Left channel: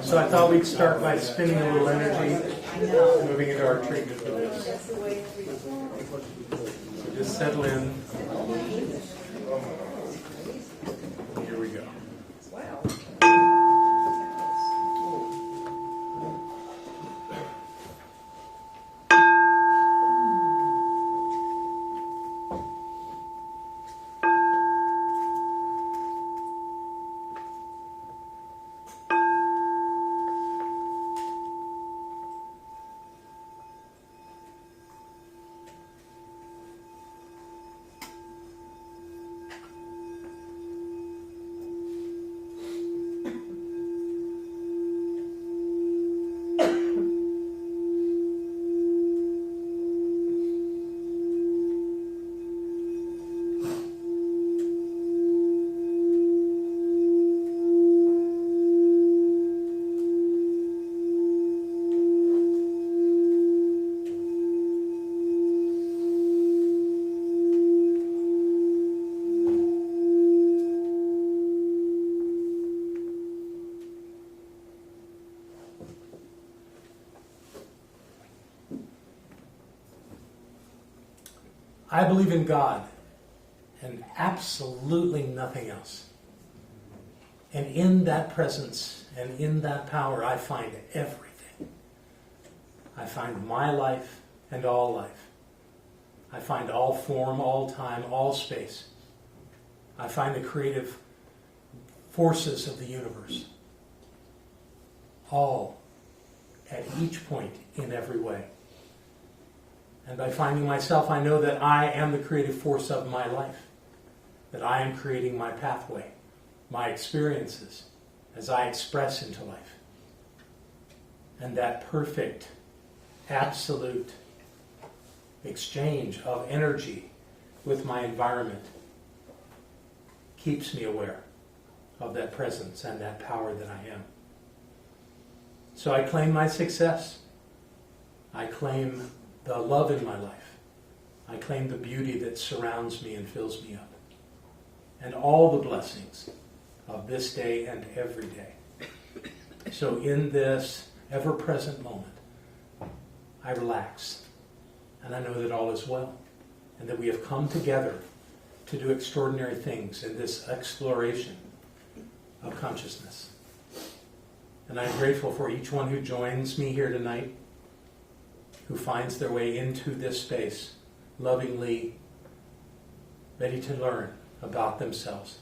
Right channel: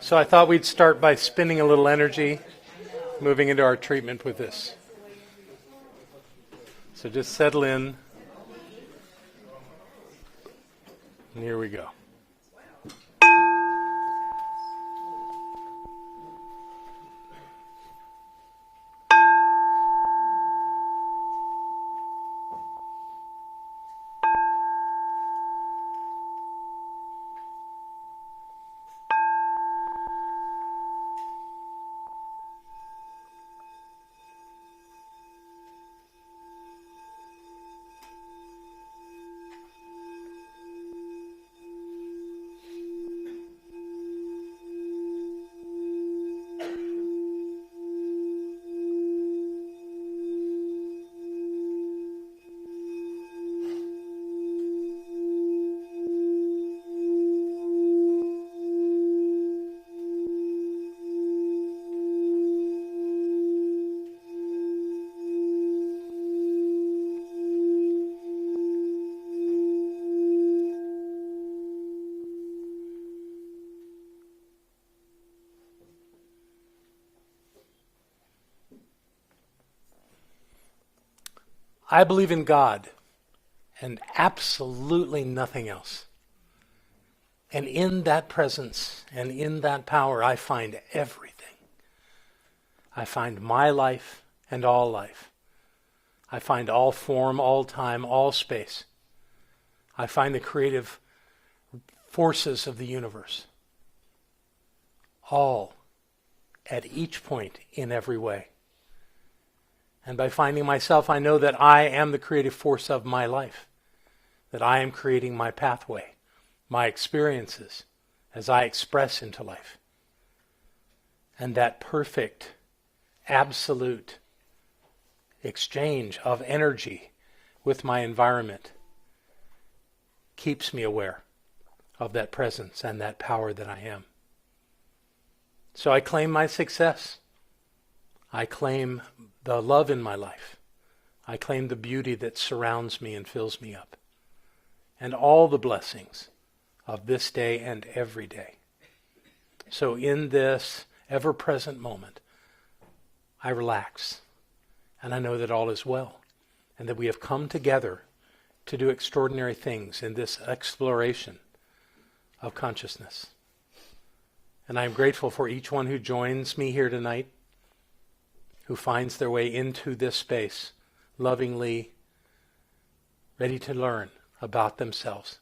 So I thought we'd start by spending a little energy, moving into our treatment with this. So just settle in. And here we go. I believe in God and absolutely nothing else. And in that presence and in that power, I find everything. I find my life and all life. I find all form, all time, all space. I find the creative forces of the universe. All at each point in every way. And by finding myself, I know that I am the creative force of my life. That I am creating my pathway, my experiences, as I express into life. And that perfect, absolute exchange of energy with my environment keeps me aware of that presence and that power that I am. So I claim my success. I claim the love in my life. I claim the beauty that surrounds me and fills me up. And all the blessings of this day and every day. So in this ever-present moment, I relax. And I know that all is well. And that we have come together to do extraordinary things in this exploration of consciousness. And I am grateful for each one who joins me here tonight, who finds their way into this space, lovingly, ready to learn about themselves.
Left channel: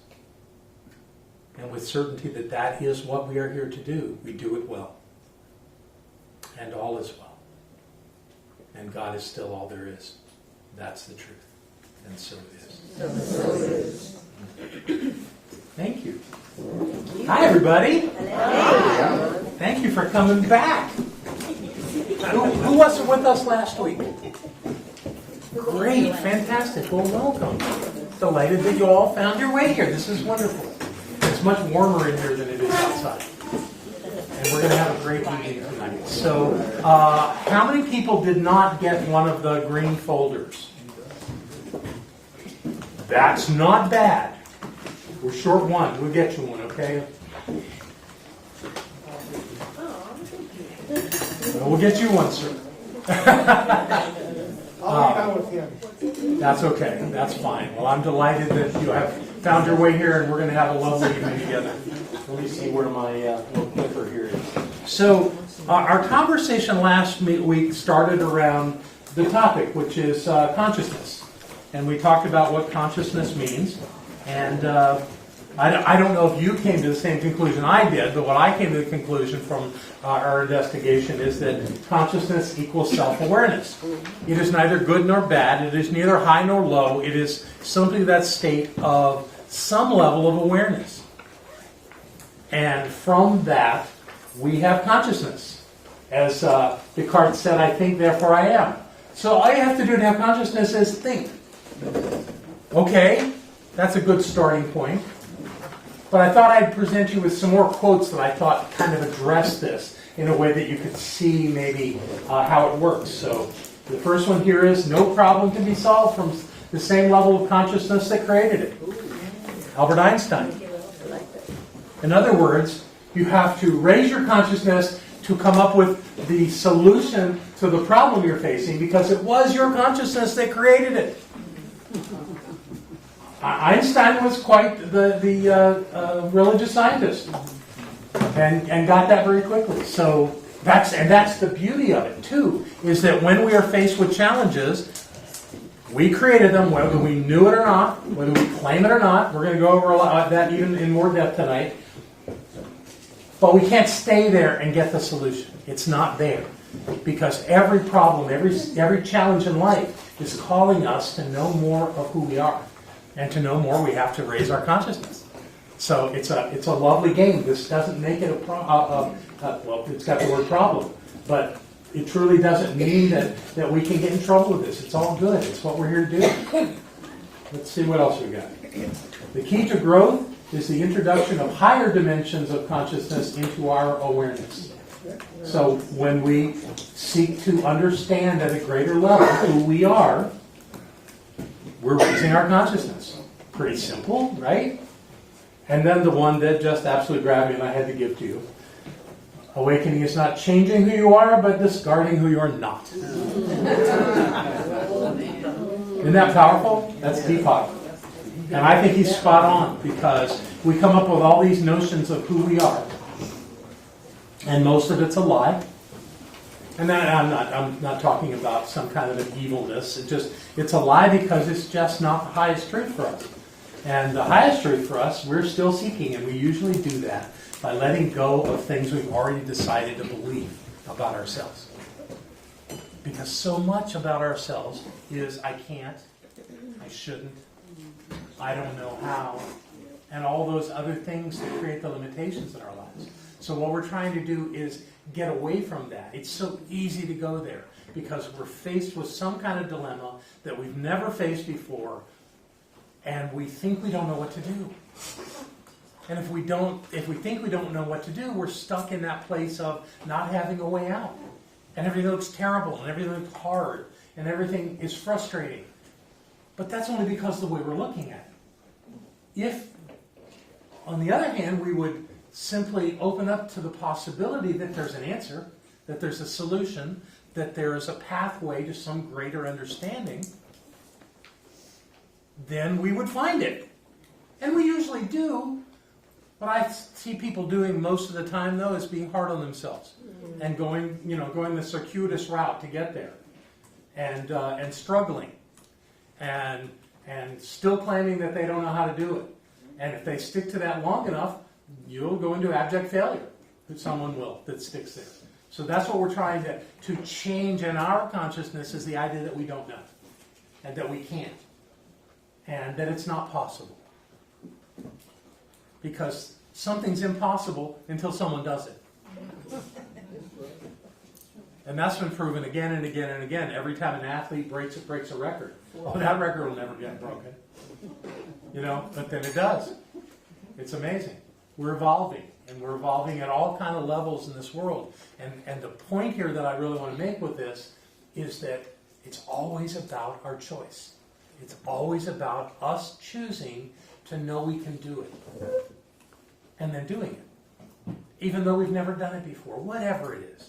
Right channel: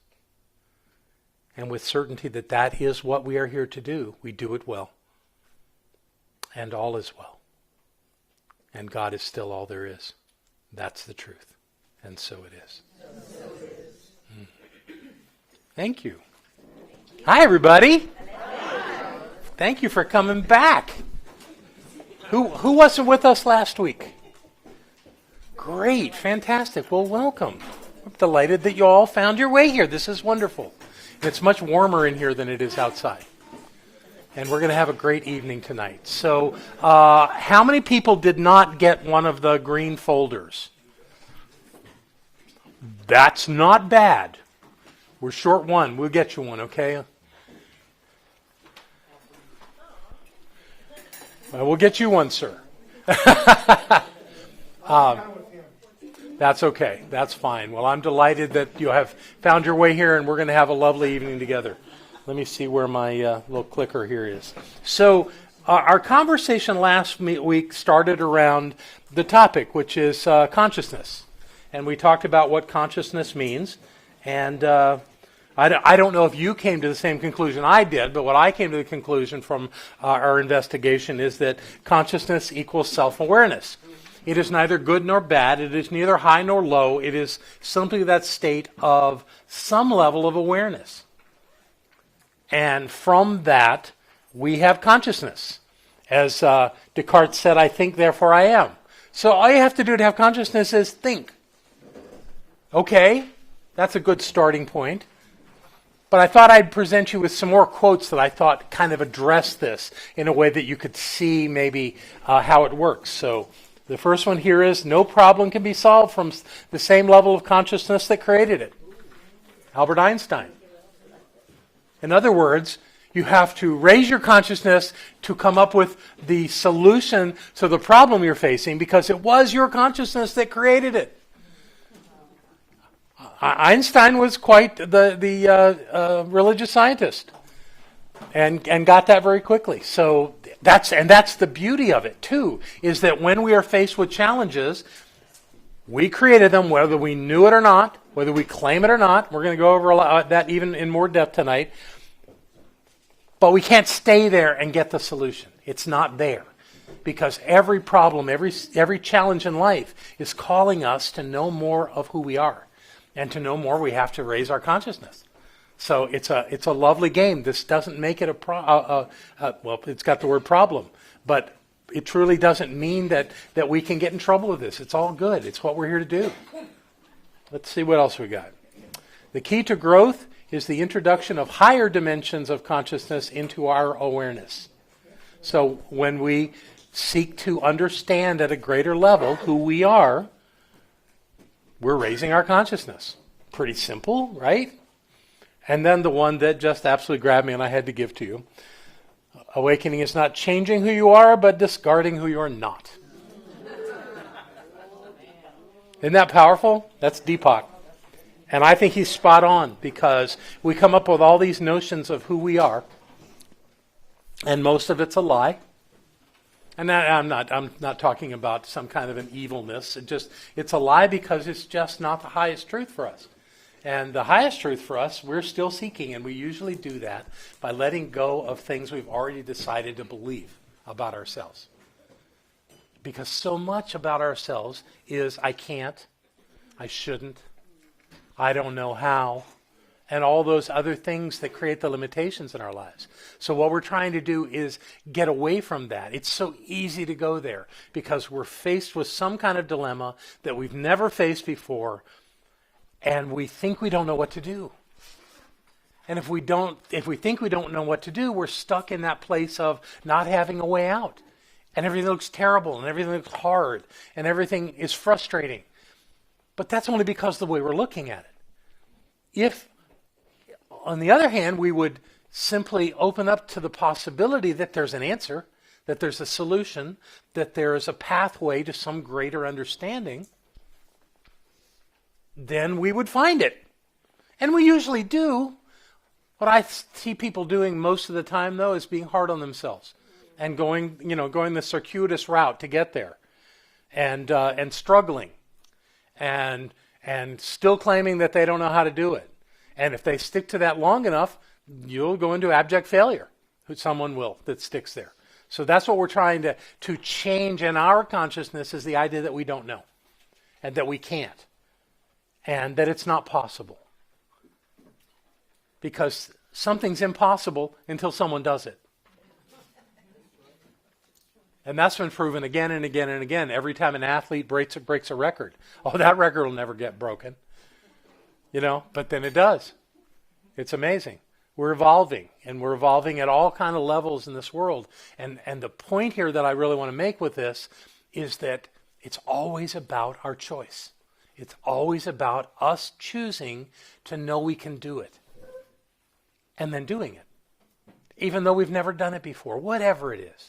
And with certainty that that is what we are here to do, we do it well. And all is well. And God is still all there is. That's the truth. And so it is. Thank you. Hi, everybody. Thank you for coming back. Who wasn't with us last week? Great, fantastic. Well, welcome. Delighted that you all found your way here. This is wonderful. It's much warmer in here than it is outside. And we're going to have a great evening tonight. So, how many people did not get one of the green folders? That's not bad. We're short one. We'll get you one, okay? We'll get you one, sir. That's okay. That's fine. Well, I'm delighted that you have found your way here, and we're going to have a lovely evening together. Let me see where my little clicker here is. So, our conversation last week started around the topic, which is consciousness. And we talked about what consciousness means. And I don't know if you came to the same conclusion I did, but what I came to the conclusion from our investigation is that consciousness equals self-awareness. It is neither good nor bad. It is neither high nor low. It is simply that state of some level of awareness. And from that, we have consciousness. As Descartes said, I think, therefore I am. So all you have to do to have consciousness is think. Okay, that's a good starting point. But I thought I'd present you with some more quotes that I thought kind of address this in a way that you could see maybe how it works. So the first one here is, no problem can be solved from the same level of consciousness that created it. Albert Einstein. In other words, You have to raise your consciousness to come up with the solution to the problem you're facing, because it was your consciousness that created it. Einstein was quite the religious scientist, and got that very quickly. So that's the beauty of it too, is that when we are faced with challenges, we created them, whether we knew it or not, whether we claim it or not. We're going to go over that even in more depth tonight. But we can't stay there and get the solution. It's not there. Because every problem, every challenge in life is calling us to know more of who we are. And to know more, we have to raise our consciousness. So it's a lovely game. This doesn't make it well, it's got the word problem. But it truly doesn't mean that we can get in trouble with this. It's all good. It's what we're here to do. Let's see what else we got. The key to growth is the introduction of higher dimensions of consciousness into our awareness. So when we seek to understand at a greater level who we are, we're raising our consciousness. Pretty simple, right? And then the one that just absolutely grabbed me and I had to give to you. Awakening is not changing who you are, but discarding who you are not. Isn't that powerful? That's Deepak. And I think he's spot on, because we come up with all these notions of who we are, and most of it's a lie. And then I'm not talking about some kind of an evilness. It's a lie because it's just not the highest truth for us. And the highest truth for us, we're still seeking, and we usually do that by letting go of things we've already decided to believe about ourselves. Because so much about ourselves is I can't, I shouldn't, I don't know how, and all those other things that create the limitations in our lives. So what we're trying to do is get away from that. It's so easy to go there because we're faced with some kind of dilemma that we've never faced before, and we think we don't know what to do. And if we think we don't know what to do, we're stuck in that place of not having a way out. And everything looks terrible, and everything looks hard, and everything is frustrating. But that's only because of the way we're looking at it. If, on the other hand, we would simply open up to the possibility that there's an answer, that there's a solution, that there is a pathway to some greater understanding, then we would find it. And we usually do. What I see people doing most of the time, though, is being hard on themselves and going the circuitous route to get there, and struggling, and still claiming that they don't know how to do it. And if they stick to that long enough, you'll go into abject failure. Someone will that sticks there. So that's what we're trying to change in our consciousness, is the idea that we don't know, and that we can't, and that it's not possible. Because something's impossible until someone does it. And that's been proven again and again and again. Every time an athlete breaks a record. Oh, that record will never get broken. But then it does. It's amazing. We're evolving, and we're evolving at all kind of levels in this world. And the point here that I really want to make with this is that it's always about our choice. It's always about us choosing to know we can do it. And then doing it. Even though we've never done it before. Whatever it is.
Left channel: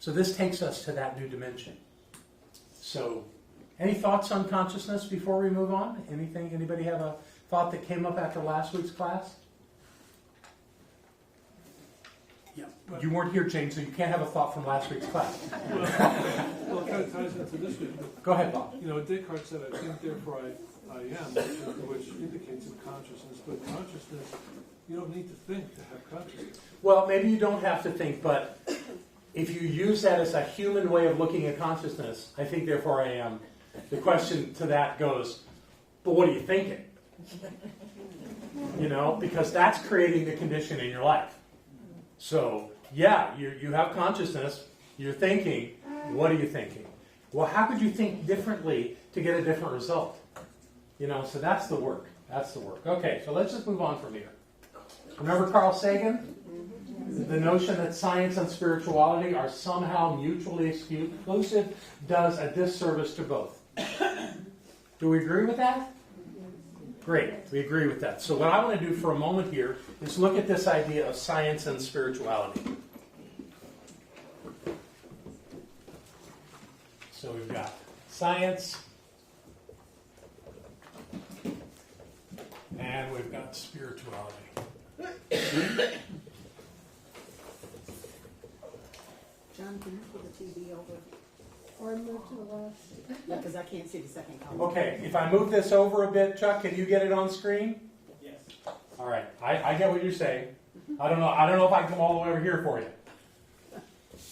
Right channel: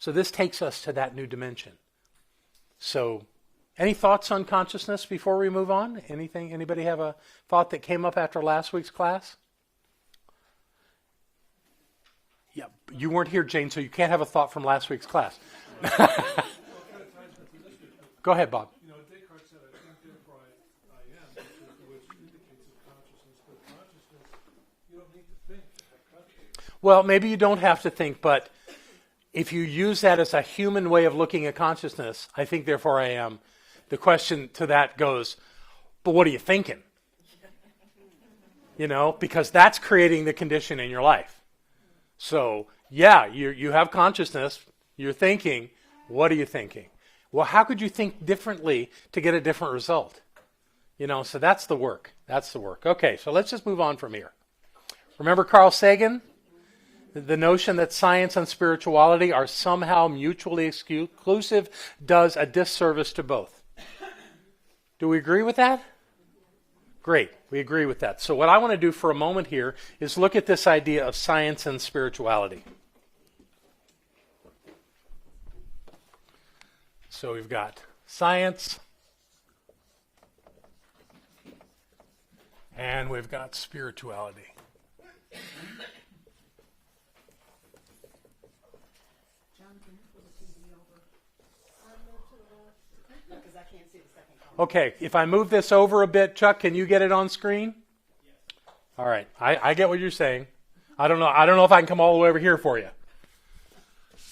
So this takes us to that new dimension. So, any thoughts on consciousness before we move on? Anybody have a thought that came up after last week's class? Yeah, you weren't here, Jane, so you can't have a thought from last week's class. Well, it kind of ties into this week. Go ahead, Bob. Descartes said, I think, therefore I am, which indicates a consciousness. But consciousness, you don't need to think to have consciousness. Well, maybe you don't have to think, but if you use that as a human way of looking at consciousness, I think, therefore I am, the question to that goes, but what are you thinking? Because that's creating the condition in your life. So, yeah, you have consciousness, you're thinking, what are you thinking? Well, how could you think differently to get a different result? So that's the work. That's the work. Okay, so let's just move on from here. Remember Carl Sagan? The notion that science and spirituality are somehow mutually exclusive does a disservice to both. Do we agree with that? Great, we agree with that. So what I want to do for a moment here is look at this idea of science and spirituality. So we've got science, and we've got spirituality. John, can you put the TV over? Or move to the left? Yeah, because I can't see the second column. Okay, if I move this over a bit, Chuck, can you get it on screen? Yes. All right, I get what you're saying. I don't know if I can come all the way over here for you.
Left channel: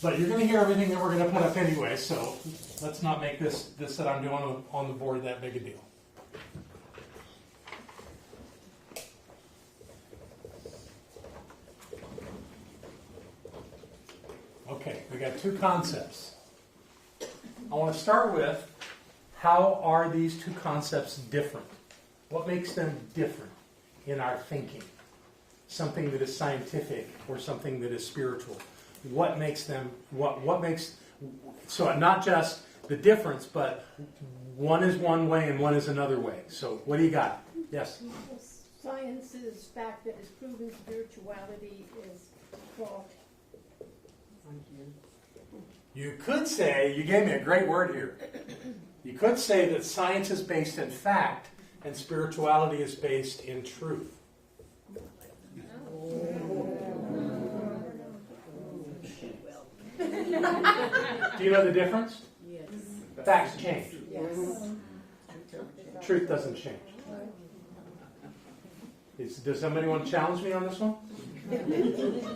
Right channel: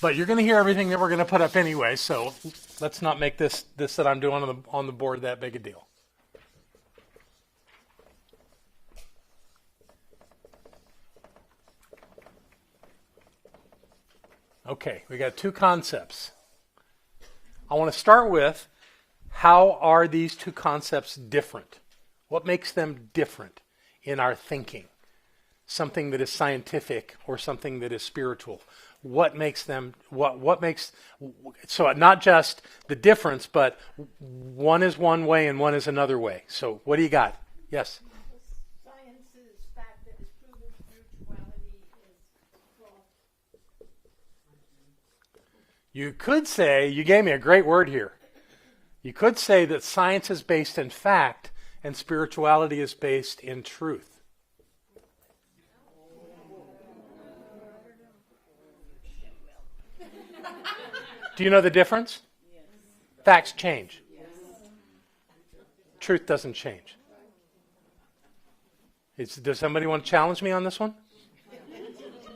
But you're going to hear everything that we're going to put up anyway, so let's not make this that I'm doing on the board that big a deal. Okay, we got two concepts. I want to start with, how are these two concepts different? What makes them different in our thinking? Something that is scientific or something that is spiritual. What makes them, what makes, so not just the difference, but one is one way and one is another way. So what do you got? Yes? Science's fact that is proven spirituality is false. You could say, you gave me a great word here. You could say that science is based in fact and spirituality is based in truth. Do you know the difference? Yes. Facts change. Yes. Truth doesn't change. Does somebody want to challenge me on this one?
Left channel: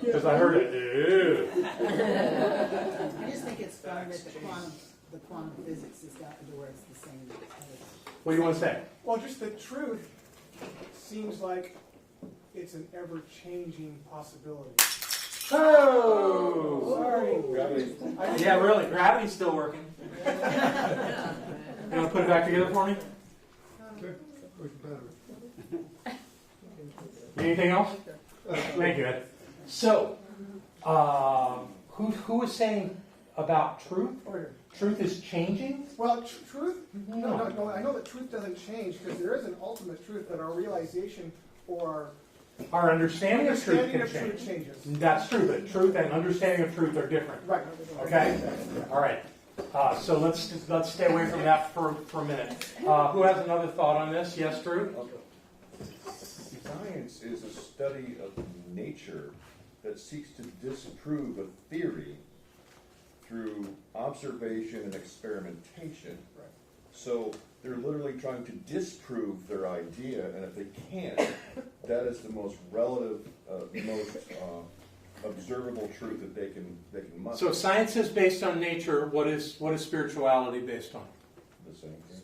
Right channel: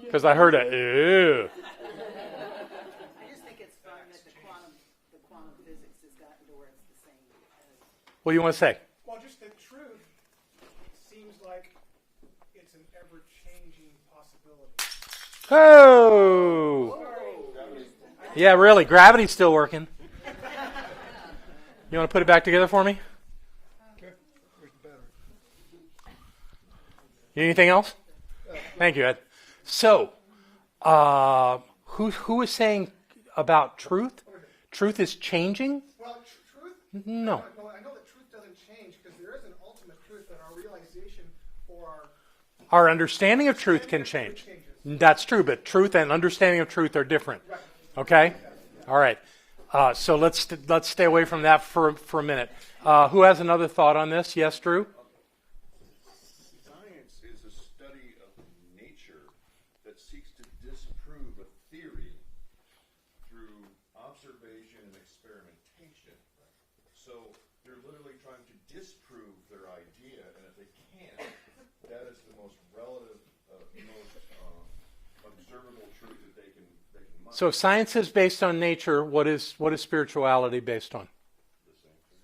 Because I heard a ew. I just think it's fun that the quantum physics has gotten to where it's the same as. What do you want to say? Well, just the truth seems like it's an ever-changing possibility. Oh! Sorry. Yeah, really. Gravity's still working. You want to put it back together for me? Anything else? Thank you, Ed. So, who is saying about truth? Truth is changing? Well, truth? No. I know that truth doesn't change because there is an ultimate truth that our realization or Our understanding of truth can understanding of change. truth changes. That's true, but truth and understanding of truth are different. Right. Okay? All right. So let's stay away from that for a minute. Who has another thought on this? Yes, Drew? Science is a study of nature that seeks to disprove a theory through observation and experimentation. So they're literally trying to disprove their idea, and if they can't, that is the most relative, most observable truth that they can muster. So science is based on nature. What is spirituality based on? The same thing.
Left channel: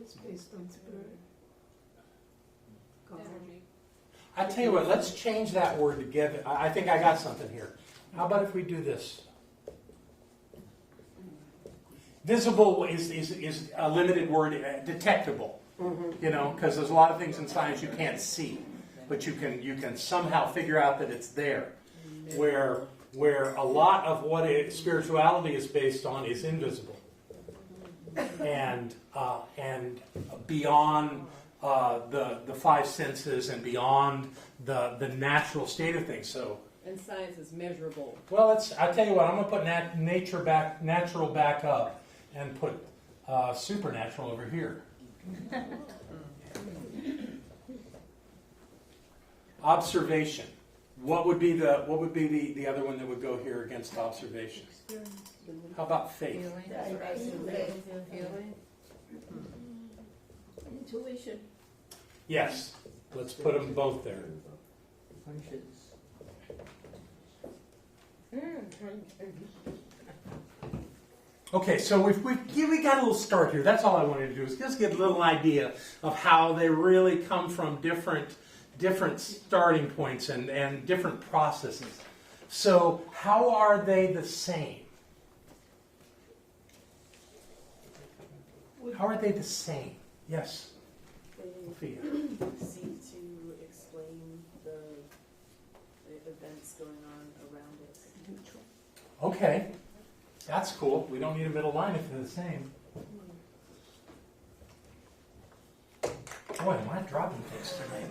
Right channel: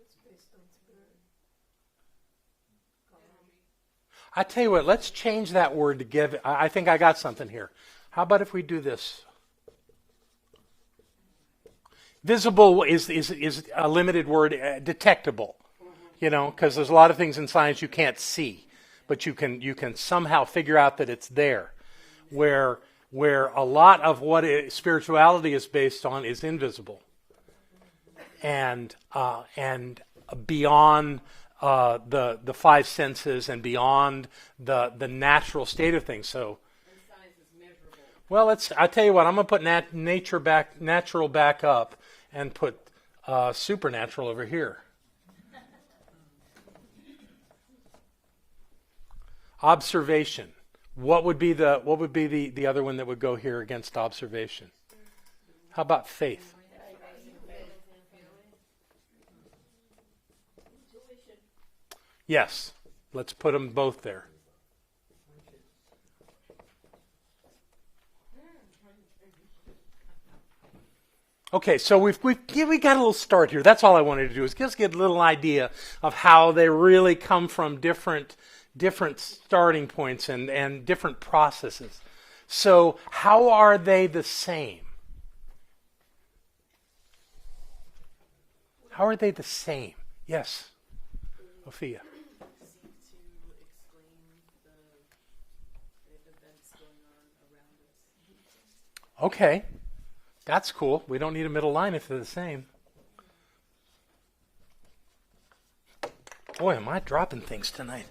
It's based on spirit. I tell you what, let's change that word to give it. I think I got something here. How about if we do this? Visible is a limited word, detectable. You know, because there's a lot of things in science you can't see, but you can somehow figure out that it's there. Where a lot of what spirituality is based on is invisible, and beyond the five senses and beyond the natural state of things. So. And science is measurable. Well, I tell you what, I'm going to put natural back up and put supernatural over here. Observation. What would be the other one that would go here against observation? How about faith? Intuition. Yes. Let's put them both there. Okay, so we got a little start here. That's all I wanted to do is just get a little idea of how they really come from different starting points and different processes. So how are they the same? How are they the same? Yes, Sophia. Seem to explain the events going on around it. Okay, that's cool. We don't need a middle line if they're the same. Boy, am I dropping things tonight.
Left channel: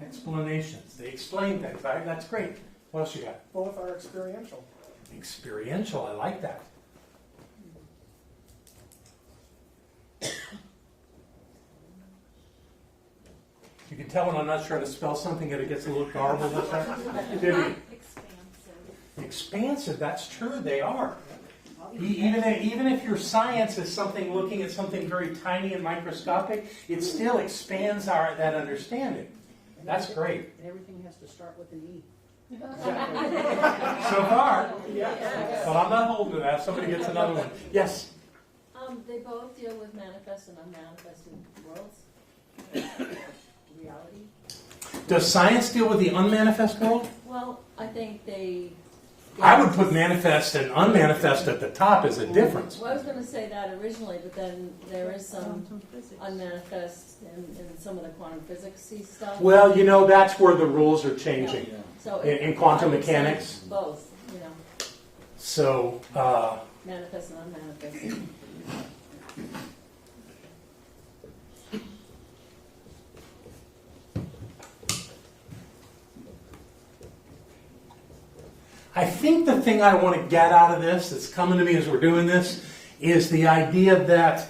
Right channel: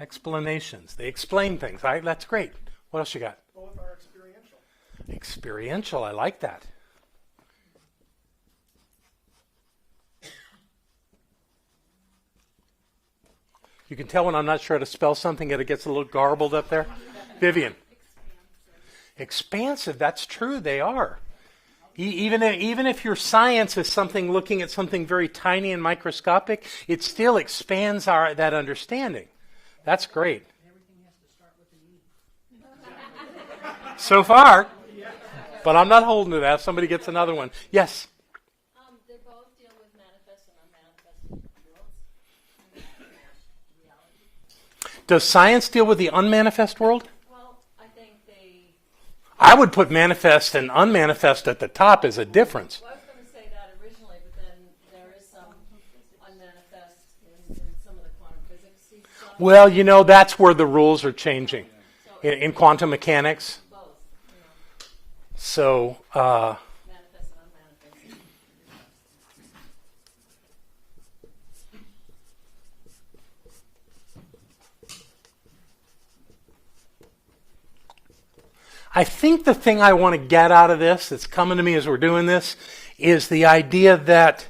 Explanations. They explain things. That's great. What else you got? Both are experiential. Experiential. I like that. You can tell when I'm not sure how to spell something and it gets a little garbled up there. Vivian. Expansive. That's true. They are. Even if your science is something looking at something very tiny and microscopic, it still expands that understanding. That's great. Everything has to start with an E. So far. But I'm not holding to that. Somebody gets another one. Yes? They both deal with manifest and unmanifested worlds. Reality. Does science deal with the unmanifest world? Well, I think they... I would put manifest and unmanifest at the top as a difference. Well, I was going to say that originally, but then there is some unmanifest in some of the quantum physics-y stuff. Well, that's where the rules are changing. So In quantum mechanics. Both, So, manifest and unmanifest. I think the thing I want to get out of this, that's coming to me as we're doing this, is the idea that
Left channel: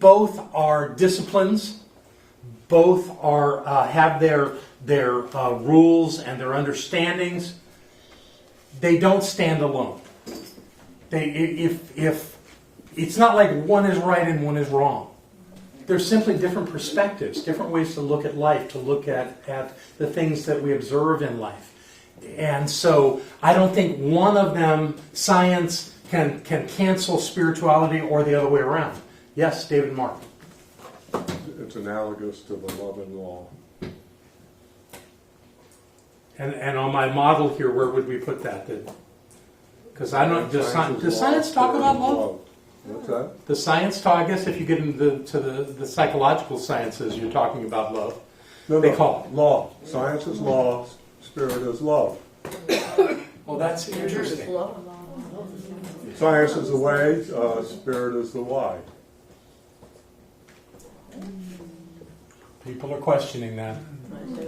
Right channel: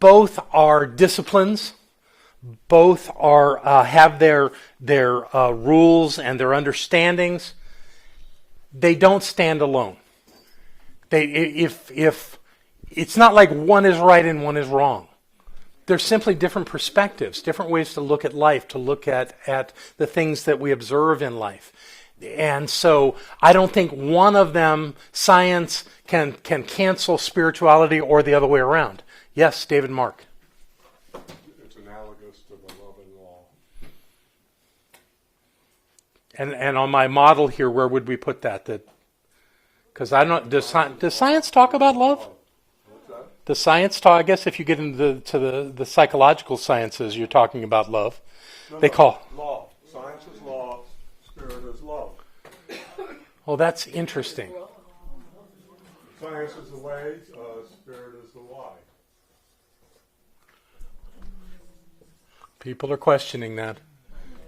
both are disciplines, both have their rules and their understandings. They don't stand alone. If it's not like one is right and one is wrong. They're simply different perspectives, different ways to look at life, to look at the things that we observe in life. And so I don't think one of them, science, can cancel spirituality or the other way around. Yes, David Mark. It's analogous to the love and law. And on my model here, where would we put that? Because I don't. Does science talk about love? What's that? Does science talk? I guess if you get into the psychological sciences, you're talking about love. No, They call law. Science is law. Spirit is love. Well, that's interesting. Science is the way. Spirit is the why. People are questioning that.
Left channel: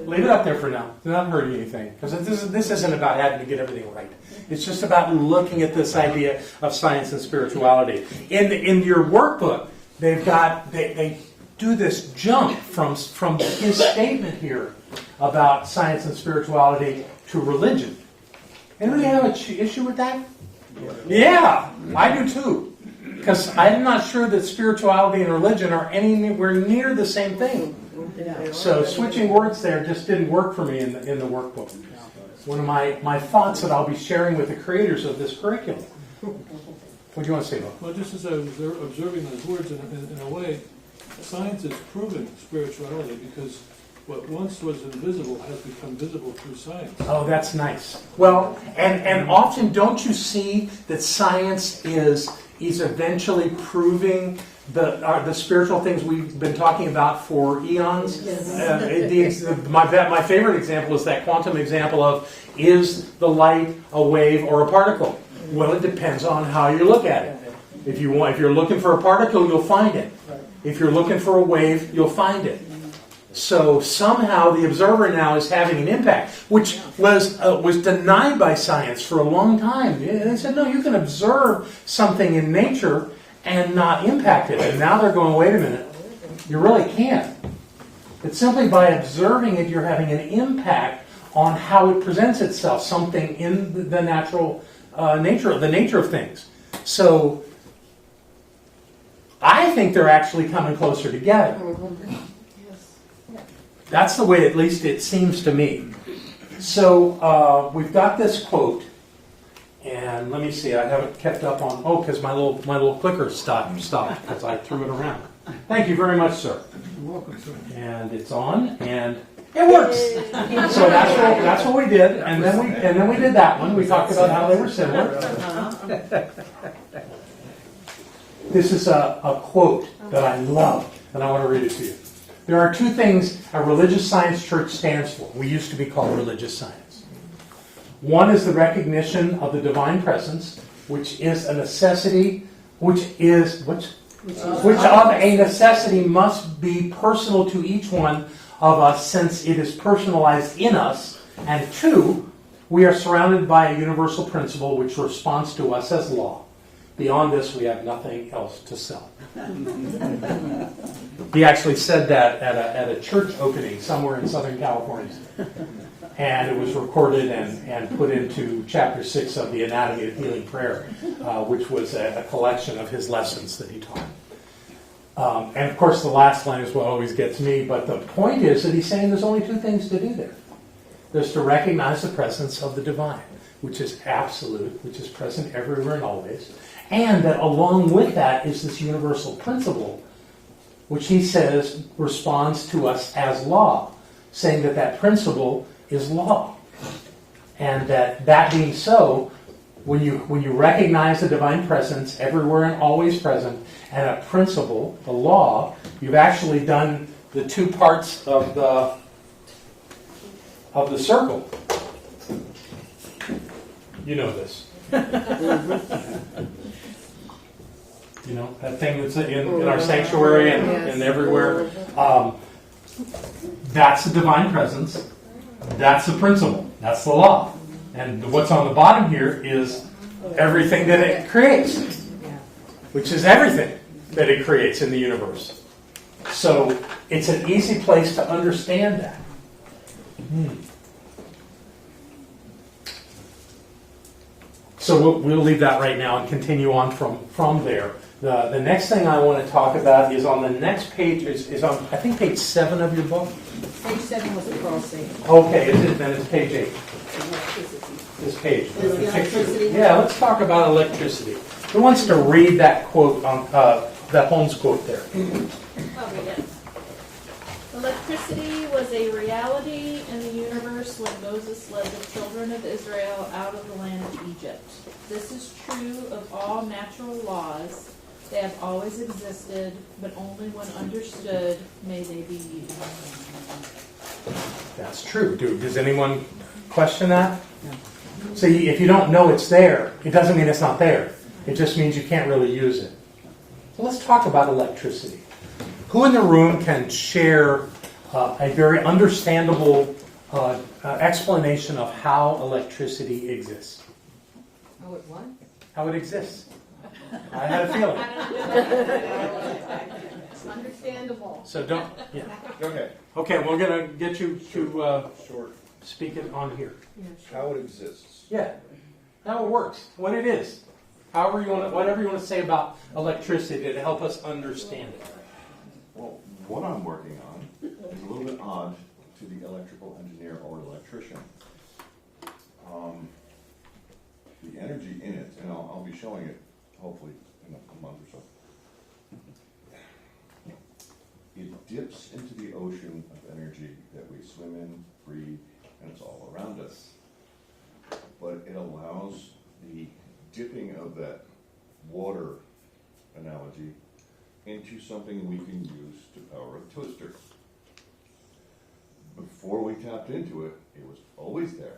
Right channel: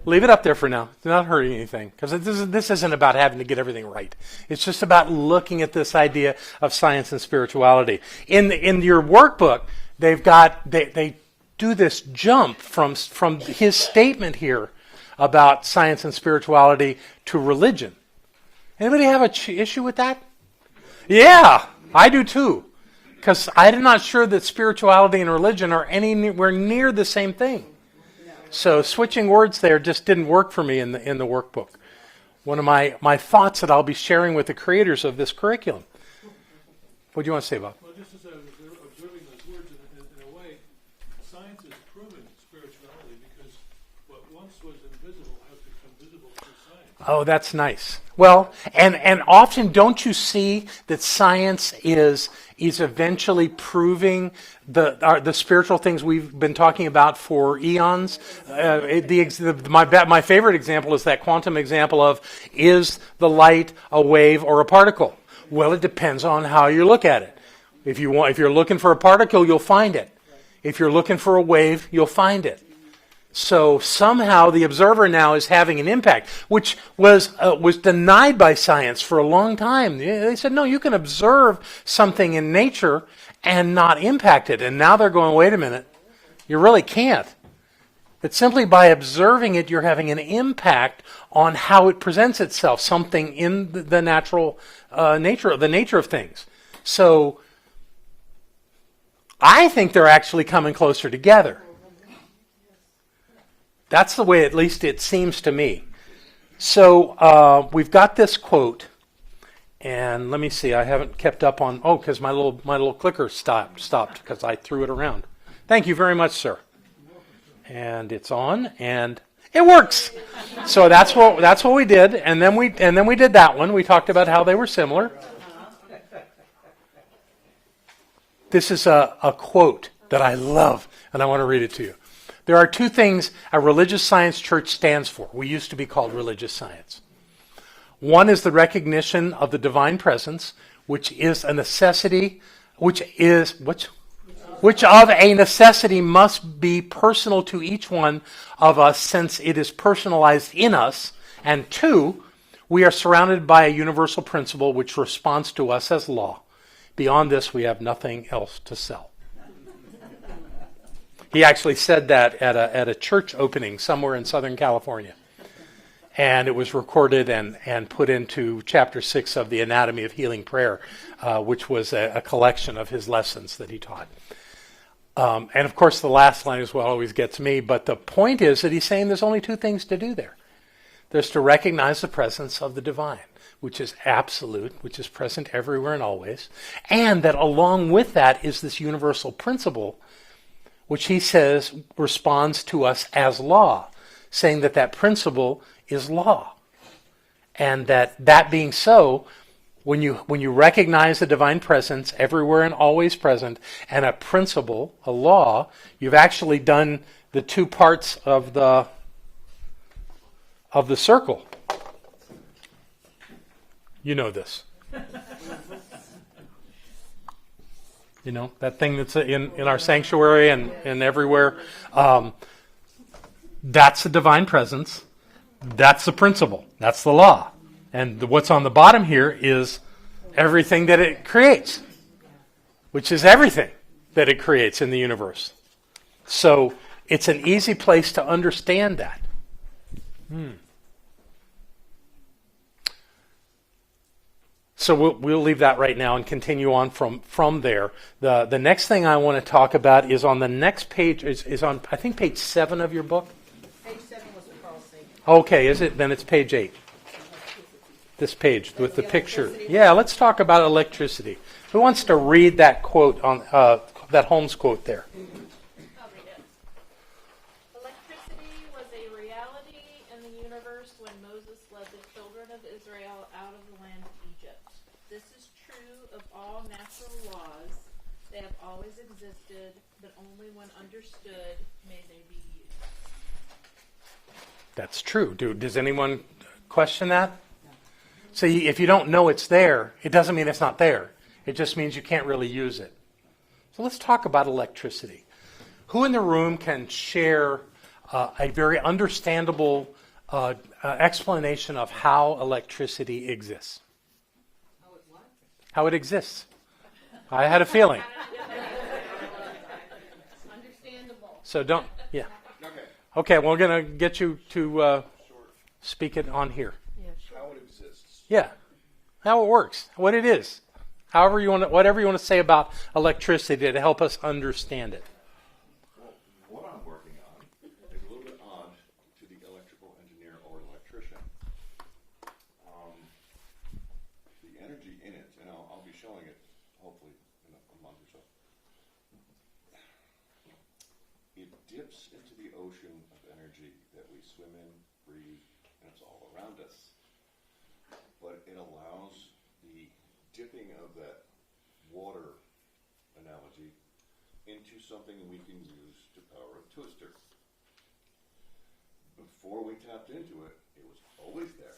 Leave it up there for now. It's not hurting anything. Because this isn't about having to get everything right. It's just about looking at this idea of science and spirituality. In your workbook, they do this jump from his statement here about science and spirituality to religion. Anybody have an issue with that? Yeah, I do too. Because I'm not sure that spirituality and religion are anywhere near the same thing. So switching words there just didn't work for me in the workbook. One of my thoughts that I'll be sharing with the creators of this curriculum. What do you want to say, Bob? Well, just as I was observing those words, in a way, science has proven spirituality because what once was invisible has become visible through science. Oh, that's nice. Well, and often don't you see that science is eventually proving the spiritual things we've been talking about for eons? My favorite example is that quantum example of, is the light a wave or a particle? Well, it depends on how you look at it. If you're looking for a particle, you'll find it. If you're looking for a wave, you'll find it. So somehow the observer now is having an impact, which was denied by science for a long time. They said, no, you can observe something in nature and not impact it. And now they're going, wait a minute, you really can't. But simply by observing it, you're having an impact on how it presents itself, something in the natural nature of things. So I think they're actually coming closer together. That's the way, at least it seems to me. So we've got this quote, and let me see. I haven't kept up on. Oh, because my little clicker stopped because I threw it around. Thank you very much, sir. You're welcome, sir. And it's on, and it works. So that's what we did, and then we did that one. We talked about how they were similar. This is a quote that I love, and I want to read it to you. There are two things a religious science church stands for. We used to be called religious science. One is the recognition of the divine presence, which is a necessity which of a necessity must be personal to each one of us, since it is personalized in us. And 2, we are surrounded by a universal principle which responds to us as law. Beyond this, we have nothing else to sell. He actually said that at a church opening somewhere in Southern California. And it was recorded and put into chapter 6 of the Anatomy of Healing Prayer, which was a collection of his lessons that he taught. And of course, the last line is what always gets me, but the point is that he's saying there's only 2 things to do there. There's to recognize the presence of the divine, which is absolute, which is present everywhere and always, and that along with that is this universal principle, which he says responds to us as law, saying that that principle is law. And that being so, when you recognize the divine presence everywhere and always present, and a principle, a law, you've actually done the 2 parts of the circle. You know this. You know, that thing that's in our sanctuary and everywhere. That's the divine presence. That's the principle. That's the law. And what's on the bottom here is everything that it creates, which is everything that it creates in the universe. So it's an easy place to understand that. So we'll leave that right now and continue on from there. The next thing I want to talk about is on the next page, is on, I think, page 7 of your book. Page 7 was the crossing. Okay, then it's page 8. This page with the picture. Yeah, let's talk about electricity. Who wants to read that quote on that Holmes quote there? I'll read it. Electricity was a reality in the universe when Moses led the children of Israel out of the land of Egypt. This is true of all natural laws. They have always existed, but only when understood may they be used. That's true. Does anyone question that? See, if you don't know it's there, it doesn't mean it's not there. It just means you can't really use it. So let's talk about electricity. Who in the room can share a very understandable explanation of how electricity exists? Oh, it what? How it exists. I had a feeling. Understandable. So don't, yeah. Okay, Okay, we're going to get you to short, speak it on here. how it exists. Yeah, how it works, what it is. However you want to, whatever you want to say about electricity to help us understand it. Well, what I'm working on is a little bit odd to the electrical engineer or electrician. The energy in it, and I'll be showing it hopefully in a month or so. It dips into the ocean of energy that we swim in, breathe, and it's all around us. But it allows the dipping of that water analogy into something we can use to power a toaster. Before we tapped into it, it was always there.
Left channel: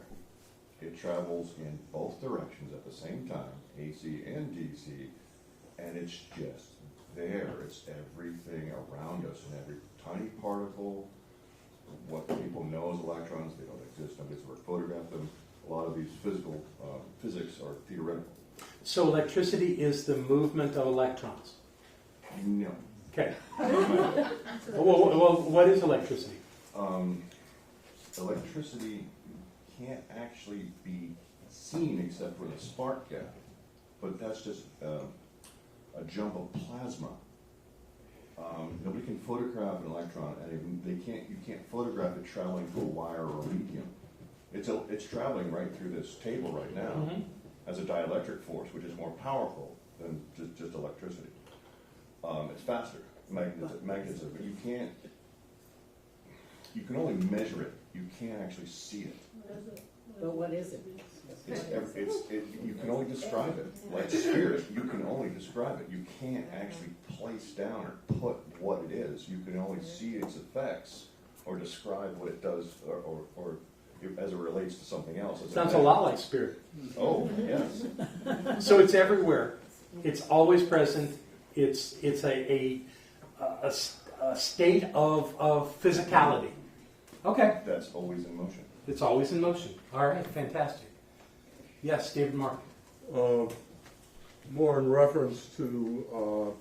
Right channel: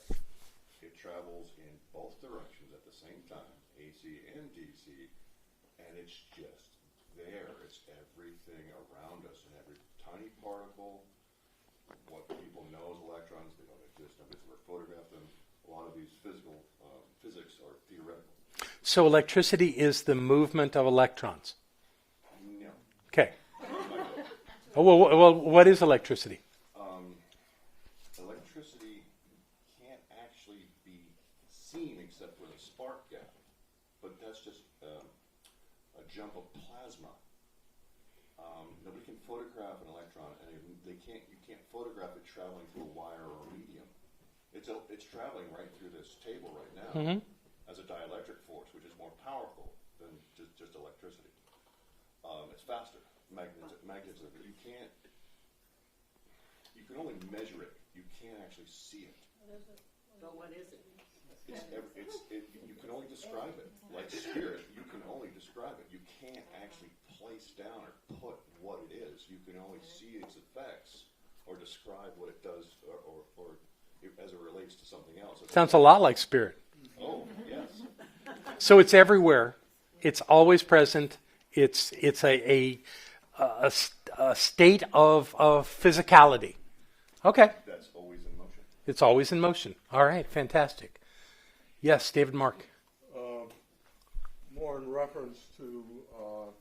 It travels in both directions at the same time, AC and DC, and it's just there. It's everything around us, and every tiny particle. What people know as electrons, they don't exist. Nobody's ever photographed them. A lot of these physics are theoretical. So electricity is the movement of electrons. No. Okay. Well, what is electricity? Electricity can't actually be seen except for the spark gap, but that's just a jump of plasma. Nobody can photograph an electron, and you can't photograph it traveling through a wire or a medium. It's traveling right through this table right now as a dielectric force, which is more powerful than just electricity. It's faster, magnetism, but you can only measure it. You can't actually see it. But what is it? You can only describe it. Like spirit, you can only describe it. You can't actually place down or put what it is. You can only see its effects or describe what it does or as it relates to something else. Sounds a lot like spirit. Oh, yes. So it's everywhere. It's always present. It's a state of physicality. Okay. That's always in motion. It's always in motion. All right, fantastic. Yes, David Mark. More in reference to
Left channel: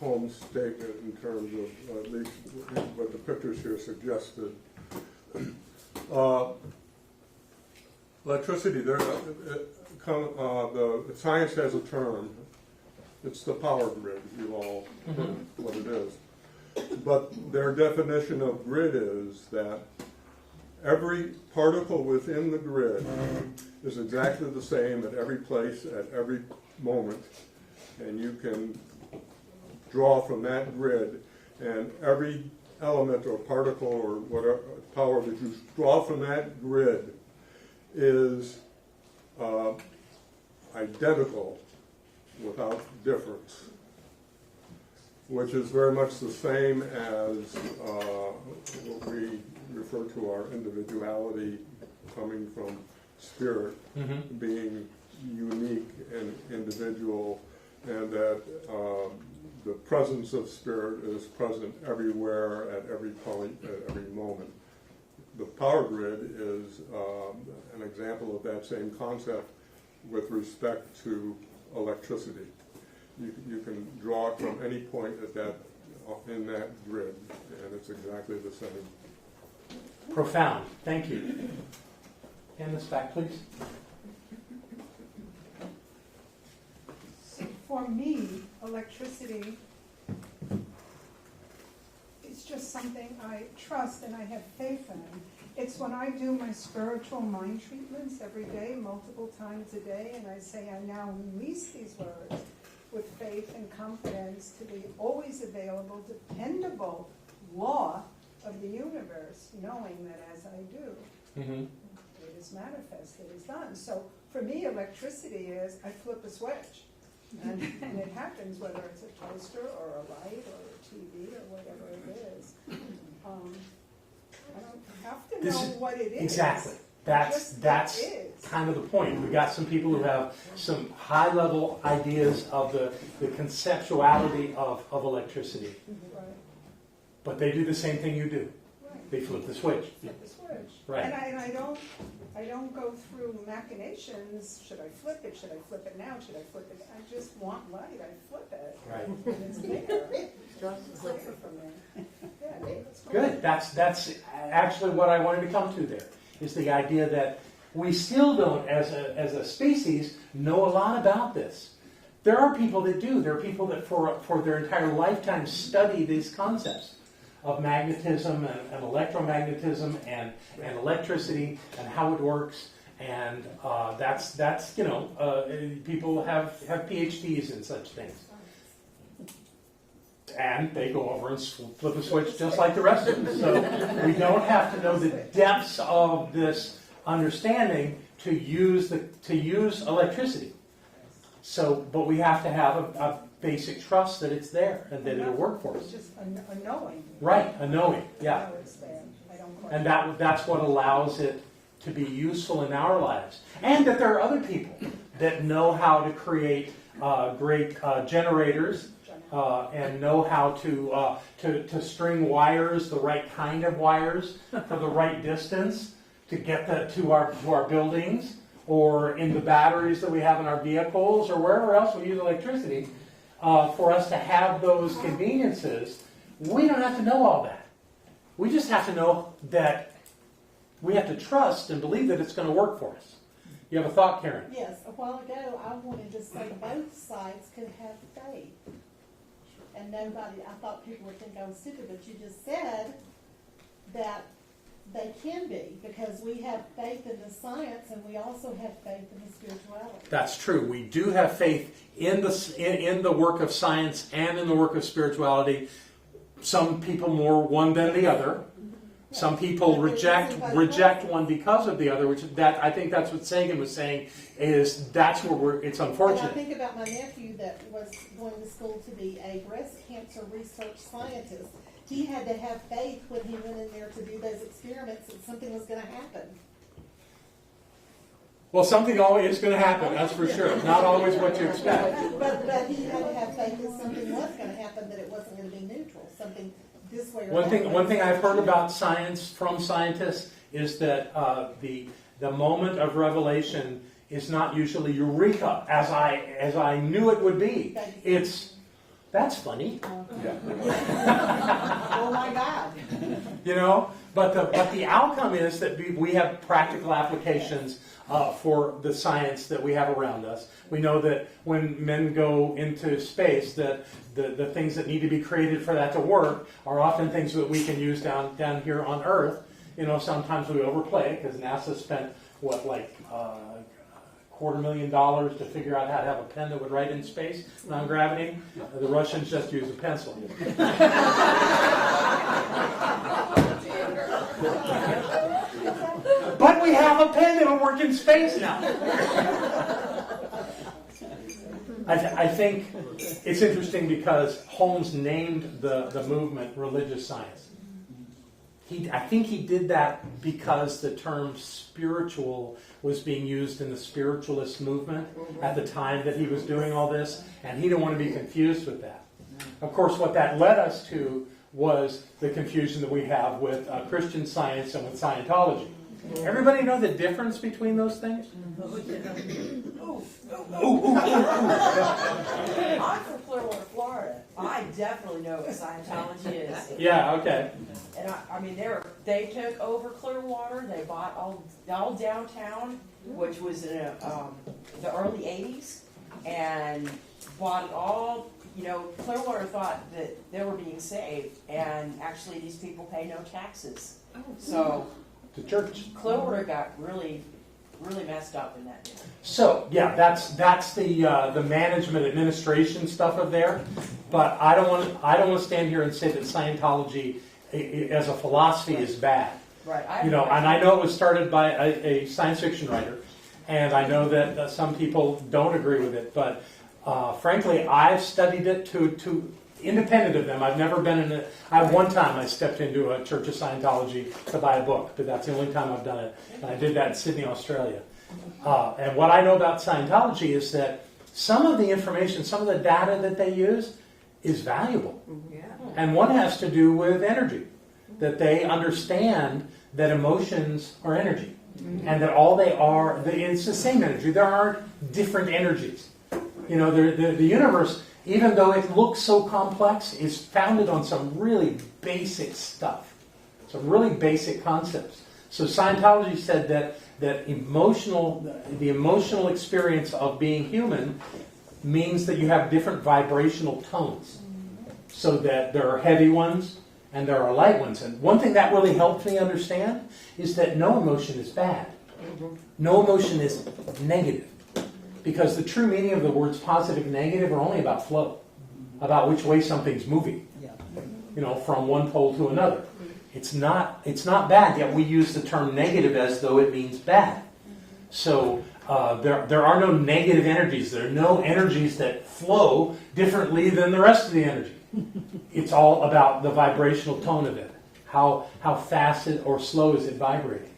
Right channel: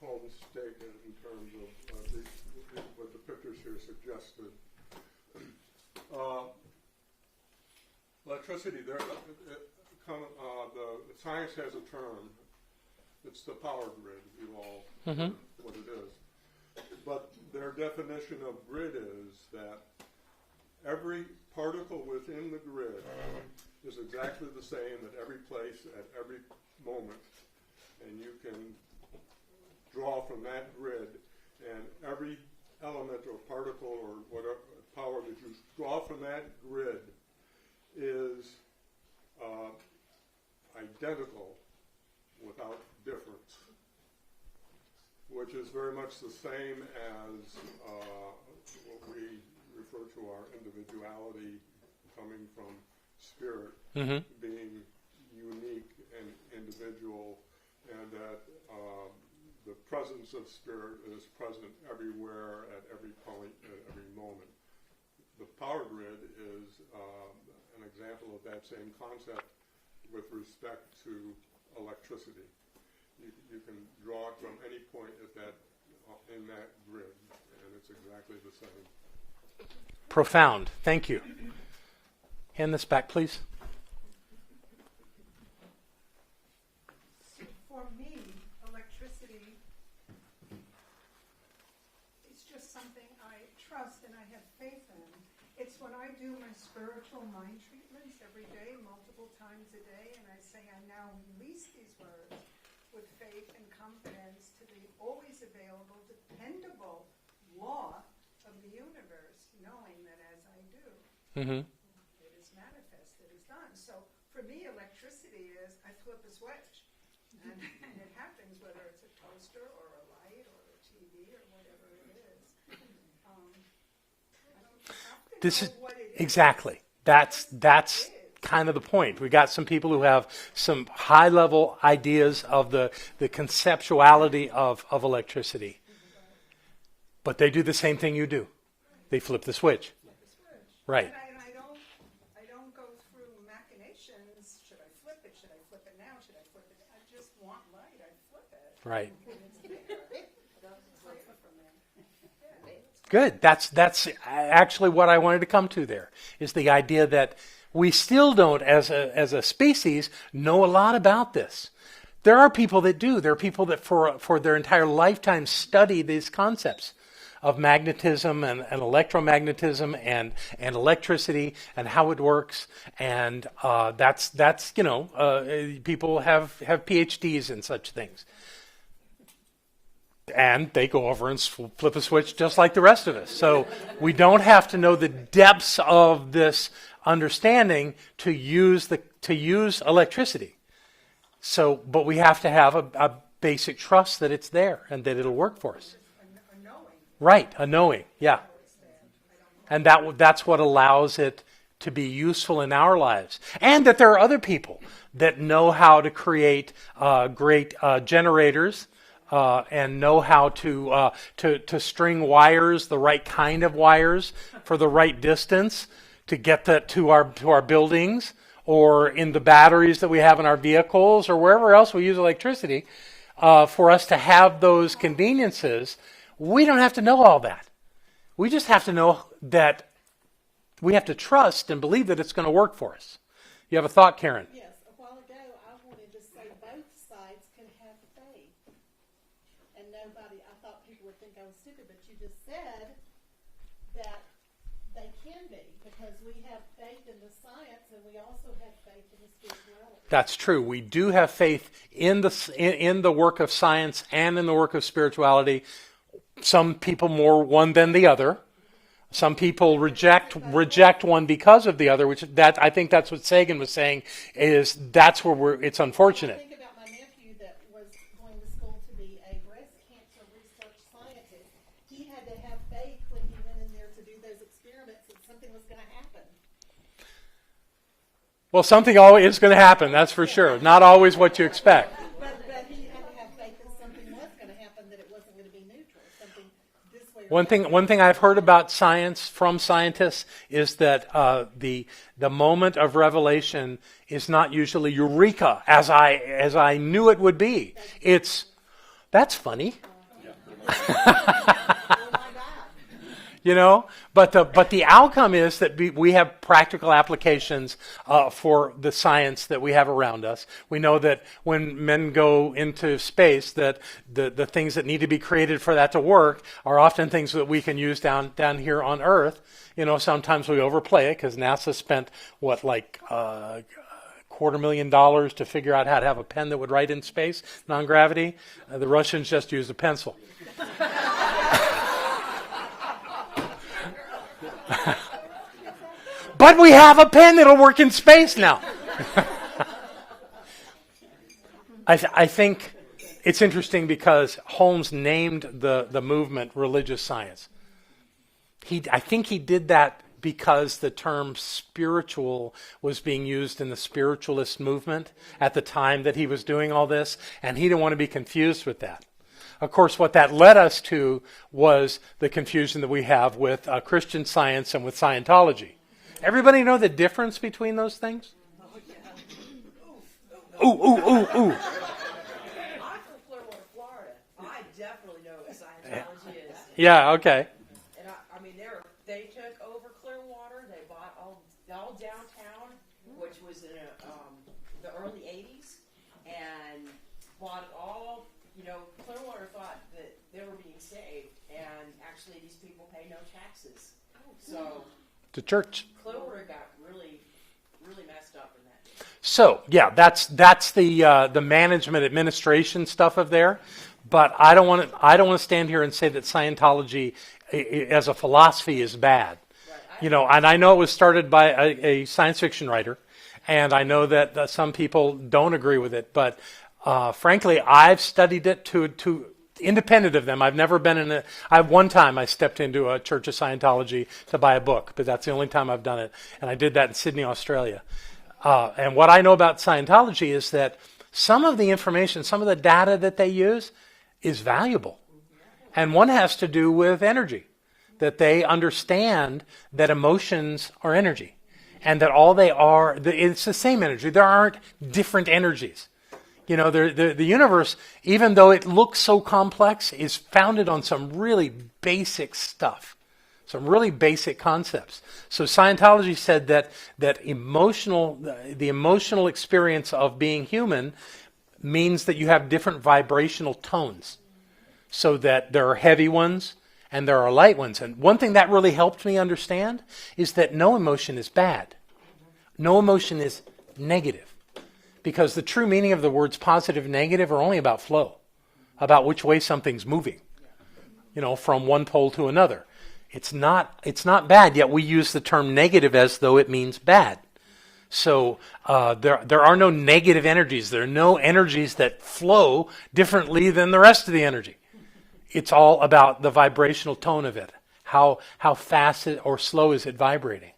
Holmes' statement in terms of at least what the pictures here suggested. Electricity, the science has a term. It's the power grid, you all know what it is. But their definition of grid is that every particle within the grid is exactly the same at every place, at every moment, and you can draw from that grid, and every element or particle or whatever power that you draw from that grid is identical without difference, which is very much the same as what we refer to our individuality coming from spirit being unique and individual, and that the presence of spirit is present everywhere at every point, at every moment. The power grid is an example of that same concept with respect to electricity. You can draw it from any point at that in that grid, and it's exactly the same. Profound. Thank you. Hand this back, please. For me, electricity is just something I trust and I have faith in. It's when I do my spiritual mind treatments every day, multiple times a day, and I say I now release these words with faith and confidence to the always available, dependable law of the universe, knowing that as I do, it is manifest, it is done. So for me, electricity is I flip a switch. And it happens whether it's a toaster or a light or a TV or whatever it is. I don't have to know what it is. Exactly. That's kind of the point. We got some people who have some high-level ideas of the conceptuality of electricity. But they do the same thing you do. Right. They flip the switch. Flip the switch. Right. And I don't go through machinations. Should I flip it? Should I flip it now? Should I flip it? I just want light. I flip it. Right. And it's there. It's clear for me. Yeah, Good. That's actually what I wanted to come to there, is the idea that we still don't, as a species, know a lot about this. There are people that do. There are people that for their entire lifetime study these concepts of magnetism and electromagnetism and electricity and how it works. And that's people have PhDs in such things. And they go over and flip a switch just like the rest of us. So we don't have to know the depths of this understanding to use electricity. So, but we have to have a basic trust that it's there and that it'll work for us. just a knowing. Right, a knowing, yeah. I know it's there. I don't And that's what allows it to be useful in our lives. And that there are other people that know how to create great generators and know how to string wires, the right kind of wires for the right distance to get that to our buildings, or in the batteries that we have in our vehicles, or wherever else we use electricity, for us to have those conveniences. We don't have to know all that. We just have to know that we have to trust and believe that it's going to work for us. You have a thought, Karen? Yes, a while ago, I wanted to say both sides could have faith. And nobody, I thought people would think I was stupid, but you just said that they can be, because we have faith in the science and we also have faith in the spirituality. That's true. We do have faith in the work of science and in the work of spirituality. Some people more one than the other. Some people reject one because of the other, I think that's what Sagan was saying, is that's where it's unfortunate. Well, I think about my nephew that was going to school to be a breast cancer research scientist. He had to have faith when he went in there to do those experiments that something was going to happen. Well, something always is going to happen, that's for sure. Not always what you expect. But he had to have faith that something was gonna happen, that it wasn't gonna be neutral, something this way or One that way. thing I've heard about science from scientists is that the moment of revelation is not usually eureka, as I knew it would be. It's, that's funny. Oh my God. You know, but the outcome is that we have practical applications for the science that we have around us. We know that when men go into space, that the things that need to be created for that to work are often things that we can use down here on Earth. You know, sometimes we overplay it because NASA spent $250,000 to figure out how to have a pen that would write in space, non-gravity. The Russians just use a pencil. But we have a pen that'll work in space now. I think it's interesting because Holmes named the movement religious science. I think he did that because the term spiritual was being used in the spiritualist movement at the time that he was doing all this, and he didn't want to be confused with that. Of course, what that led us to was the confusion that we have with Christian Science and with Scientology. Everybody know the difference between those things? Ooh. I'm from Clearwater, Florida. I definitely know what Scientology is. Yeah, okay. And I mean, they took over Clearwater. They bought all downtown, which was in the early 80s, and bought it all. You know, Clearwater thought that they were being saved, and actually these people pay no taxes. So The church. Clearwater got really, really messed up in that. So, yeah, that's the management administration stuff of there. But I don't want to stand here and say that Scientology as a philosophy is bad. Right. And I know it was started by a science fiction writer, and I know that some people don't agree with it. But frankly, I've studied it to independent of them. I've never been in a. One time I stepped into a Church of Scientology to buy a book, but that's the only time I've done it, and I did that in Sydney, Australia. And what I know about Scientology is that some of the information, some of the data that they use is valuable. And one has to do with energy, that they understand that emotions are energy, and that all they are, it's the same energy. There aren't different energies. You know, the universe, even though it looks so complex, is founded on some really basic stuff, some really basic concepts. So Scientology said that the emotional experience of being human means that you have different vibrational tones. So that there are heavy ones and there are light ones. And one thing that really helped me understand is that no emotion is bad. No emotion is negative. Because the true meaning of the words positive and negative are only about flow, about which way something's moving, you know, from one pole to another. It's not bad, yet we use the term negative as though it means bad. So there are no negative energies. There are no energies that flow differently than the rest of the energy. It's all about the vibrational tone of it. How fast or slow is it vibrating?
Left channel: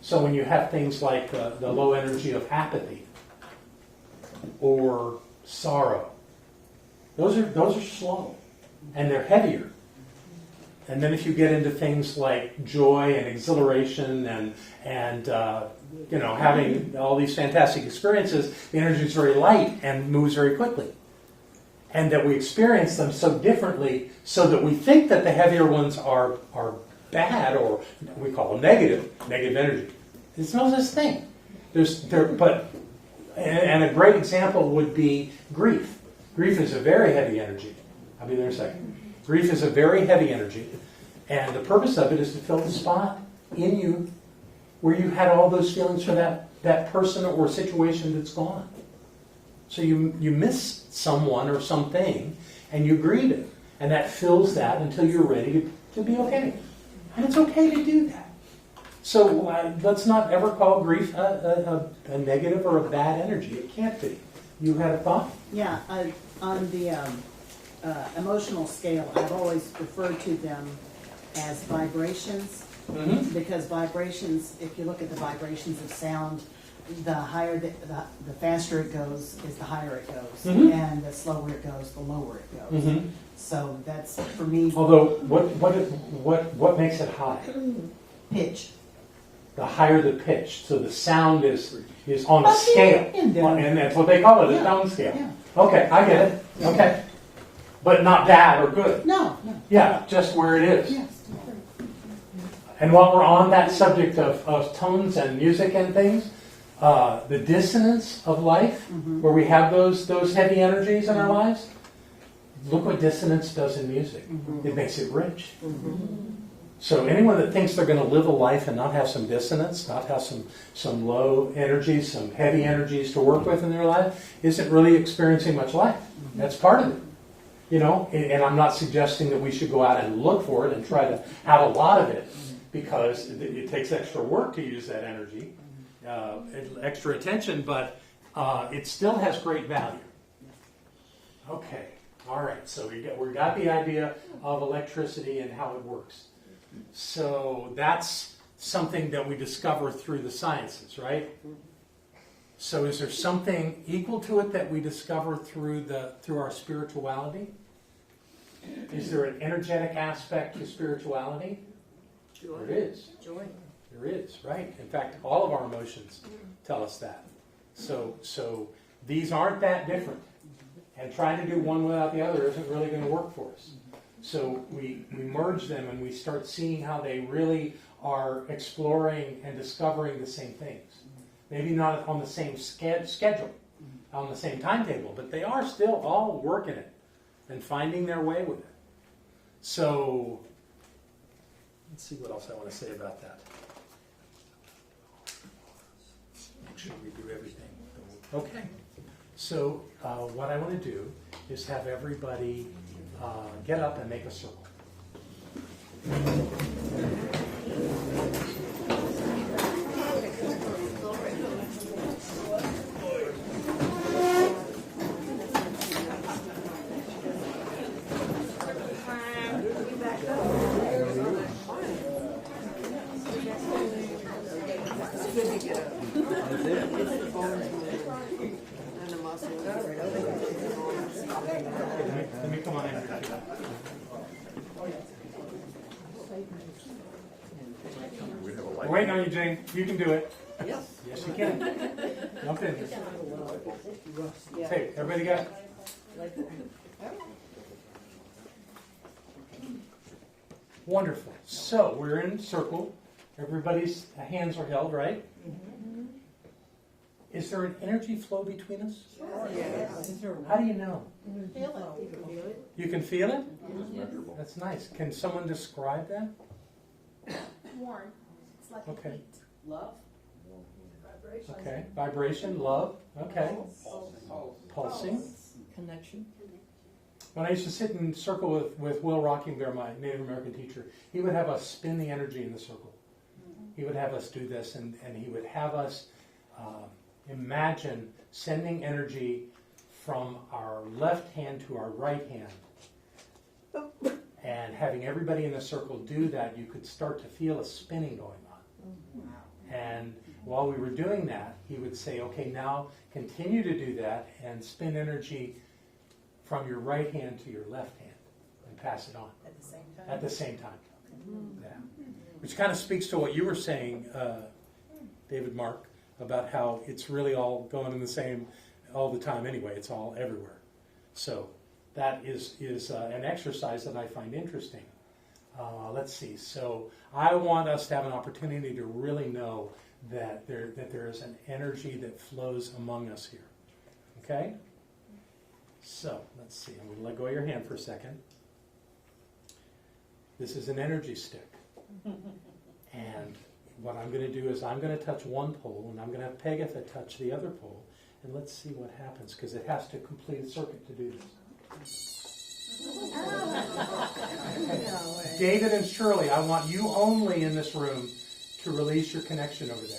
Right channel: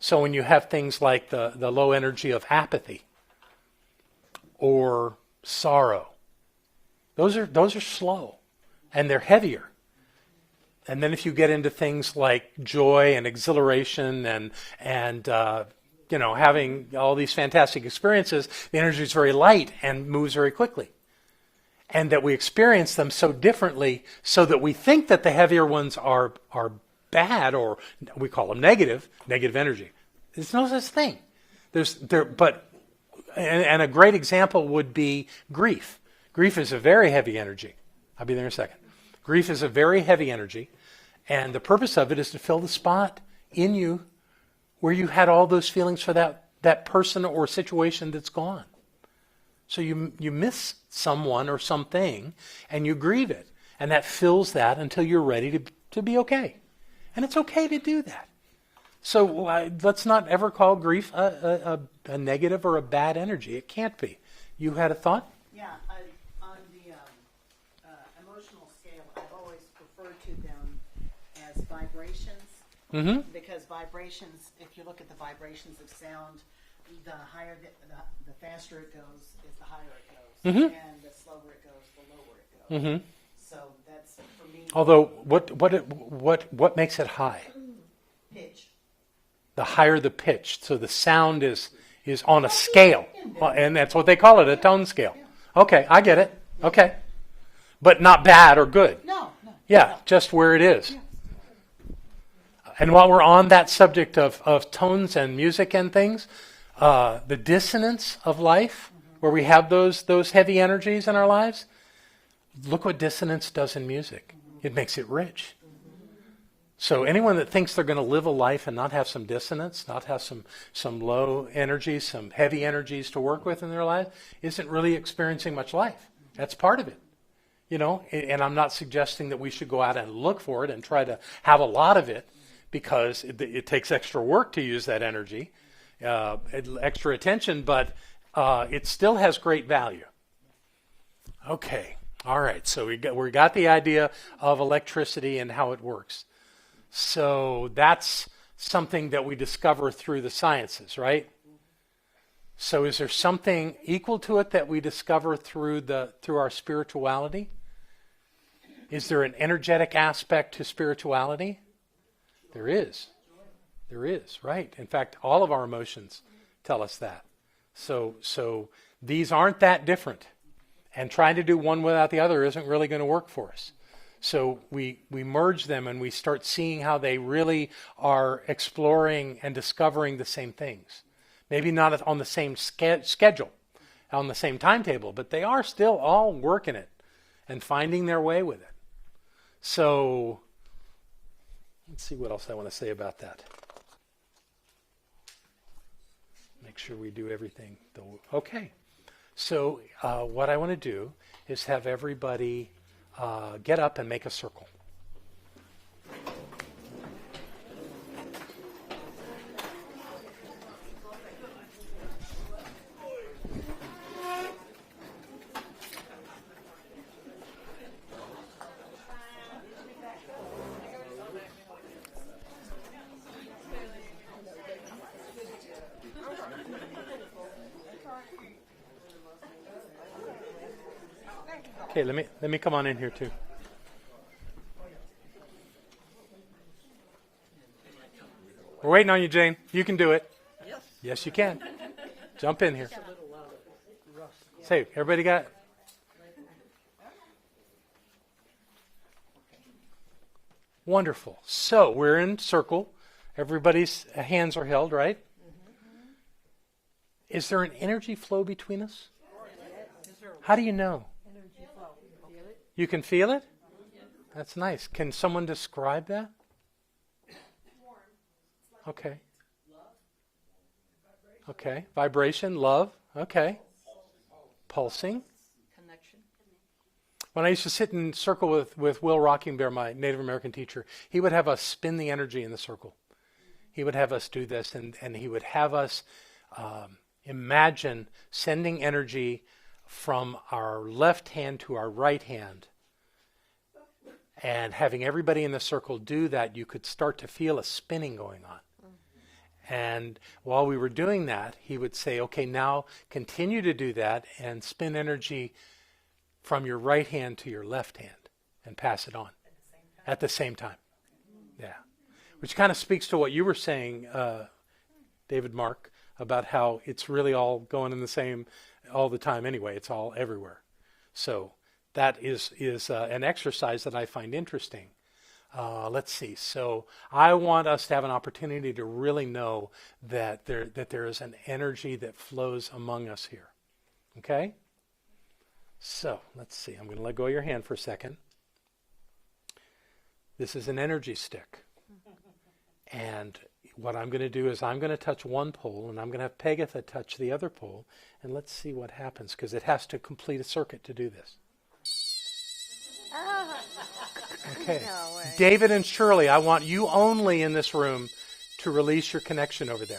So when you have things like the low energy of apathy or sorrow, those are slow and they're heavier. And then if you get into things like joy and exhilaration and having all these fantastic experiences, the energy is very light and moves very quickly. And that we experience them so differently so that we think that the heavier ones are bad, or we call them negative energy. There's no such thing. And a great example would be grief. Grief is a very heavy energy. I'll be there in a second. Grief is a very heavy energy, and the purpose of it is to fill the spot in you where you had all those feelings for that person or situation that's gone. So you miss someone or something, and you grieve it. And that fills that until you're ready to be okay. And it's okay to do that. So let's not ever call grief a negative or a bad energy. It can't be. You had a thought? Yeah, on the emotional scale, I've always referred to them as vibrations. Mm-hmm. Because vibrations, if you look at the vibrations of sound, the higher, the faster it goes is the higher it goes. Mhm. And the slower it goes, the lower it goes. Mhm. So that's, for me, Although, what makes it high? pitch. The higher the pitch, so the sound is on a scale, in there. and that's what they call it, a Yeah. tone scale. Yeah. Okay, I get it. Okay, but not bad or good. No. Yeah, just where it is. Yes. And while we're on that subject of tones and music and things, the dissonance of life, where we have those heavy energies in our lives, look what dissonance does in music. It makes it rich. So anyone that thinks they're going to live a life and not have some dissonance, not have some low energies, some heavy energies to work with in their life, isn't really experiencing much life. That's part of it. You know, and I'm not suggesting that we should go out and look for it and try to have a lot of it, because it takes extra work to use that energy, extra attention, but it still has great value. Okay, all right, so we got the idea of electricity and how it works. So that's something that we discover through the sciences, right? So is there something equal to it that we discover through our spirituality? Is there an energetic aspect to spirituality? There is. Joy. There is, right. In fact, all of our emotions tell us that. So these aren't that different. And trying to do one without the other isn't really going to work for us. So we merge them and we start seeing how they really are exploring and discovering the same things. Maybe not on the same schedule, on the same timetable, but they are still all working it and finding their way with it. So let's see what else I want to say about that. Make sure we do everything. Okay. So what I want to do is have everybody get up and make a circle. Okay, let me come on in here too. We're waiting on you, Jane. You can do it. Yes, you can. Jump in here. Say, everybody got? Wonderful. So we're in circle. Everybody's hands are held, right? Is there an energy flow between us? How do you know? You can feel it? That's nice. Can someone describe that? Warm. It's like Okay. heat. Love. Okay. Vibration, love. Okay. Pulsing. Connection. When I used to sit in circle with Will Rockingbear, my Native American teacher, he would have us spin the energy in the circle. He would have us do this, and he would have us imagine sending energy from our left hand to our right hand. And having everybody in the circle do that, you could start to feel a spinning going on. And while we were doing that, he would say, okay, now continue to do that and spin energy from your right hand to your left hand and pass it on. At the same time. Yeah. Which kind of speaks to what you were saying, David Mark, about how it's really all going in the same all the time anyway. It's all everywhere. So that is an exercise that I find interesting. Let's see. So I want us to have an opportunity to really know that there is an energy that flows among us here. Okay? So let's see. I'm going to let go of your hand for a second. This is an energy stick. And what I'm going to do is I'm going to touch one pole, and I'm going to have Pegatha touch the other pole, and let's see what happens, because it has to complete a circuit to do this. Okay. David and Shirley, I want you only in this room to release your connection over there.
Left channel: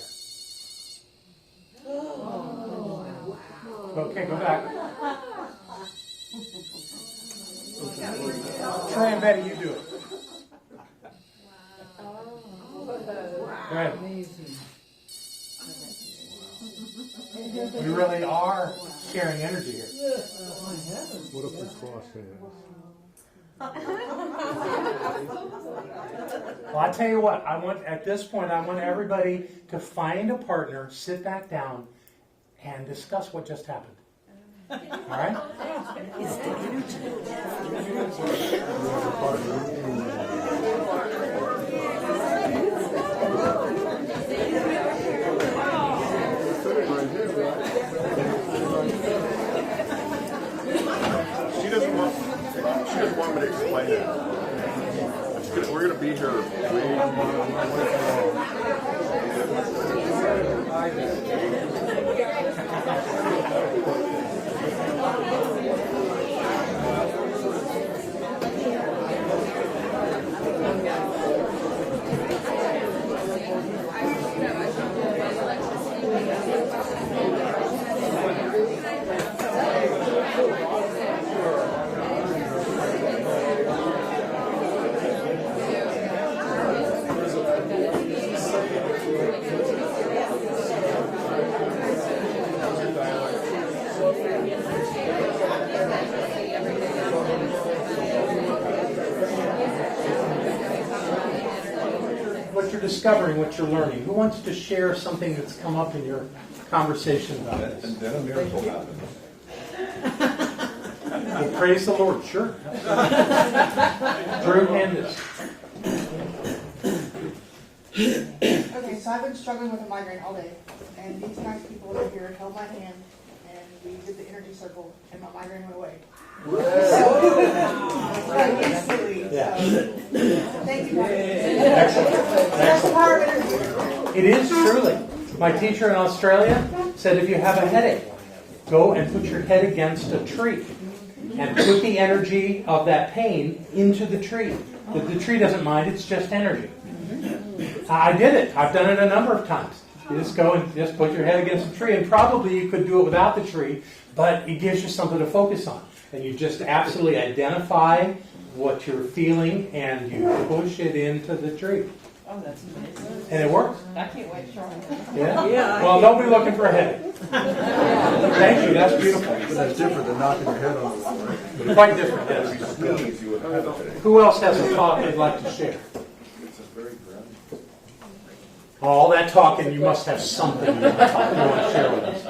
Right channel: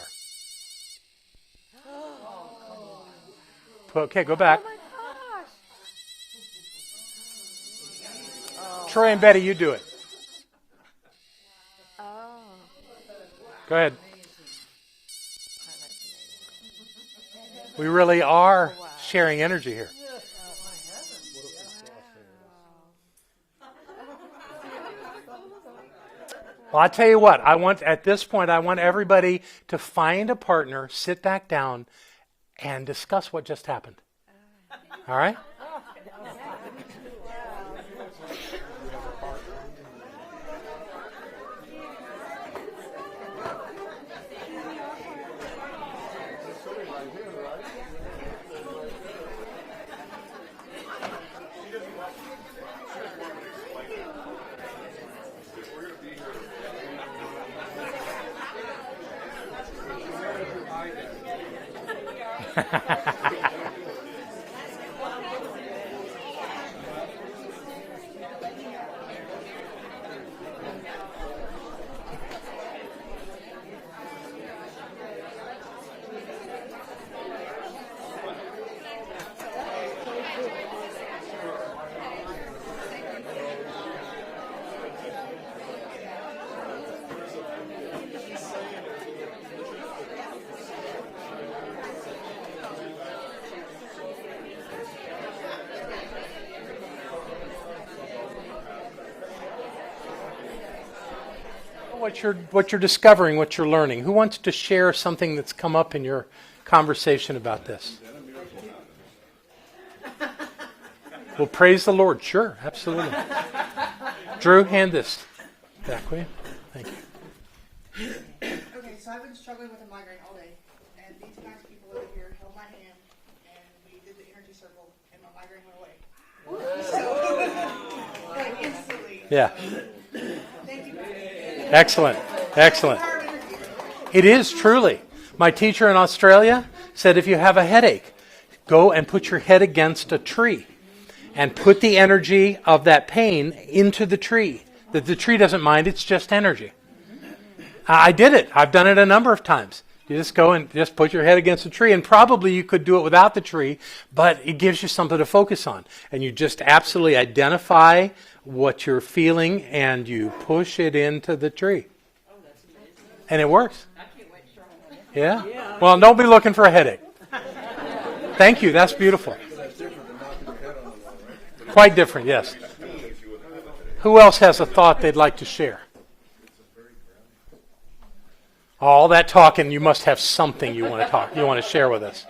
Okay, go back. Troy and Betty, you do it. Go ahead. We really are sharing energy here. What if we cross hands? Well, I'll tell you what, at this point, I want everybody to find a partner, sit back down, and discuss what just happened. All right? She doesn't want me to explain it. We're going to be here. What you're discovering, what you're learning. Who wants to share something that's come up in your conversation about this? And then a miracle happens. Well, praise the Lord. Sure, absolutely. Drew, hand this. Okay, so I've been struggling with a migraine all day, and these nice people over here held my hand, and we did the energy circle, and my migraine went away. Like instantly. Yeah. Thank you. Excellent. Excellent. It is truly. My teacher in Australia said if you have a headache, go and put your head against a tree and put the energy of that pain into the tree. The tree doesn't mind, it's just energy. I did it. I've done it a number of times. You just go and just put your head against a tree, and probably you could do it without the tree, but it gives you something to focus on. And you just absolutely identify what you're feeling, and you push it into the tree. Oh, that's amazing. And it works. I can't wait to try it. Yeah? Well, don't be looking for a headache. Thank you. That's beautiful. But that's different than knocking your head on it, right? Quite different, yes. Who else has a thought they'd like to share? All that talking, you must have something you want to share with us.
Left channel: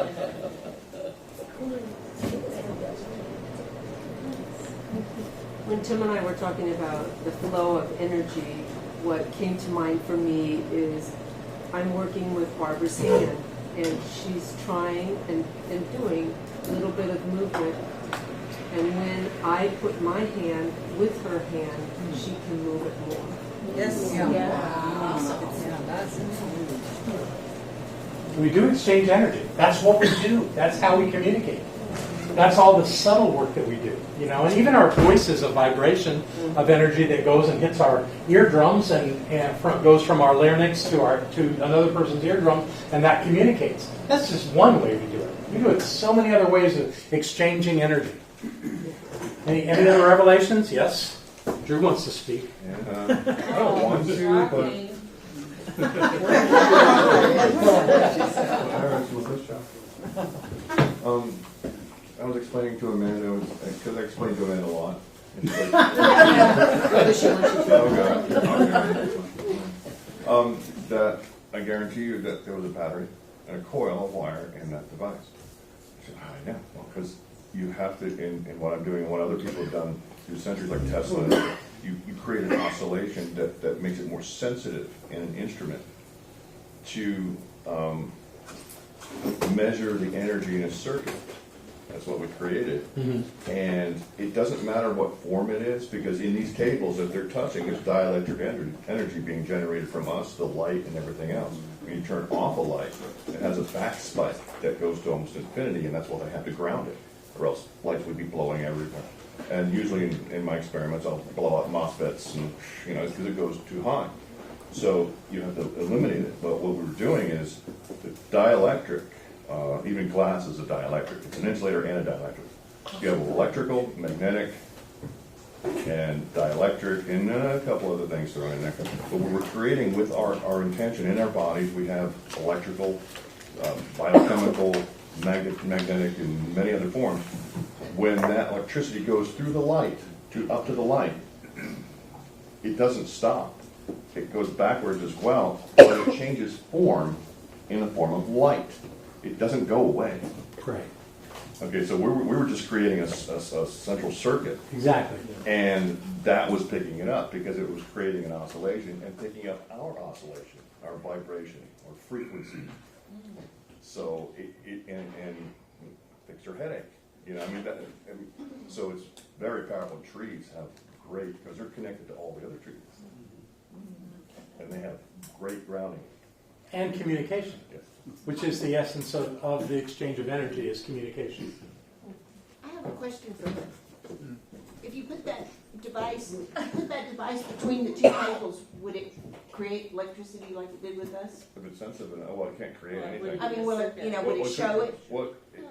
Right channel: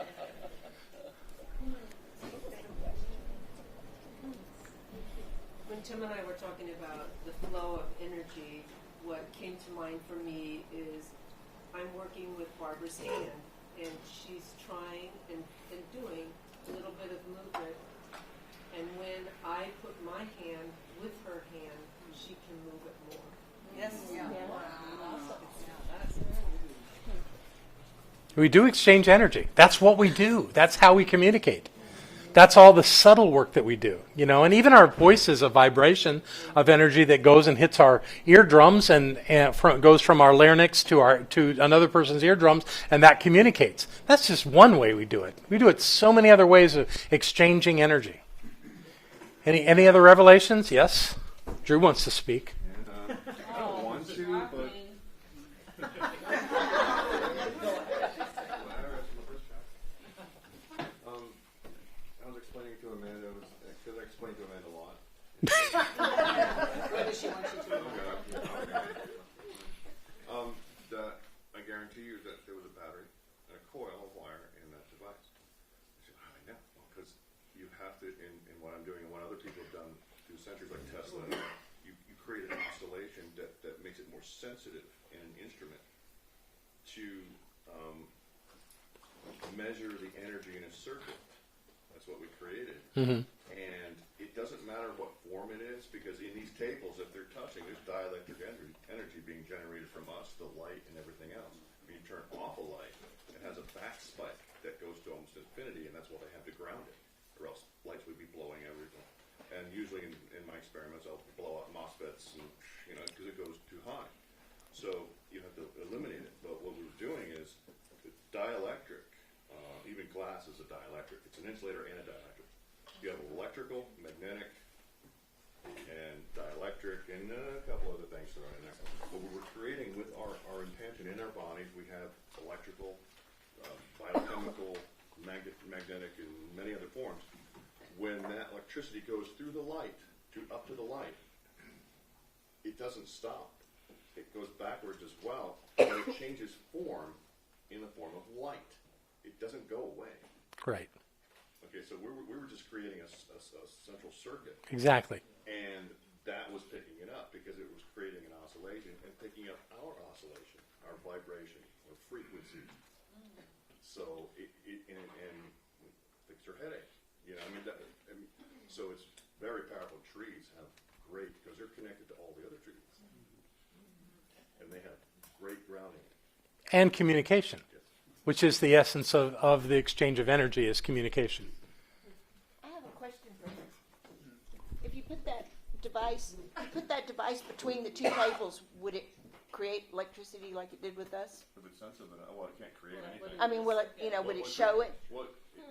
When Tim and I were talking about the flow of energy, what came to mind for me is I'm working with Barbara's hand, and she's trying and doing a little bit of movement. And when I put my hand with her hand, she can move it more. Yes. We do exchange energy. That's what we do. That's how we communicate. That's all the subtle work that we do, you know. And even our voice is a vibration of energy that goes and hits our eardrums and goes from our larynx to another person's eardrums, and that communicates. That's just one way we do it. We do it so many other ways of exchanging energy. Any other revelations? Yes. Drew wants to speak. I don't want to, but I was explaining to Amanda, because I explained to Amanda a lot. That I guarantee you that there was a battery and a coil of wire in that device. I said, I know, because you have to, in what I'm doing and what other people have done through centuries like Tesla, you create an oscillation that makes it more sensitive in an instrument to measure the energy in a circuit. That's what we created. Mm-hmm. And it doesn't matter what form it is, because in these cables, if they're touching, there's dielectric energy being generated from us, the light and everything else. When you turn off a light, it has a back spike that goes to almost infinity, and that's why they have to ground it, or else lights would be blowing everywhere. And usually in my experiments, I'll blow out MOSFETs, and because it goes too high. So you have to eliminate it. But what we're doing is the dielectric. Even glass is a dielectric. It's an insulator and a dielectric. You have electrical, magnetic, and dielectric, and a couple other things thrown in there. But what we're creating with our intention in our bodies, we have electrical biochemical, magnetic, and many other forms. When that electricity goes through the light, up to the light, it doesn't stop. It goes backwards as well, but it changes form in the form of light. It doesn't go away. Right. Okay, so we were just creating a central circuit. Exactly. And that was picking it up because it was creating an oscillation and picking up our oscillation, our vibration, or frequency. So and fixed her headache. You know, so it's very powerful. Trees have great, because they're connected to all the other trees. And they have great grounding. And communication, Yes. which is the essence of the exchange of energy, is communication. I have a question for her. If you put that device between the two cables, would it create electricity like it did with us? If it's sensitive enough, well, it can't create anything. I mean, will it, would it show it? Well,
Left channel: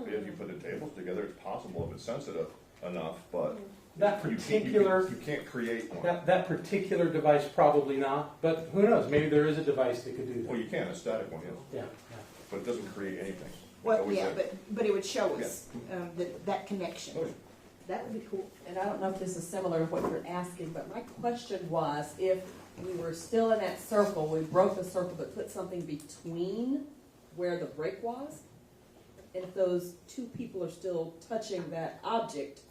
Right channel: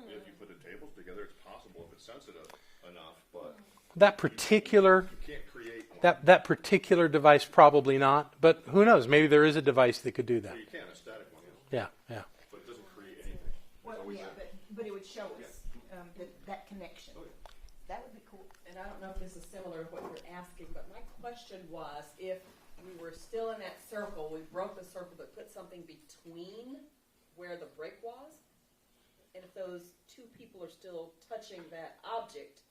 if you put the tables together, it's possible if it's sensitive enough, but That particular you can't create one. that particular device, probably not. But who knows? Maybe there is a device that could do that. Well, you can, a static one, yes. Yeah, yeah. But it doesn't create anything. Well, Always yeah, there. but it would show us that connection. Oh, yeah. That would be cool. And I don't know if this is similar to what you're asking, but my question was, if we were still in that circle, we broke the circle but put something between where the break was, and if those two people are still touching that object,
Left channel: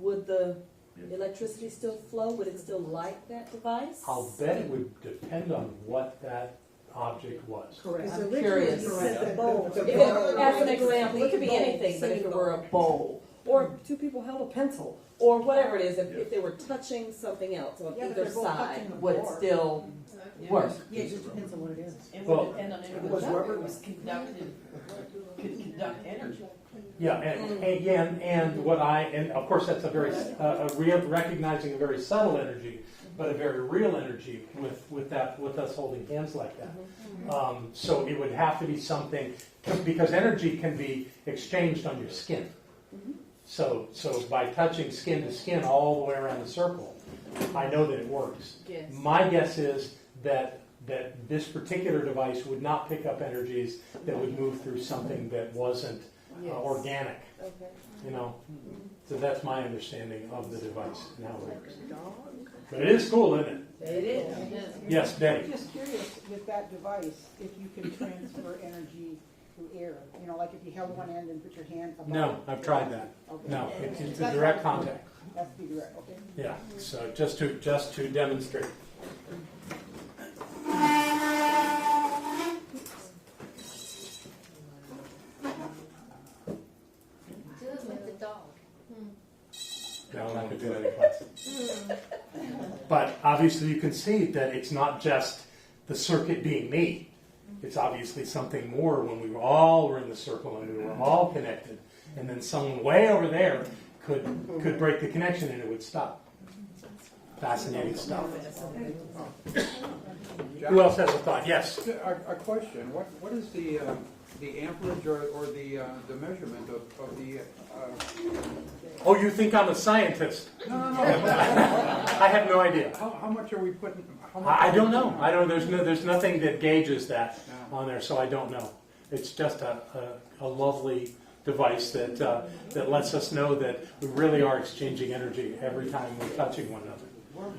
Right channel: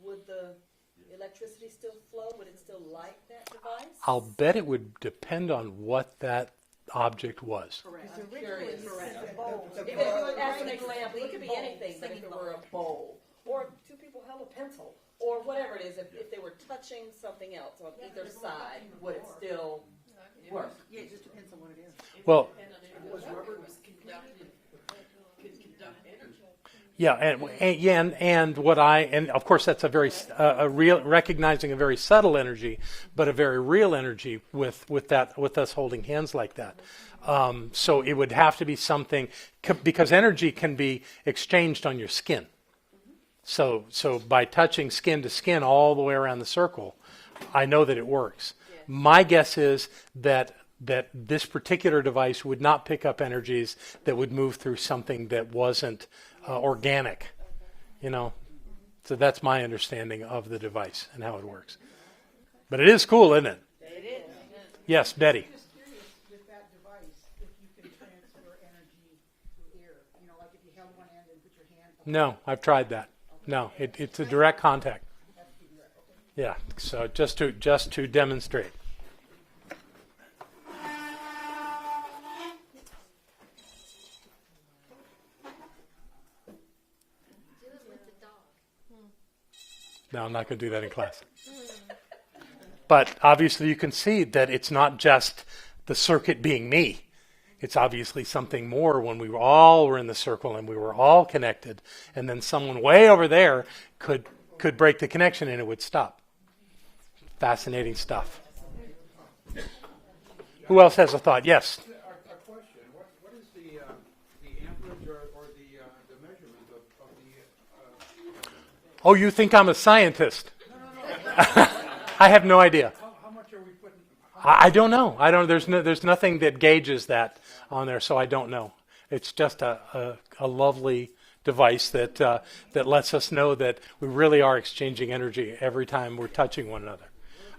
would the electricity still flow? Would it still light that device? I'll bet it would depend on what that object was. Correct. Because I'm originally curious. you said the bowl. If it, as an example, it could be anything, but if it were a bowl, or two people held a pencil, or whatever it is, if they were touching something else on Yeah, but either they're both side, touching the would it board. still work? Yeah, it just depends on what it is. Well- And on it Was rubber- was conducted, could conduct energy. Yeah, and what and of course that's a very a real, recognizing a very subtle energy, but a very real energy with us holding hands like that. So it would have to be something, because energy can be exchanged on your skin. So by touching skin to skin all the way around the circle, I know that it works. Yes. My guess is that this particular device would not pick up energies that would move through something that wasn't organic. Okay. You know, so that's my understanding of the device and how it works. But it is cool, isn't it? It is. Yes, Betty. I'm just curious with that device, if you can transfer energy through air. You know, like if you held one end and put your hand above No, it. I've tried that. Okay. No, it's a direct contact. Has to be direct, okay. Yeah, so just to demonstrate. No, I'm not going to do that in class. But obviously you can see that it's not just the circuit being me. It's obviously something more when we all were in the circle and we were all connected, and then someone way over there could break the connection and it would stop. Fascinating stuff. Who else has a thought? Yes. A question. What is the amperage or the measurement of the? Oh, you think I'm a scientist? No. I have no idea. How much are we putting? I don't know. I don't. There's nothing that gauges that on there, so I don't know. It's just a lovely device that lets us know that we really are exchanging energy every time we're touching one another.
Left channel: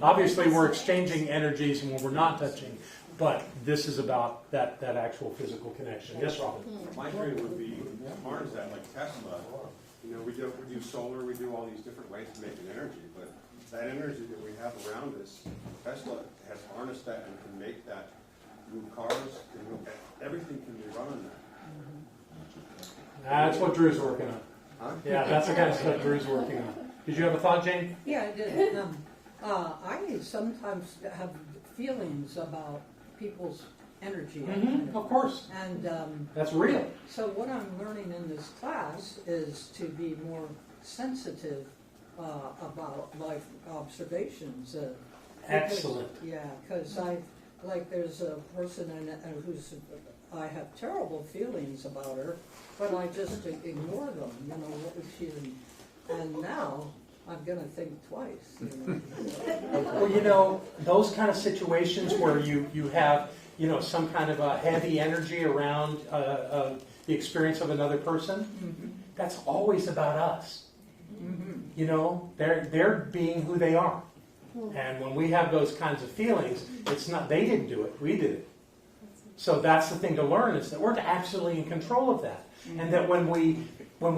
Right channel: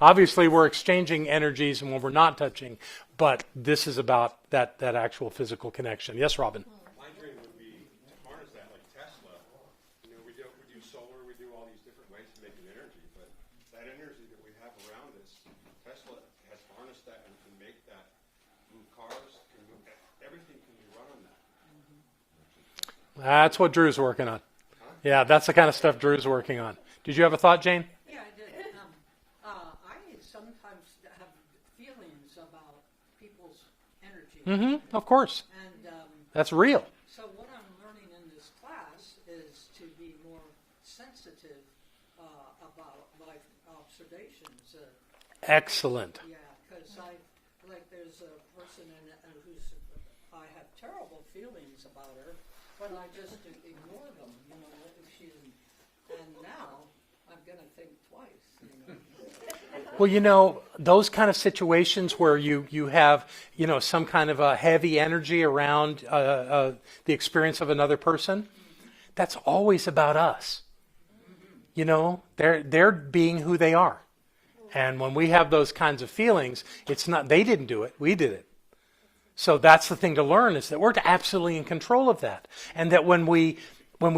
Obviously, we're exchanging energies when we're not touching, but this is about that actual physical connection. Yes, Robin? My dream would be to harness that like Tesla. You know, we do solar, we do all these different ways to make an energy, but that energy that we have around us, Tesla has harnessed that and can make that move cars, everything can be run on that. That's what Drew's working on. Huh? Yeah, that's the kind of stuff Drew's working on. Did you have a thought, Jane? Yeah, I did. I sometimes have feelings about people's energy. Mm-hmm, of course. And that's real. So what I'm learning in this class is to be more sensitive about life observations. Excellent. Because there's a person I have terrible feelings about her, but I just ignore them. You know, and now I'm gonna think twice. You know. Well, you know, those kind of situations where you have, you know, some kind of a heavy energy around the experience of another person, that's always about us. You know, they're being who they are. And when we have those kinds of feelings, it's not, they didn't do it, we did it. So that's the thing to learn, is that we're absolutely in control of that. And that when we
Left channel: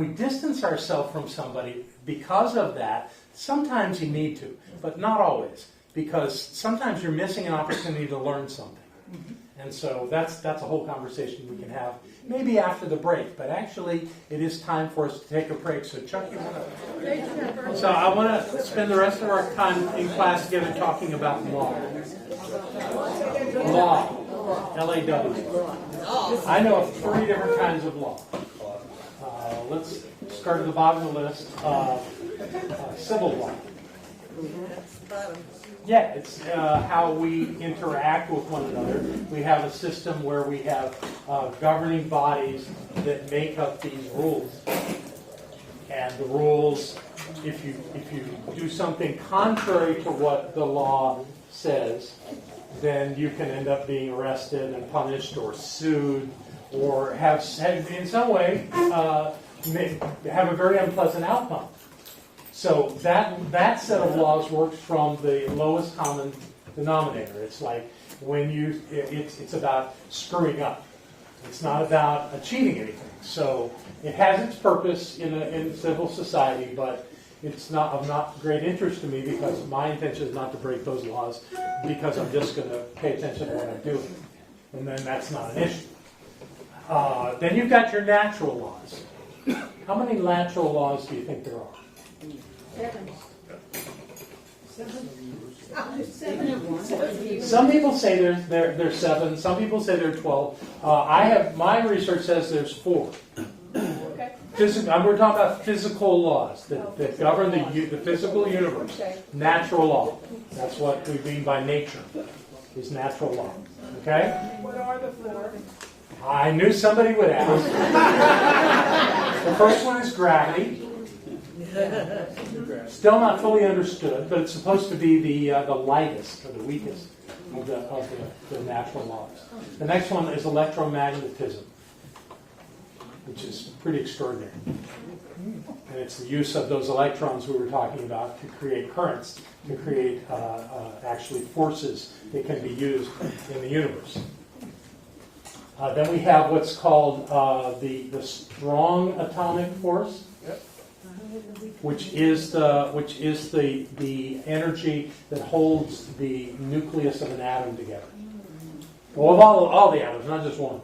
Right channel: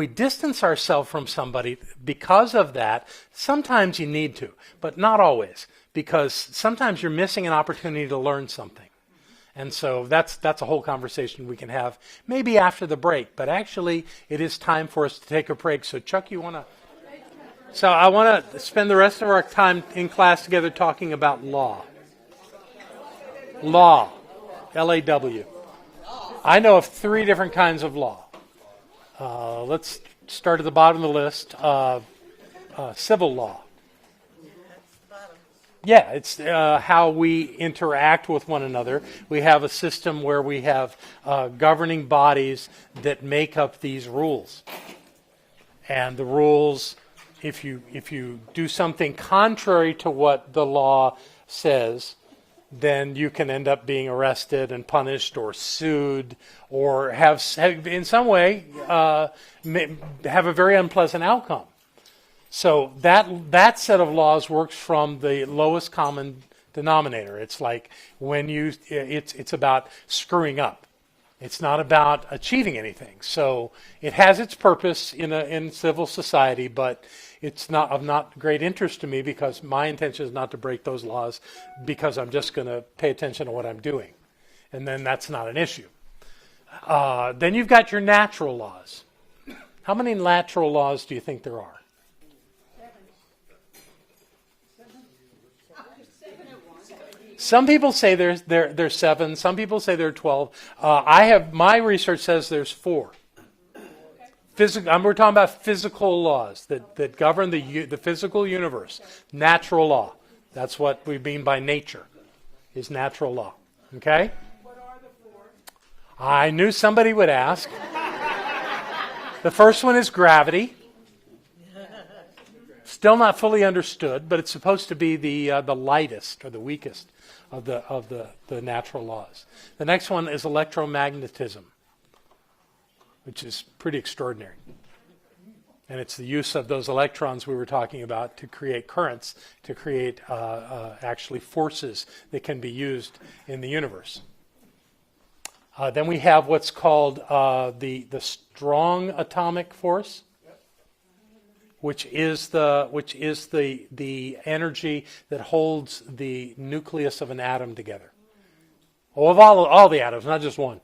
distance ourselves from somebody because of that, sometimes you need to, but not always. Because sometimes you're missing an opportunity to learn something. And so that's a whole conversation we can have maybe after the break. But actually, it is time for us to take a break. So Chuck, you want to... So I want to spend the rest of our time in class together talking about law. Law. L-A-W. I know of 3 different kinds of law. Let's start at the bottom of the list. Civil law. Yeah, it's how we interact with one another. We have a system where we have governing bodies that make up these rules. And the rules, if you do something contrary to what the law says, then you can end up being arrested and punished or sued or have in some way have a very unpleasant outcome. So that set of laws works from the lowest common denominator. It's like when it's about screwing up. It's not about achieving anything. So it has its purpose in civil society, but it's not of not great interest to me, because my intention is not to break those laws, because I'm just going to pay attention to what I'm doing. And then that's not an issue. Then you've got your natural laws. How many natural laws do you think there are? 7. Some people say there's 7. Some people say there are 12. My research says there's 4. We're talking about physical laws that govern the physical universe. Natural law. That's what we mean by nature, is natural law. Okay? What are the 4? I knew somebody would ask. The first one is gravity. Still not fully understood, but it's supposed to be the lightest or the weakest of the natural laws. The next one is electromagnetism, which is pretty extraordinary. And it's the use of those electrons we were talking about to create currents, to create actually forces that can be used in the universe. Then we have what's called the strong atomic force, which is the energy that holds the nucleus of an atom together. Well, of all the atoms, not just one.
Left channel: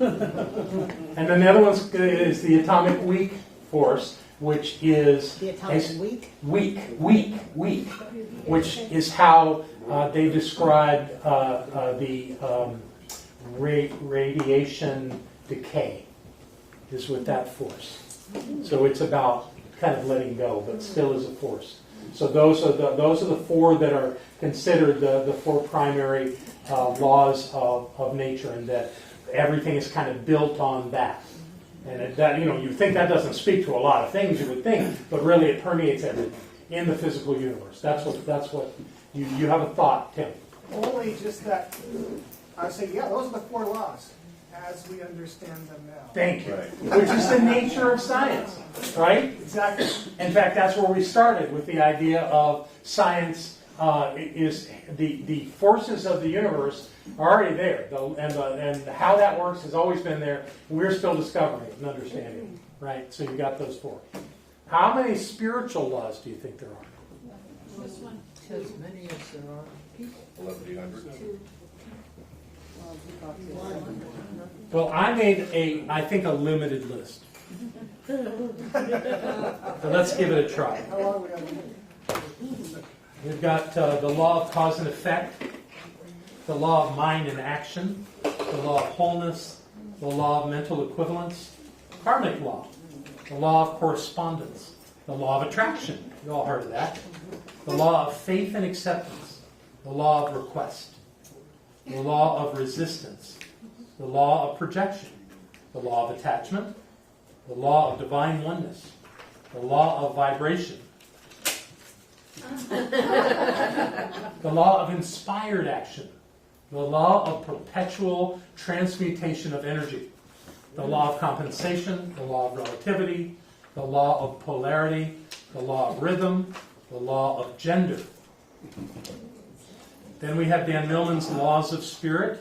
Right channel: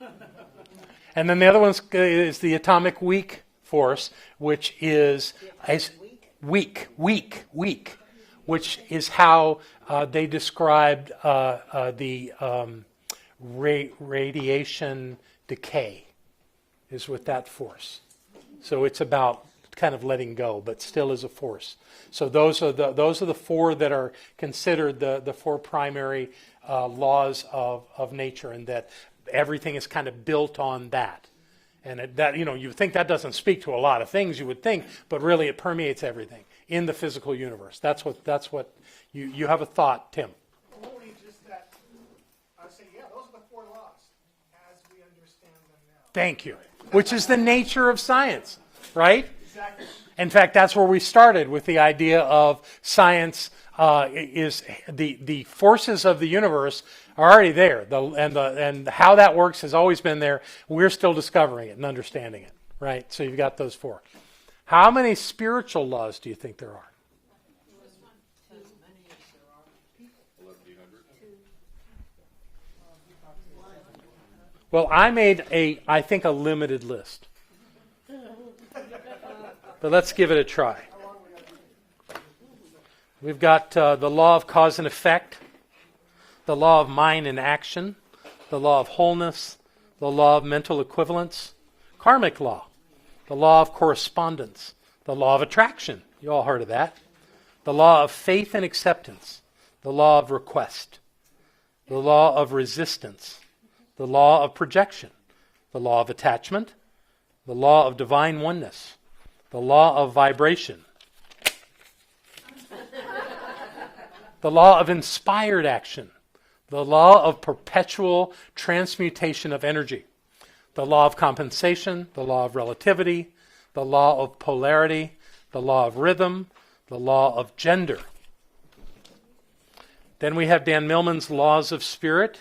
And then the other one is the atomic weak force, which is The atomic weak, which is how they described the radiation decay, is with that force. So it's about kind of letting go, but still is a force. So those are the 4 that are considered the 4 primary laws of nature, and that everything is kind of built on that. And that, you think that doesn't speak to a lot of things, you would think, but really it permeates everything in the physical universe. That's what you have a thought, Tim. Only just that, I say, yeah, those are the 4 laws, as we understand them now. Thank you. Which is the nature of science, right? Exactly. In fact, that's where we started with the idea of science. Is the forces of the universe are already there, and how that works has always been there. We're still discovering it and understanding it, right? So you've got those 4. How many spiritual laws do you think there are? This one. As many as there are people. 1,100. Well, I made I think a limited list. So let's give it a try. We've got the law of cause and effect, the law of mind and action, the law of wholeness, the law of mental equivalence, karmic law, the law of correspondence, the law of attraction, you all heard of that, the law of faith and acceptance, the law of request, the law of resistance, the law of projection, the law of attachment, the law of divine oneness, the law of vibration, the law of inspired action, the law of perpetual transmutation of energy, the law of compensation, the law of relativity, the law of polarity, the law of rhythm, the law of gender. Then we have Dan Millman's laws of spirit.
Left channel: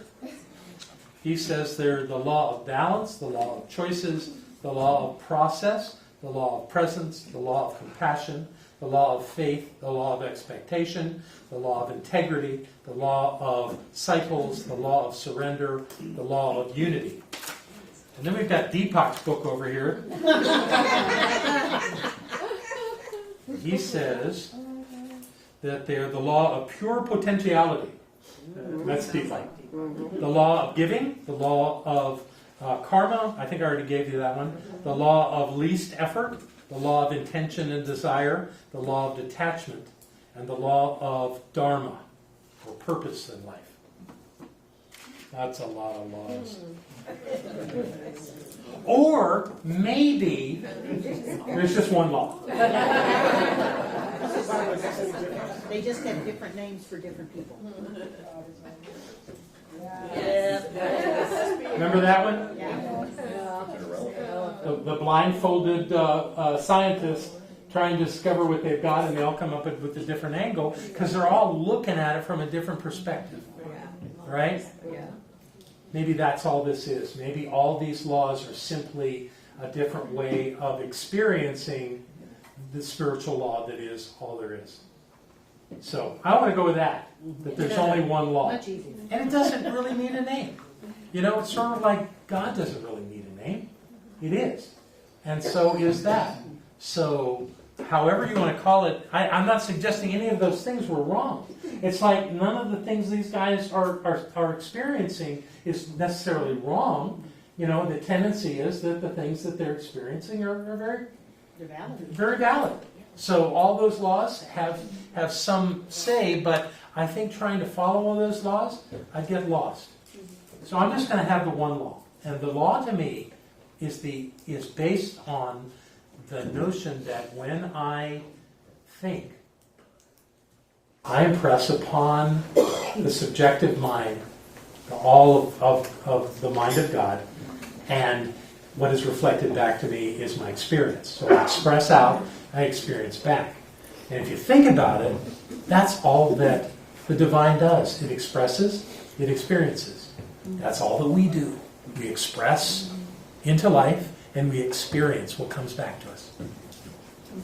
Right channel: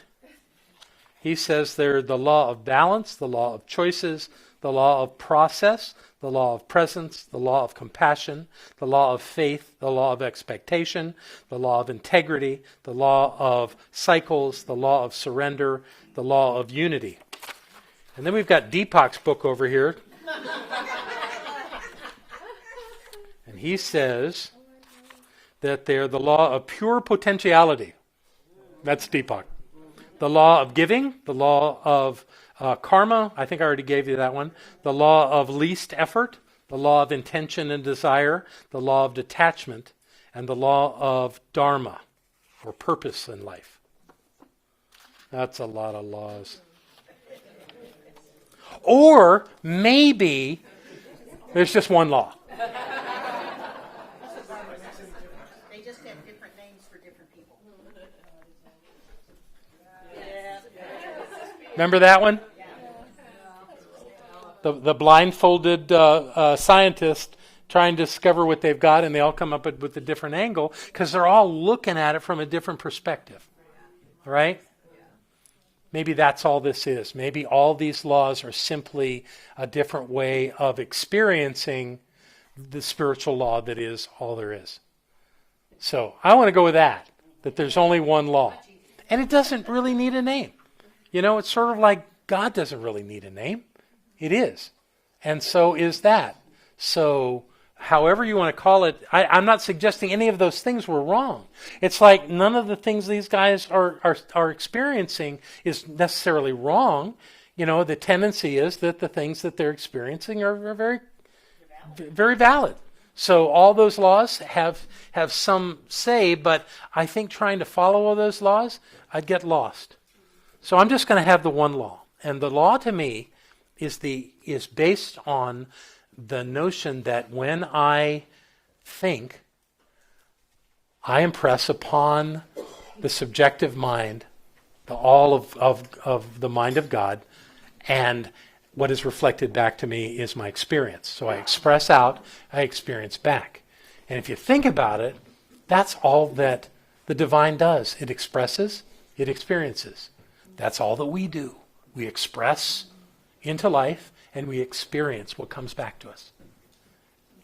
He says they're the law of balance, the law of choices, the law of process, the law of presence, the law of compassion, the law of faith, the law of expectation, the law of integrity, the law of cycles, the law of surrender, the law of unity. And then we've got Deepak's book over here. And he says that they're the law of pure potentiality. That's Deepak. The law of giving, the law of karma, I think I already gave you that one. The law of least effort, the law of intention and desire, the law of detachment, and the law of dharma, or purpose in life. That's a lot of laws. Or maybe there's just one law. They just have different names for different people. Remember that one? The blindfolded scientist trying to discover what they've got, and they all come up with a different angle because they're all looking at it from a different perspective. Right? Maybe that's all this is. Maybe all these laws are simply a different way of experiencing the spiritual law that is all there is. So I want to go with that there's only one law. And it doesn't really need a name. You know, it's sort of like God doesn't really need a name. It is. And so is that. So however you want to call it, I'm not suggesting any of those things were wrong. It's like none of the things these guys are experiencing is necessarily wrong. You know, the tendency is that the things that they're experiencing are very valid. So all those laws have some say, but I think trying to follow all those laws, I'd get lost. So I'm just going to have the one law. And the law to me is based on the notion that when I think, I impress upon the subjective mind all of the mind of God, and what is reflected back to me is my experience. So I express out, I experience back. And if you think about it, that's all that the divine does. It expresses, it experiences. That's all that we do. We express into life, and we experience what comes back to us.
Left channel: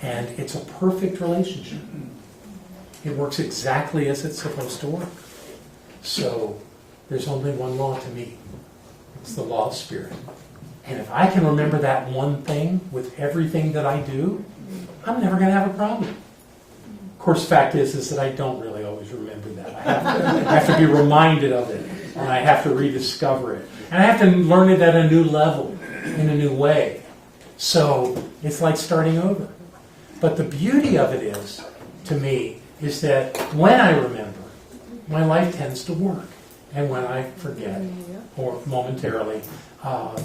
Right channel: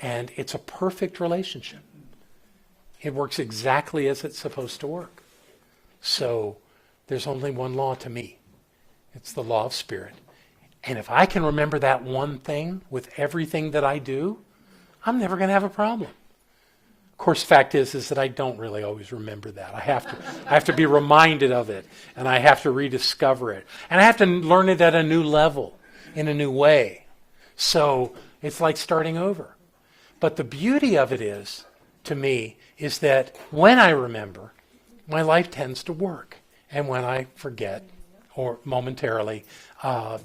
And it's a perfect relationship. It works exactly as it's supposed to work. So there's only one law to me. It's the law of spirit. And if I can remember that one thing with everything that I do, I'm never going to have a problem. Of course, the fact is that I don't really always remember that. I have to be reminded of it, and I have to rediscover it. And I have to learn it at a new level, in a new way. So it's like starting over. But the beauty of it is, to me, is that when I remember, my life tends to work. And when I forget, or momentarily,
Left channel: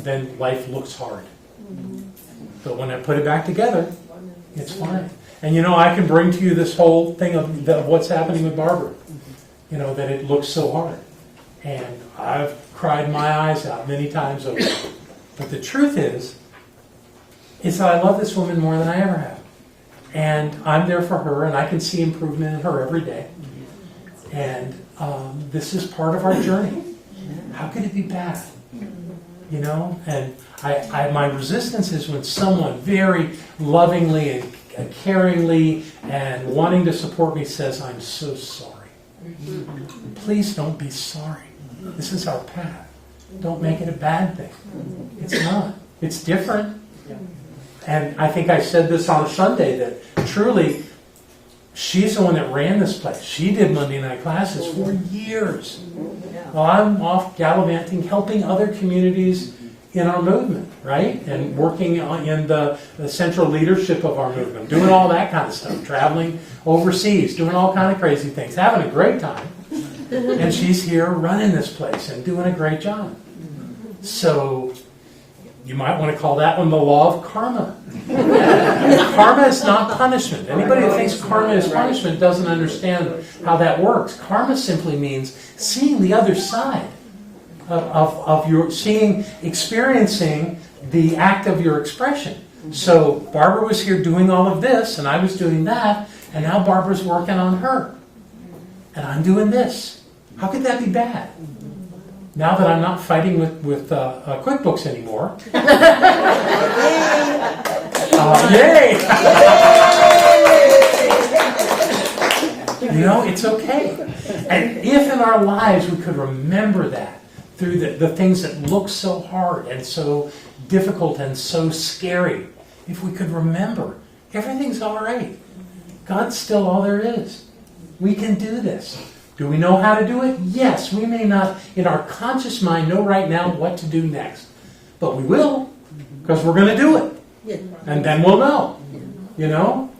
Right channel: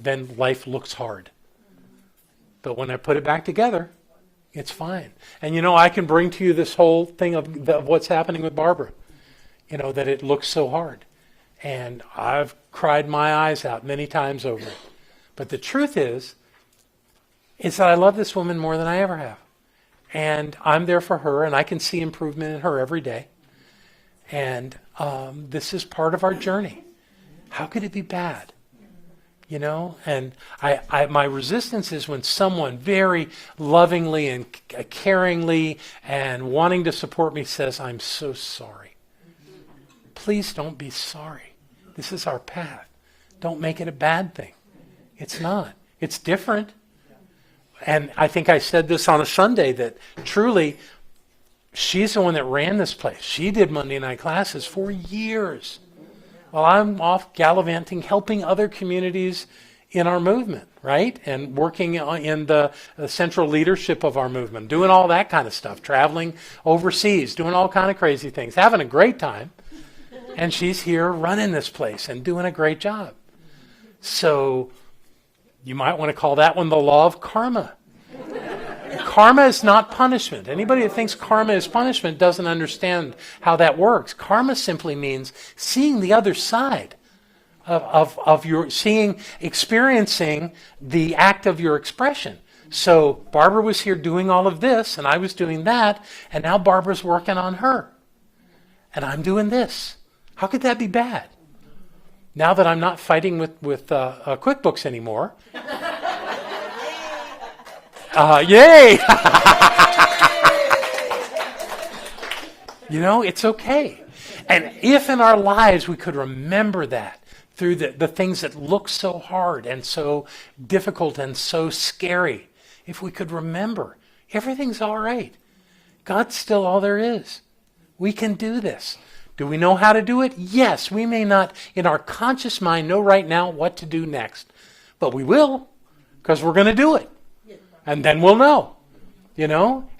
then life looks hard. But when I put it back together, it's fine. And you know, I can bring to you this whole thing of what's happening with Barbara. You know, that it looks so hard. And I've cried my eyes out many times over it. But the truth is that I love this woman more than I ever have. And I'm there for her, and I can see improvement in her every day. And this is part of our journey. How could it be bad? You know, and my resistance is when someone very lovingly and caringly and wanting to support me says, "I'm so sorry." Please don't be sorry. This is our path. Don't make it a bad thing. It's not. It's different. And I think I said this on a Sunday that truly, she's the one that ran this place. She did Monday night classes for years. While I'm off gallivanting, helping other communities in our movement, right? And working in the central leadership of our movement, doing all that kind of stuff, traveling overseas, doing all kind of crazy things, having a great time. And she's here running this place and doing a great job. So You might want to call that one the law of karma. Karma is not punishment. Anybody that thinks karma is punishment doesn't understand how that works. Karma simply means seeing the other side of your, experiencing the act of your expression. So Barbara was here doing all of this, and I was doing that, and now Barbara's working on her. And I'm doing this. How could that be bad? Now that I'm not fighting with QuickBooks anymore. Yay! It's okay. And if in our lives we could remember that through the things that look so hard and so difficult and so scary, if we could remember, everything's all right. God's still all there is. We can do this. Do we know how to do it? Yes. We may not, in our conscious mind, know right now what to do next. But we will, because we're going to do it. And then we'll know.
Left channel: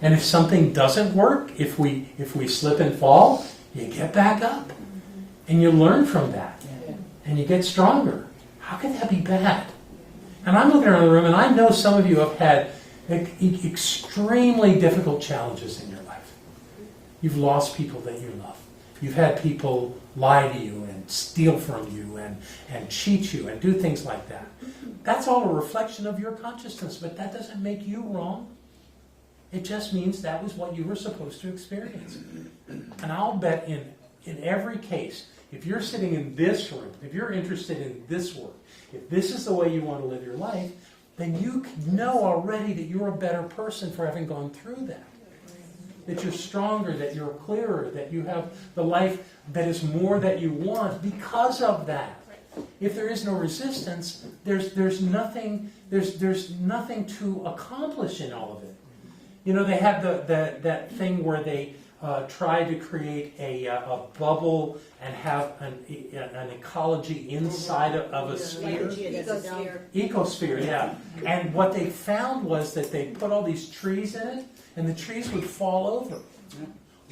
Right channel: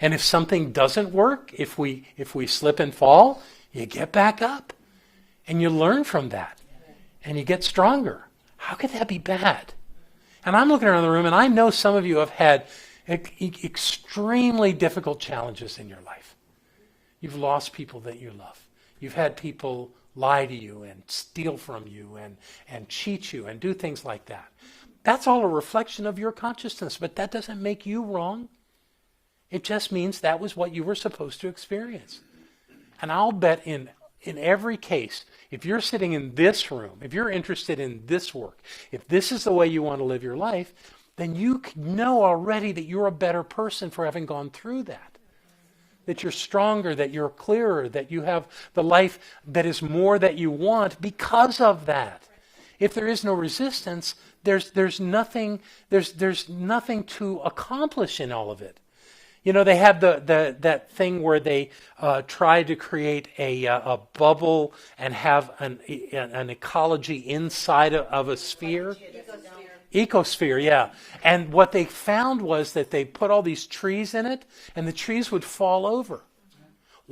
And if something doesn't work, if we slip and fall, you get back up. And you learn from that. And you get stronger. How could that be bad? And I'm looking around the room, and I know some of you have had extremely difficult challenges in your life. You've lost people that you love. You've had people lie to you and steal from you and cheat you and do things like that. That's all a reflection of your consciousness, but that doesn't make you wrong. It just means that was what you were supposed to experience. And I'll bet in every case, if you're sitting in this room, if you're interested in this work, if this is the way you want to live your life, then you know already that you're a better person for having gone through that. That you're stronger, that you're clearer, that you have the life that is more that you want because of that. If there is no resistance, there's nothing to accomplish in all of it. They have that thing where they try to create a bubble and have an ecology inside of a sphere. Ecosphere, yeah. And what they found was that they put all these trees in it, and the trees would fall over.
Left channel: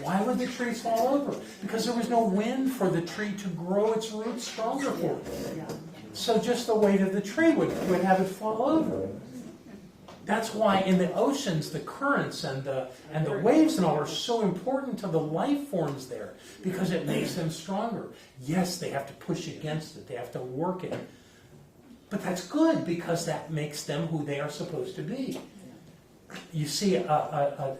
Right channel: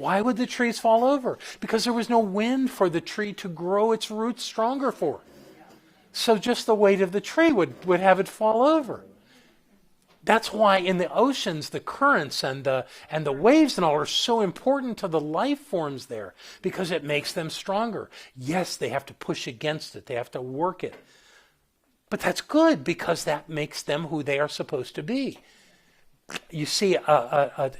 Why would the trees fall over? Because there was no wind for the tree to grow its roots stronger for it. So just the weight of the tree would have it fall over. That's why in the oceans, the currents and the waves and all are so important to the life forms there, because it makes them stronger. Yes, they have to push against it. They have to work it. But that's good, because that makes them who they are supposed to be. You see a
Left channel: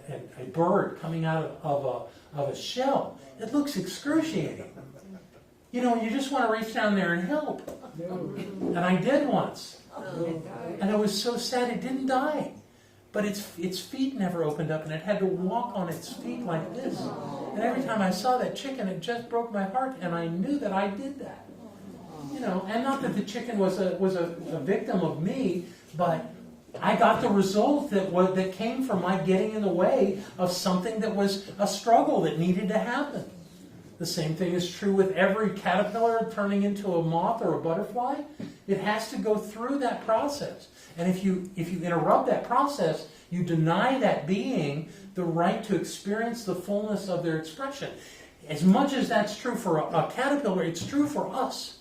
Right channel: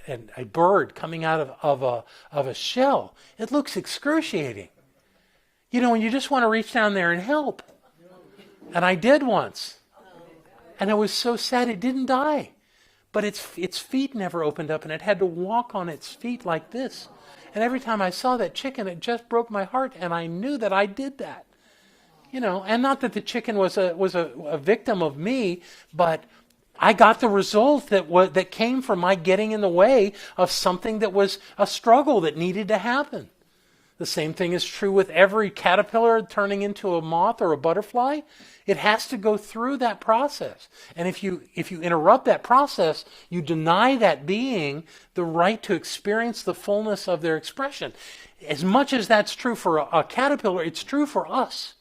bird coming out of a shell. It looks excruciating. And you just want to reach down there and help. And I did once. And it was so sad it didn't die. But its feet never opened up, and it had to walk on its feet like this. And every time I saw that chicken, it just broke my heart, and I knew that I did that. And not that the chicken was a victim of me, but I got the result that came from my getting in the way of something that was a struggle that needed to happen. The same thing is true with every caterpillar turning into a moth or a butterfly. It has to go through that process. And if you interrupt that process, you deny that being the right to experience the fullness of their expression. As much as that's true for a caterpillar, it's true for us.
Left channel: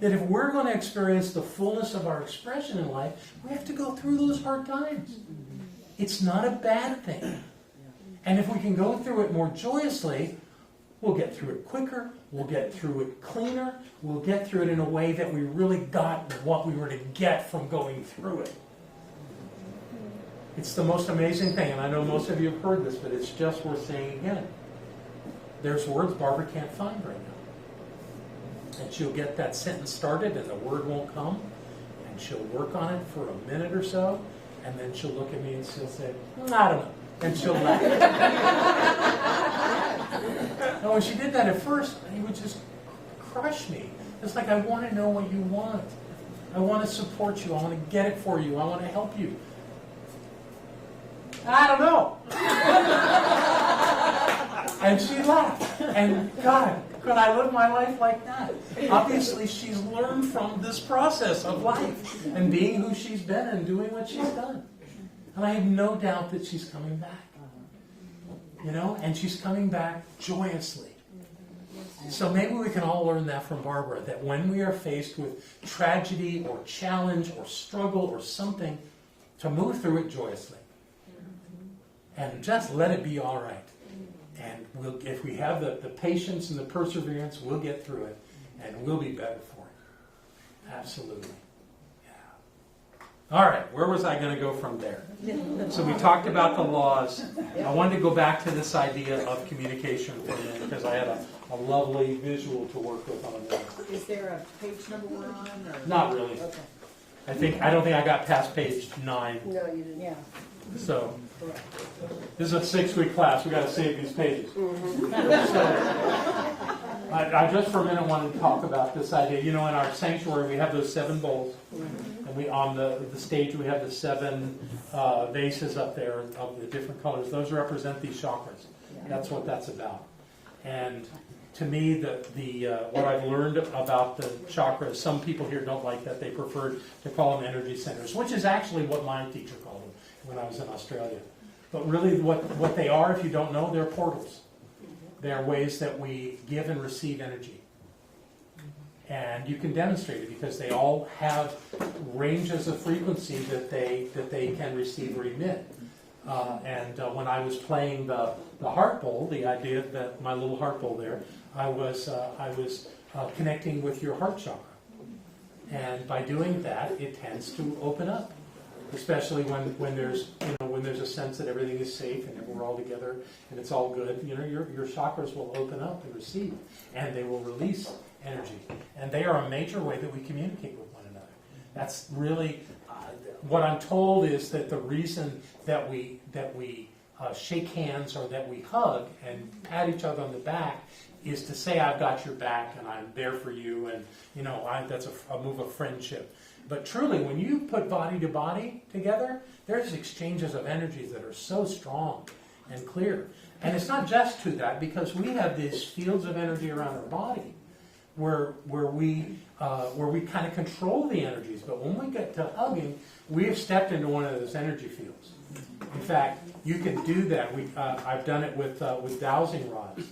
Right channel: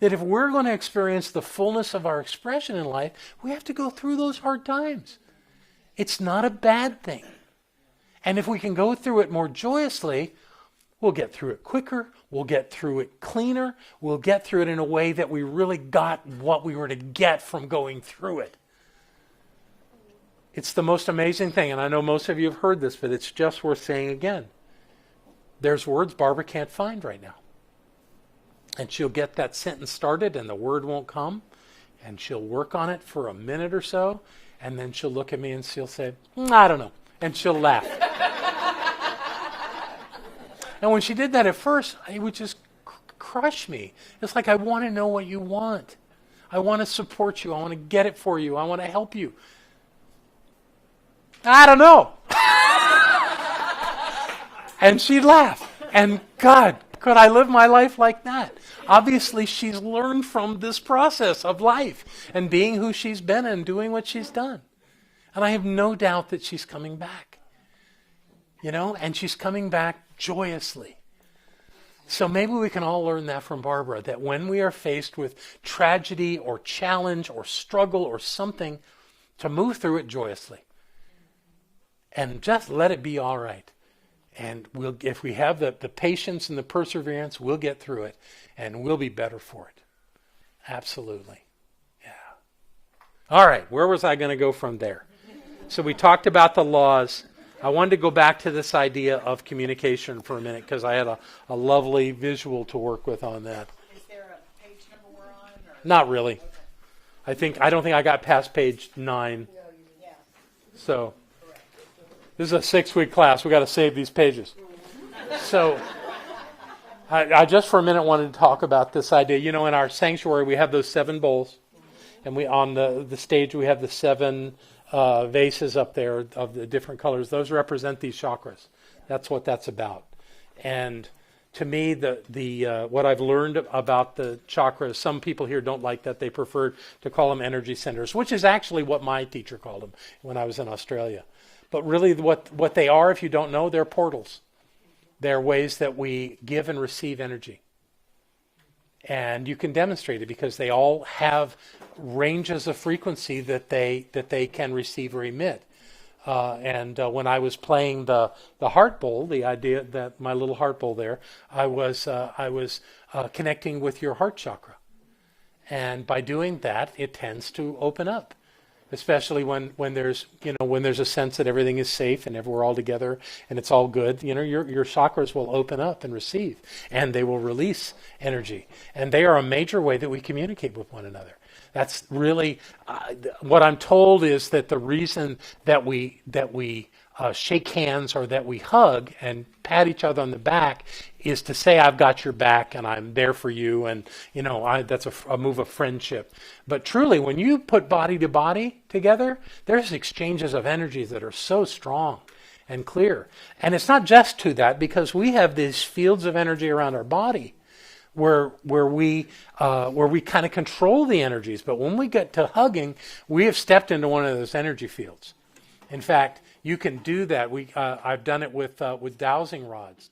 That if we're going to experience the fullness of our expression in life, we have to go through those hard times. It's not a bad thing. And if we can go through it more joyously, we'll get through it quicker, we'll get through it cleaner, we'll get through it in a way that we really got what we were to get from going through it. It's the most amazing thing, and I know most of you have heard this, but it's just worth saying again. There's words Barbara can't find right now. And she'll get that sentence started and the word won't come, and she'll work on it for a minute or so, and then she'll look at me and she'll say, I don't know, and she'll laugh. And when she did that at first, it would just crush me. It's like, I want to know what you want. I want to support you. I want to get it for you. I want to help you. I don't know. And she'd laugh. And God, could I live my life like that? Obviously, she's learned from this process of life and being who she's been and doing what she's done. And I have no doubt that she's coming back. And she's coming back joyously. So maybe we can all learn that from Barbara, that when we are faced with tragedy or challenge or struggle or something, to move through it joyously. And just let it be all right. And if we have the patience and the perseverance, we'll get through it, and we'll be better for it. Absolutely. Yeah. All right, where was I going to go from there? So we talked about the laws. I wanted to go back to this idea of communication for a minute, because I had a lovely visual to work with on that. Is there a page number we're on? Or? Not really. Okay. I don't think I got past page 9. No, you didn't. Yeah. So this is a 6-week class. We've got to save these pages. So I just for a minute wanted to talk about this idea. You know, in our sanctuary, we have those 7 bowls. And we on the stage, we have the 7 vases up there of the different colors. Those represent these chakras. That's what that's about. And to me, the what I've learned about the chakras, some people here don't like that. They prefer to call them energy centers, which is actually what my teacher called them when I was in Australia. But really what they are, if you don't know, they're portals. They're ways that we give and receive energy. And you can demonstrate it because they all have ranges of frequency that they can receive or emit. And when I was playing the heart bowl, the idea that my little heart bowl there, I was connecting with your heart chakra. And by doing that, it tends to open up. Especially when there's a sense that everything is safe and we're all together and it's all good, your chakras will open up and receive, and they will release energy, and they are a major way that we communicate with one another. That's really what I'm told is that the reason that we shake hands or that we hug and pat each other on the back is to say I've got your back and I'm there for you, and that's a move of friendship. But truly, when you put body to body together, there's exchanges of energies that are so strong and clear. And it's not just to that, because we have these fields of energy around our body where we kind of control the energies. But when we get to hugging, we have stepped into one of those energy fields. In fact, you can do that. I've done it with dowsing rods.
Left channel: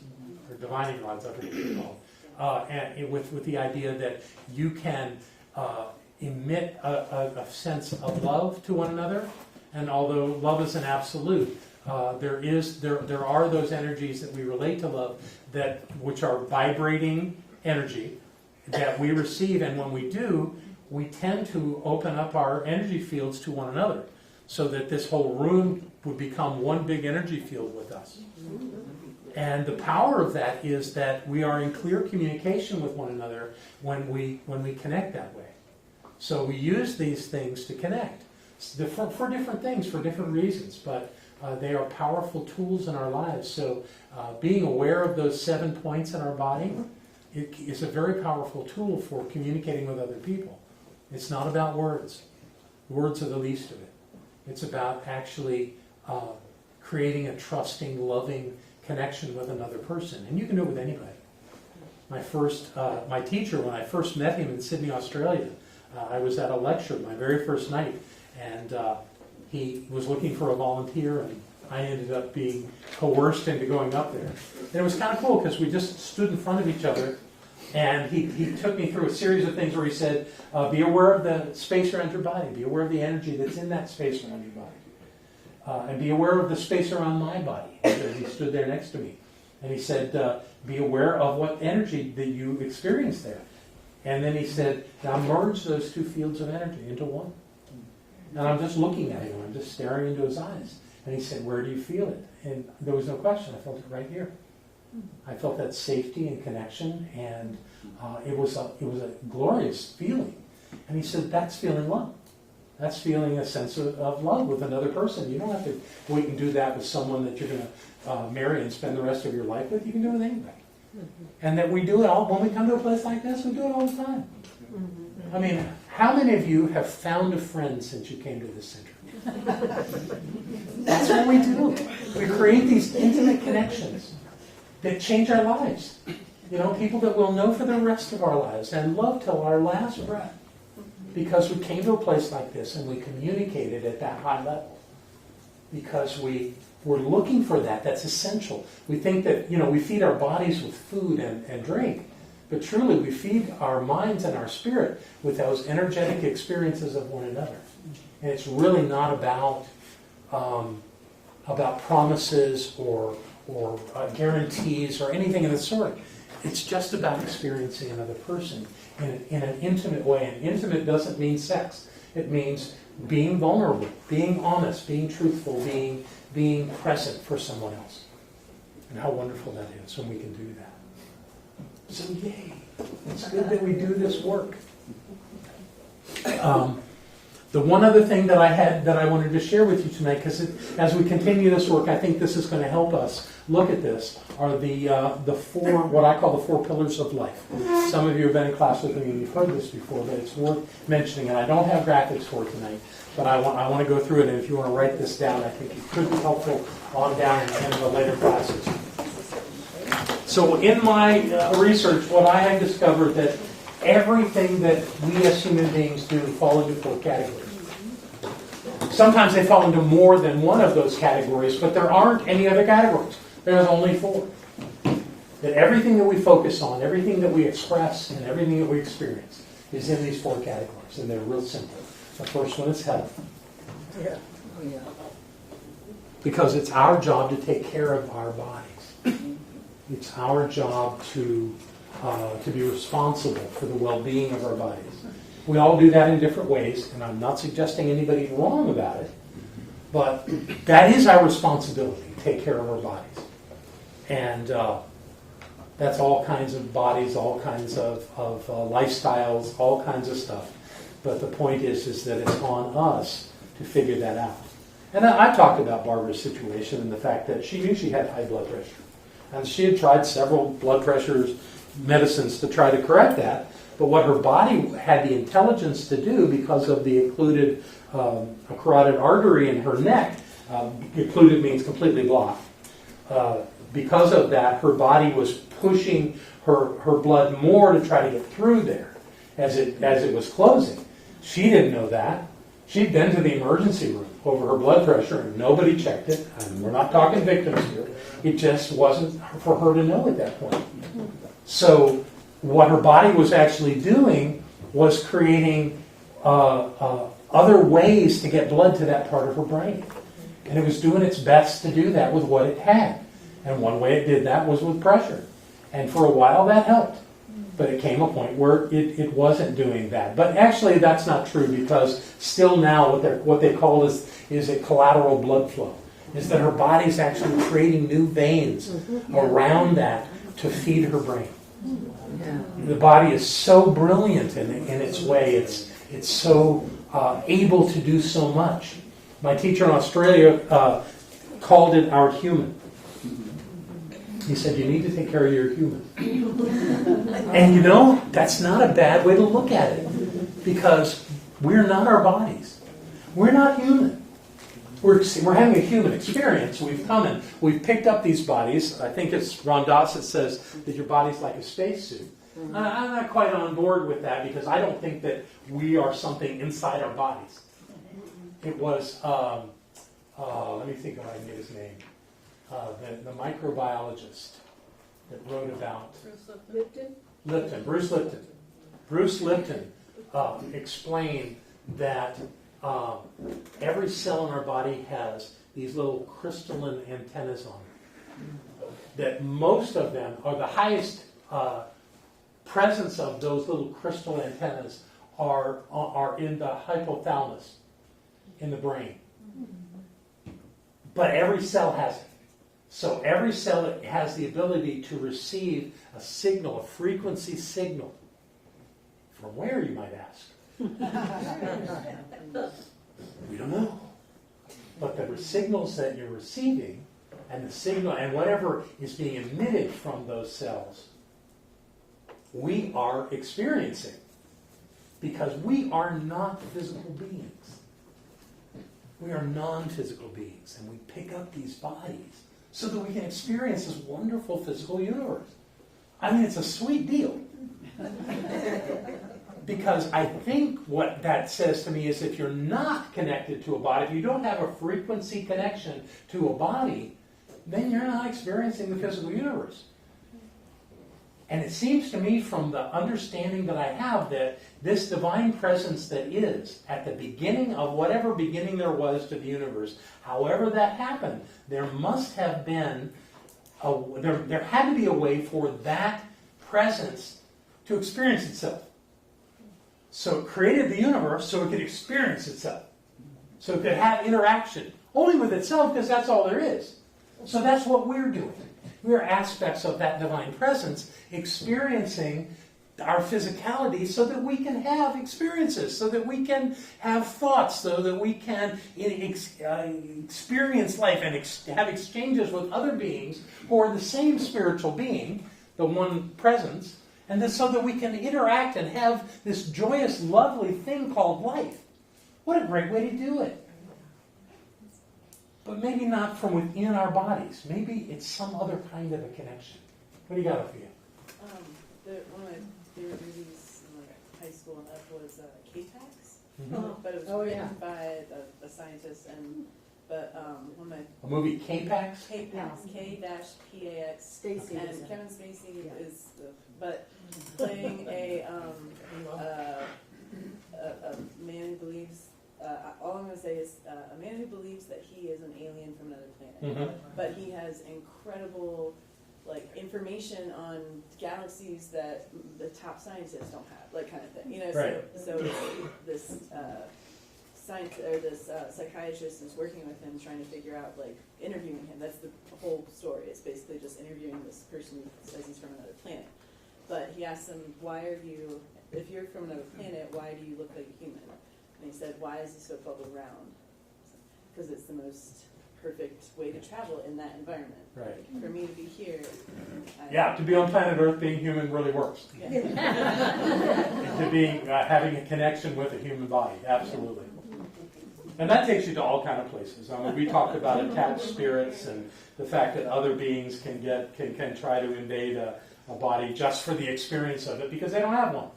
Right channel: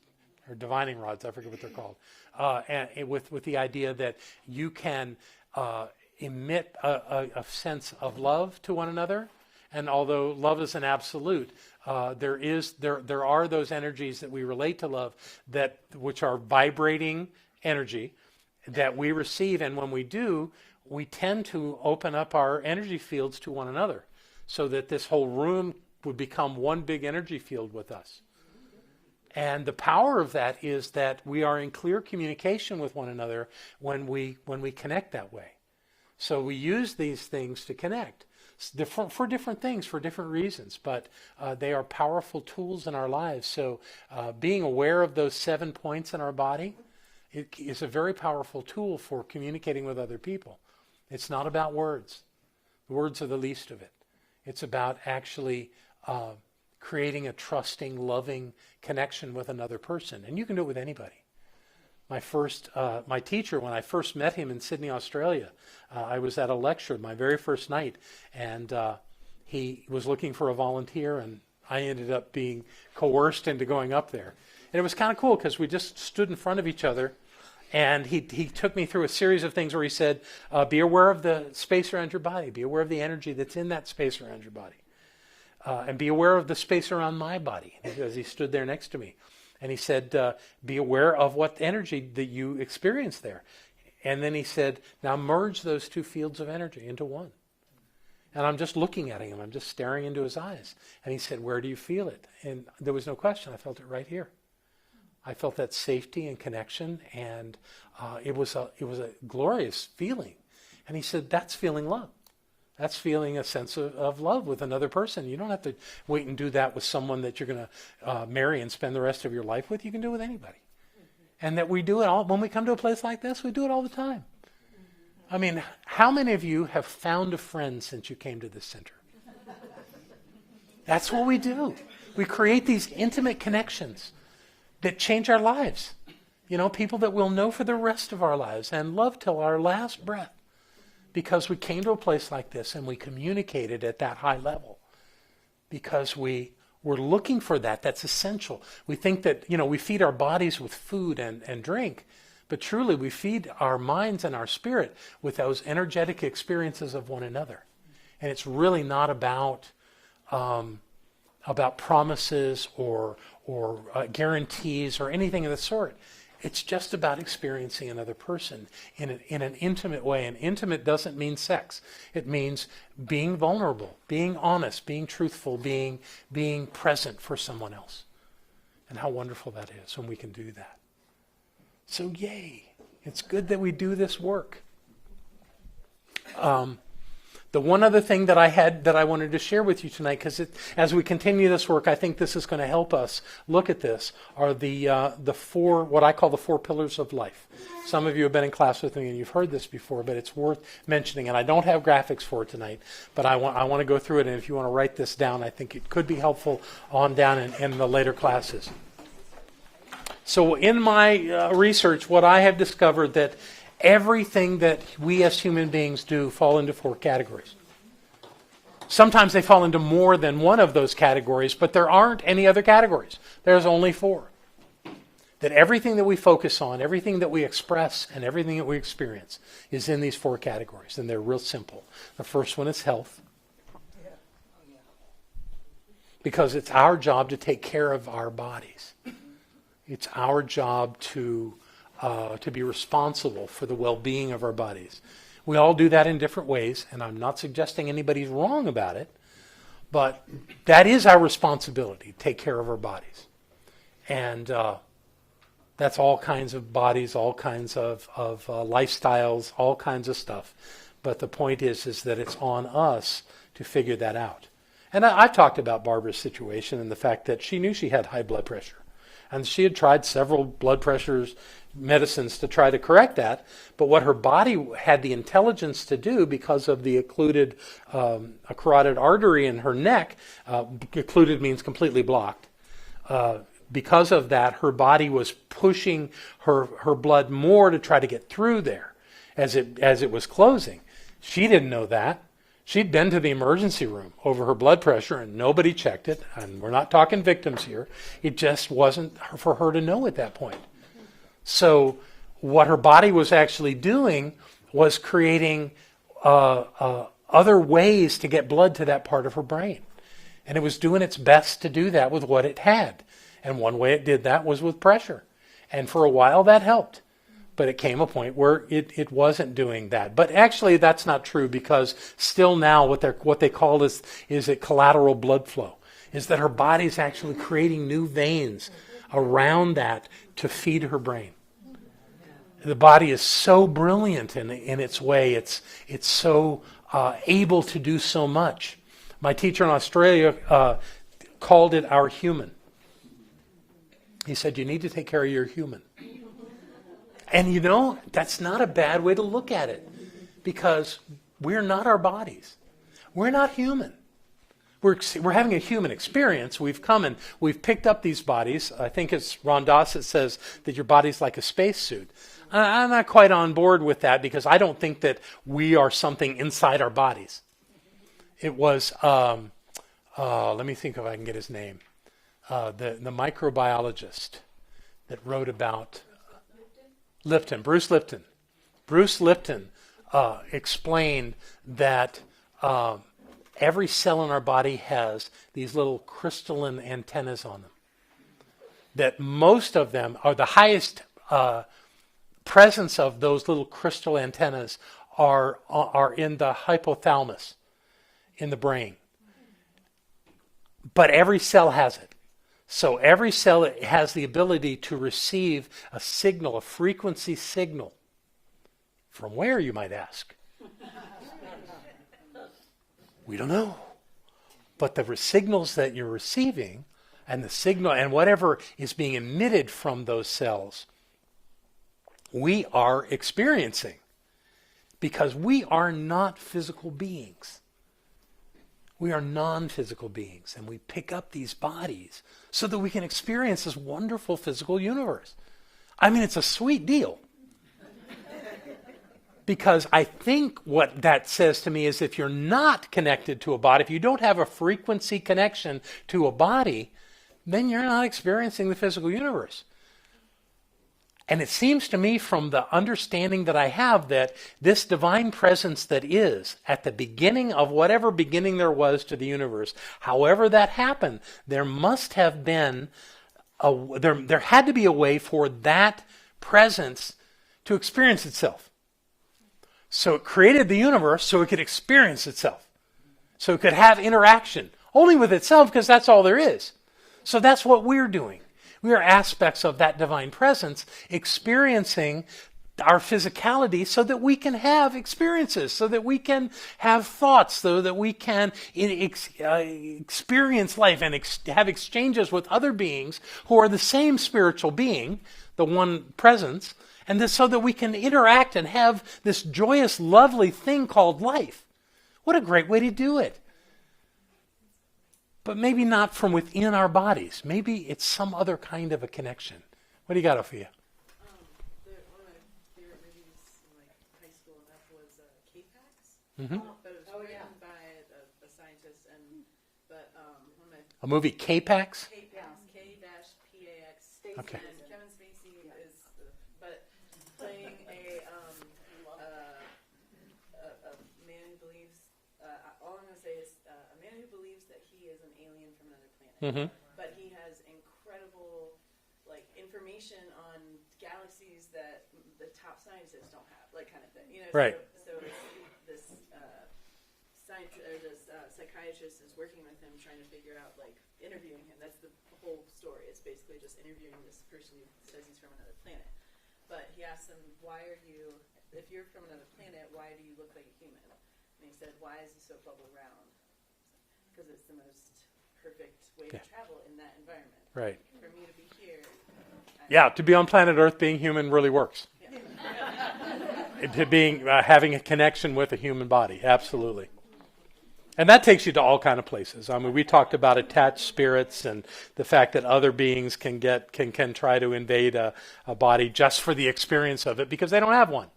Divining rods, I forget what they're called, and with the idea that you can emit a sense of love to one another, and although love is an absolute, there are those energies that we relate to love which are vibrating energy that we receive, and when we do, we tend to open up our energy fields to one another, so that this whole room would become one big energy field with us. And the power of that is that we are in clear communication with one another when we connect that way. So we use these things to connect for different things, for different reasons, but they are powerful tools in our lives. So being aware of those 7 points in our body is a very powerful tool for communicating with other people. It's not about words. Words are the least of it. It's about actually creating a trusting, loving connection with another person, and you can do it with anybody. My teacher, when I first met him in Sydney, Australia, I was at a lecture my very first night, and he was looking for a volunteer, and I ended up being coerced into going up there. And it was kind of cool because we just stood in front of each other, and he took me through a series of things where he said, be aware of the space around your body, be aware of the energy that's in that space around your body. And be aware of the space around my body, because he stood there next to me. And he said, be aware of what energy that you experience there. And then he said, now merge those 2 fields of energy into one. And I'm just looking at him. I'm just staring into his eyes. And he said, where do you feel it? And there was no question. I felt it right here. I felt that safety and connection, and it was a glorious feeling. And he said, that's feeling love. That's feeling a sense of love with another person. You don't have to wait and do that with someone that you're going to marry and spend the rest of your life with. You can do it with anybody. And that we do it all, when we come to a place like this, we do it all the time. I mean, how many of you have found a friend since you came to this center? That's what we do. We create these intimate connections that change our lives. People that we'll know for the rest of our lives and love till our last breath. Because we came to a place like this and we communicated at that high level. Because we We're looking for that. That's essential. We think that, we feed our bodies with food and drink, but truly we feed our minds and our spirit with those energetic experiences of one another. And it's really not about promises or guarantees or anything of the sort. It's just about experiencing another person in an intimate way. And intimate doesn't mean sex. It means being vulnerable, being honest, being truthful, being present for someone else. And how wonderful that is when we can do that. So yay, it's good that we do this work. The one other thing that I wanted to share with you tonight, because as we continue this work, I think this is going to help us look at this, are the four, what I call the 4 pillars of life. Some of you have been in class with me and you've heard this before, but it's worth mentioning. And I don't have graphics for it tonight, but I want to go through it. And if you want to write this down, I think it could be helpful on down in the later classes. So in my research, what I have discovered that everything that we as human beings do fall into 4 categories. Sometimes they fall into more than one of those categories, but there aren't any other categories. There's only 4. That everything that we focus on, everything that we express, and everything that we experience is in these 4 categories, and they're real simple. The first one is health. Yeah. Because it's our job to take care of our bodies. It's our job to be responsible for the well-being of our bodies. We all do that in different ways, and I'm not suggesting anybody's wrong about it, but that is our responsibility, take care of our bodies. And that's all kinds of bodies, all kinds of lifestyles, all kinds of stuff. But the point is that it's on us to figure that out. And I talked about Barbara's situation and the fact that she knew she had high blood pressure. And she had tried several blood pressure medicines to try to correct that. But what her body had the intelligence to do, because of the occluded a carotid artery in her neck, occluded means completely blocked. Because of that, her body was pushing her blood more to try to get through there as it was closing. She didn't know that. She'd been to the emergency room over her blood pressure and nobody checked it. And we're not talking victims here. It just wasn't for her to know at that point. So what her body was actually doing was creating other ways to get blood to that part of her brain. And it was doing its best to do that with what it had. And one way it did that was with pressure. And for a while that helped. But it came a point where it wasn't doing that. But actually that's not true, because still now what they call is a collateral blood flow. Is that her body's actually creating new veins around that to feed her brain. The body is so brilliant in its way. It's so able to do so much. My teacher in Australia called it our human. He said, you need to take care of your human. And that's not a bad way to look at it, because we're not our bodies. We're not human. We're having a human experience. We've come and we've picked up these bodies. I think it's Ron Doss that says that your body's like a spacesuit. I'm not quite on board with that, because I don't think that we are something inside our bodies. It was, let me think if I can get his name. The microbiologist that wrote about Bruce Lipton. Bruce Lipton explained that every cell in our body has these little crystalline antennas on them. That most of them are the highest presence of those little crystal antennas are in the hypothalamus in the brain. But every cell has it. So every cell has the ability to receive a signal, a frequency signal. From where, you might ask? We don't know. But the signals that you're receiving and the signal and whatever is being emitted from those cells, we are experiencing, because we are not physical beings. We are non-physical beings, and we pick up these bodies so that we can experience this wonderful physical universe. I mean, it's a sweet deal. Because I think what that says to me is if you're not connected to a body, if you don't have a frequency connection to a body, then you're not experiencing the physical universe. And it seems to me from the understanding that I have that this divine presence that is at the beginning of whatever beginning there was to the universe, however that happened, there must have been, there had to be a way for that presence to experience itself. So it created the universe so it could experience itself. So it could have interaction only with itself because that's all there is. So that's what we're doing. We are aspects of that divine presence experiencing our physicality so that we can have experiences, so that we can have thoughts, so that we can experience life and have exchanges with other beings who are the same spiritual being, the one presence, and this so that we can interact and have this joyous, lovely thing called life. What a great way to do it. But maybe not from within our bodies. Maybe it's some other kind of a connection. What do you got, Ophelia? One of my favorite movies in high school and up was K-Pax. Mm-hmm. But it was written by a scientist, one of my... A movie, K-Pax? K-Pax, K-P-A-X. Okay. And Kevin Spacey is, but playing a man who believes, all I'm going to say is a man who believes that he is an alien from another planet, but he has incredible information on galaxies that the top scientists don't have, kind of thing. Right. So this psychiatrist is working with him, trying to figure out, interviewing him. That's the whole story. It's basically just interviewing this person who says he's from another planet. But he asks him, if you're from another planet, why do you look like a human? And he said, why is he so bubble round? Because it's the most perfect way to travel in that environment. Right. For me to be here. To be on planet Earth, being human really works. Yeah. Having a connection with a human body, absolutely. And that takes you to all kind of places. I mean, we talked about attached spirits and the fact that other beings can try to invade a body just for the experience of it because they don't have one.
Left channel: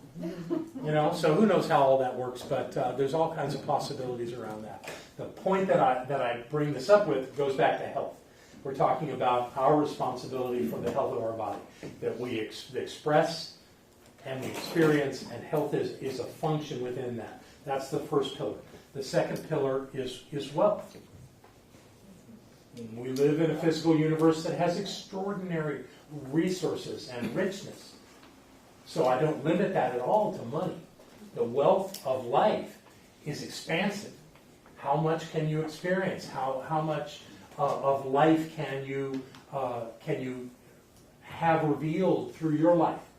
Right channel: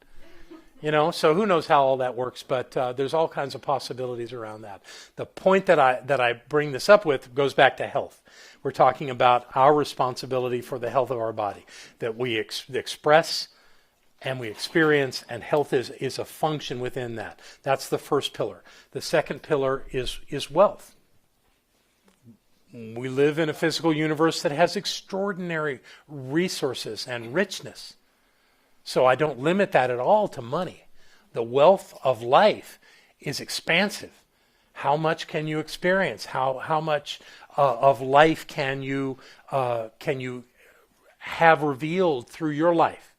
So who knows how all that works, but there's all kinds of possibilities around that. The point that I bring this up with goes back to health. We're talking about our responsibility for the health of our body, that we express and we experience, and health is a function within that. That's the first pillar. The second pillar is wealth. We live in a physical universe that has extraordinary resources and richness. So I don't limit that at all to money. The wealth of life is expansive. How much can you experience? How much of life can you have revealed through your life?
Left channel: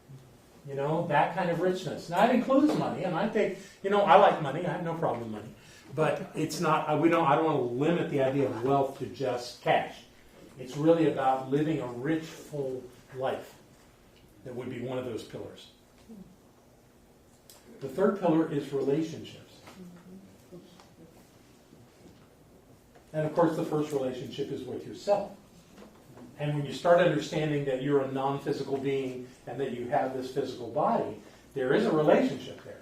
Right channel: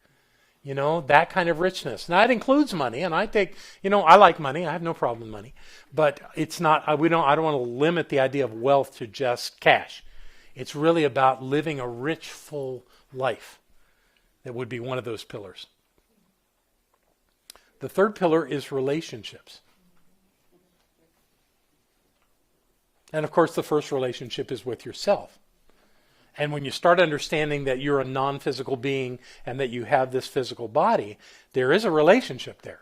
That kind of richness. Now, that includes money, and I think, I like money. I have no problem with money. But it's not, I don't want to limit the idea of wealth to just cash. It's really about living a rich, full life. That would be one of those pillars. The third pillar is relationships. And of course, the first relationship is with yourself. And when you start understanding that you're a non-physical being and that you have this physical body, there is a relationship there.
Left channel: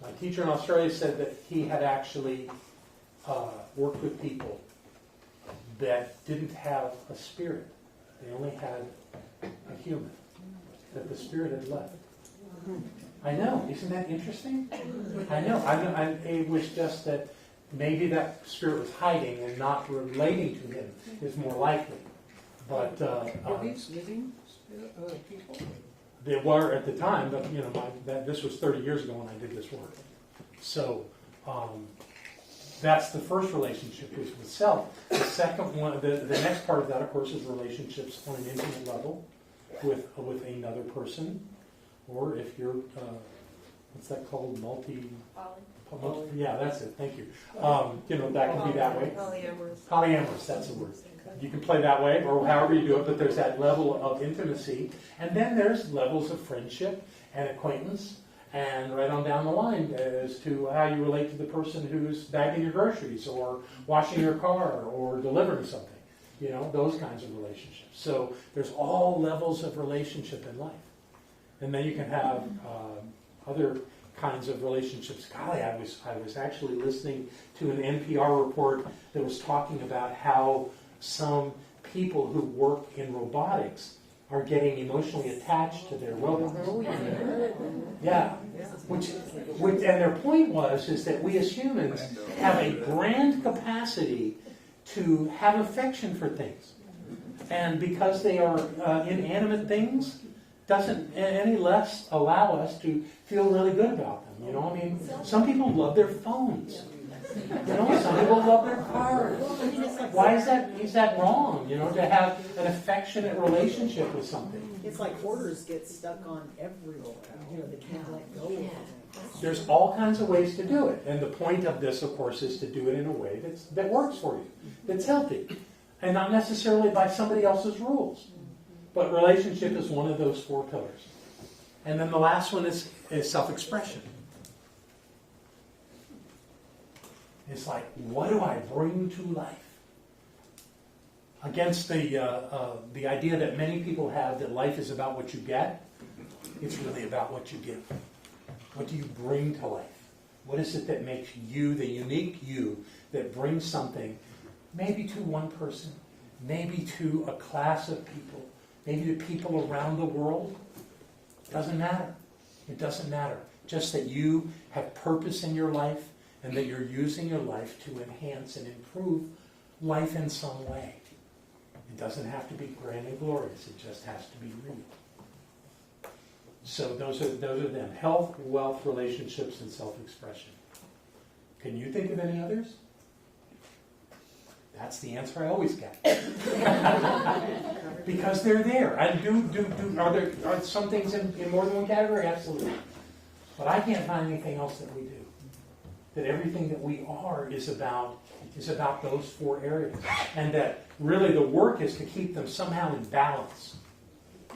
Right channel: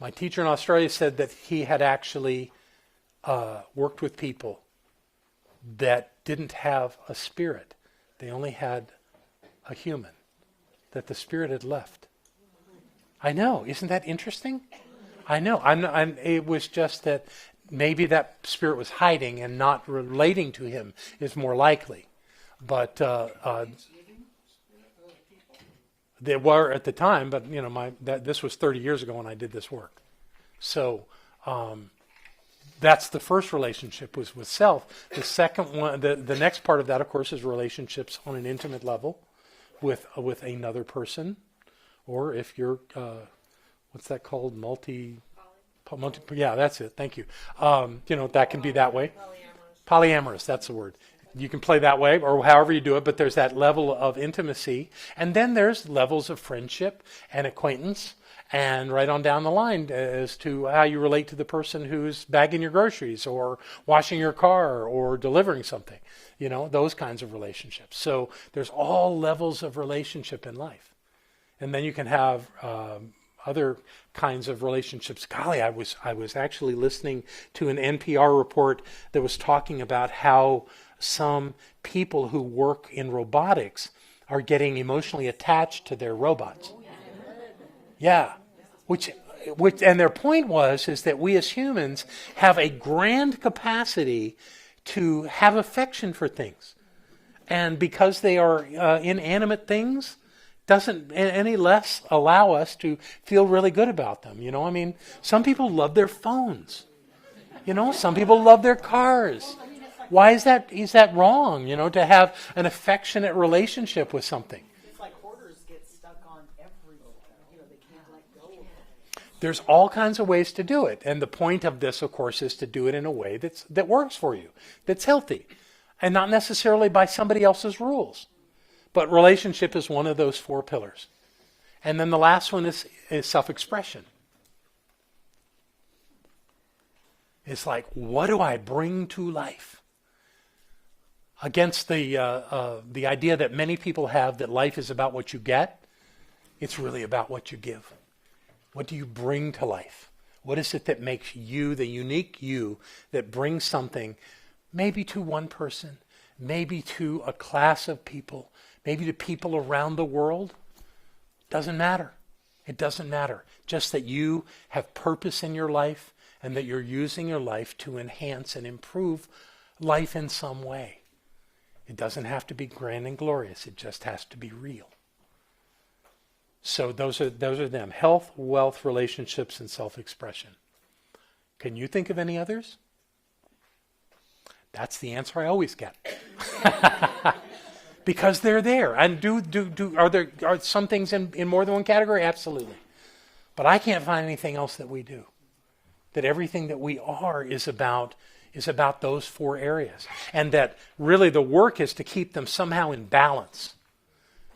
My teacher in Australia said that he had actually worked with people that didn't have a spirit. They only had a human. That the spirit had left. I know. Isn't that interesting? I know. It was just that maybe that spirit was hiding and not relating to him is more likely. But Are these living people? they were at the time, but this was 30 years ago when I did this work. So that's the first relationship was with self. The second one, the next part of that, of course, is relationships on an intimate level with another person, or if you're what's that called? Multi. Yeah, that's it. Thank you. That can be that way. Polyamorous. That's the word. You can play that way, or however you do it. But there's that level of intimacy, and then there's levels of friendship and acquaintance, and right on down the line as to how you relate to the person who's bagging your groceries, or washing your car, or delivering something. those kinds of relationships. So there's all levels of relationship in life. And then you can have other kinds of relationships. Golly, I was actually listening to an NPR report that was talking about how some people who work in robotics are getting emotionally attached to their robots. Yeah. Which and their point is that we as humans have a grand capacity to have affection for things. And because they are inanimate things, doesn't any less allow us to feel really good about them. Some people love their phones. Some people love their cars. Why is that wrong, to have an affectionate relationship with something? It's like hoarders get stuck on everything. They can't let go of it. There's all kinds of ways to do it. And the point of this, of course, is to do it in a way that works for you, that's healthy, and not necessarily by somebody else's rules. But relationship is one of those 4 pillars. And then the last one is self-expression. It's like, what do I bring to life? Against the idea that many people have that life is about what you get, it's really about what you give. What do you bring to life? What is it that makes you, the unique you, that brings something, maybe to one person, maybe to a class of people, maybe to people around the world? Doesn't matter. It doesn't matter. Just that you have purpose in your life and that you're using your life to enhance and improve life in some way. It doesn't have to be grand and glorious. It just has to be real. So those are them. Health, wealth, relationships, and self-expression. Can you think of any others? That's the answer I always get. Because they're there. And are some things in more than one category? Absolutely. But I can't find anything else that we do. That everything that we are is about those 4 areas. And that really the work is to keep them somehow in balance.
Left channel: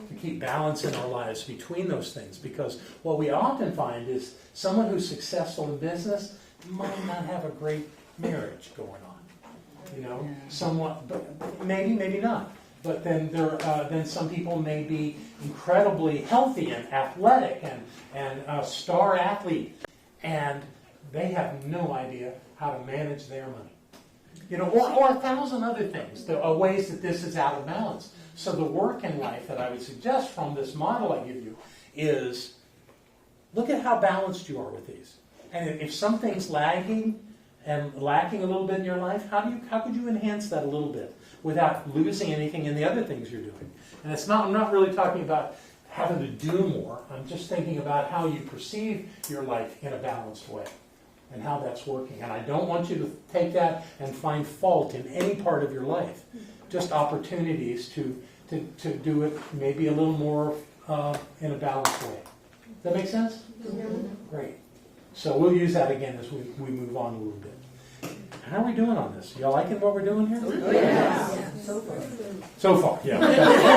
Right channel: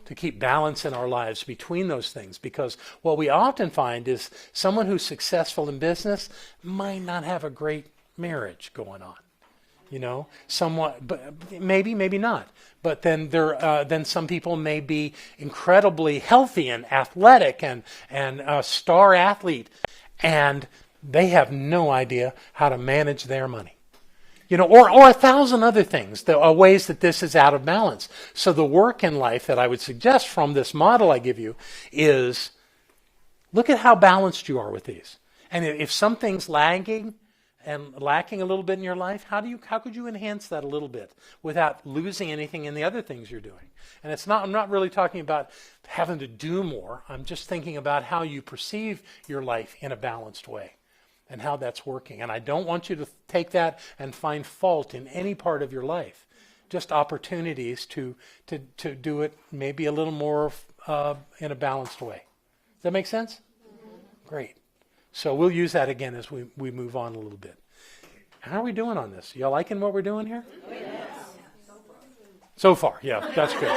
To keep balance in our lives between those things. Because what we often find is someone who's successful in business might not have a great marriage going on. Somewhat, but maybe not. But then some people may be incredibly healthy and athletic and a star athlete, and they have no idea how to manage their money. Or 1,000 other things, ways that this is out of balance. So the work in life that I would suggest from this model I give you is look at how balanced you are with these. And if something's lagging and lacking a little bit in your life, how could you enhance that a little bit without losing anything in the other things you're doing? And I'm not really talking about having to do more. I'm just thinking about how you perceive your life in a balanced way. And how that's working. And I don't want you to take that and find fault in any part of your life. Just opportunities to do it maybe a little more in a balanced way. Does that make sense? Great. So we'll use that again as we move on a little bit. How are we doing on this? Y'all liking what we're doing here? Yeah. So far, yeah. That's good.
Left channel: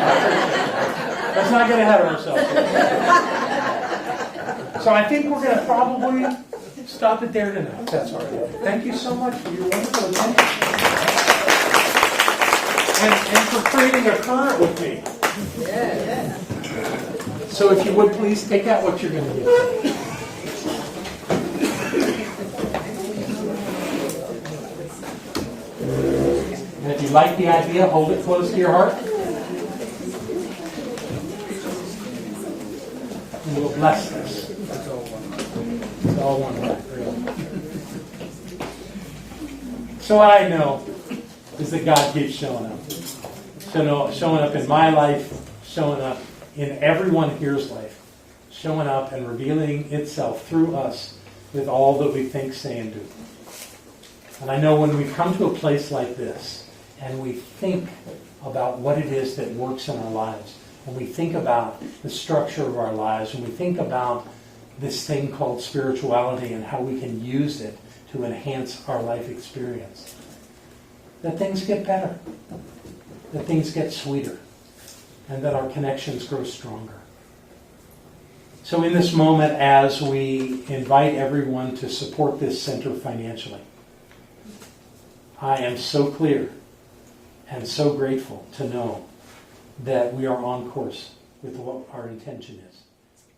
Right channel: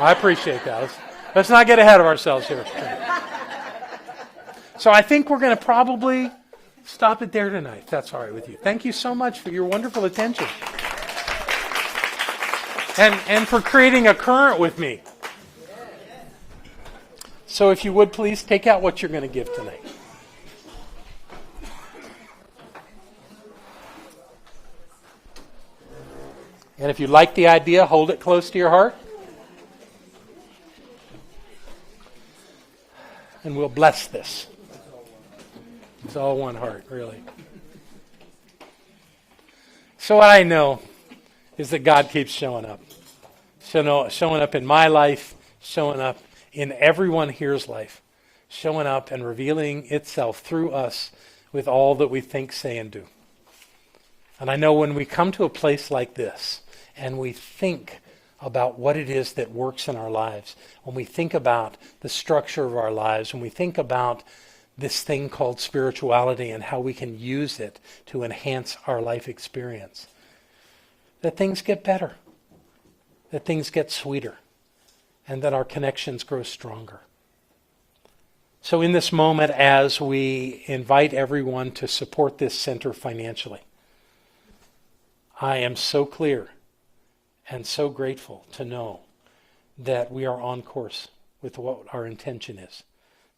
I appreciate that. Let's not get ahead of ourselves here. So I think we're going to probably stop it there tonight. That's all right. Thank you so much for your wonderful attention. And for creating a current with me. So if you would please take out what you're going to give today. And if you like the idea, hold it close to your heart. And we'll bless this. It's all one heart, really. So what I know is that God keeps showing up. Showing up in my life, showing up in everyone here's life, showing up and revealing itself through us with all that we think, say, and do. And I know when we come to a place like this and we think about what it is that works in our lives, when we think about the structure of our lives, when we think about this thing called spirituality and how we can use it to enhance our life experience, that things get better, that things get sweeter, and that our connections grow stronger. So in this moment, as we invite everyone to support this center financially, I am so clear and so grateful to know that we are on course with what our intention is,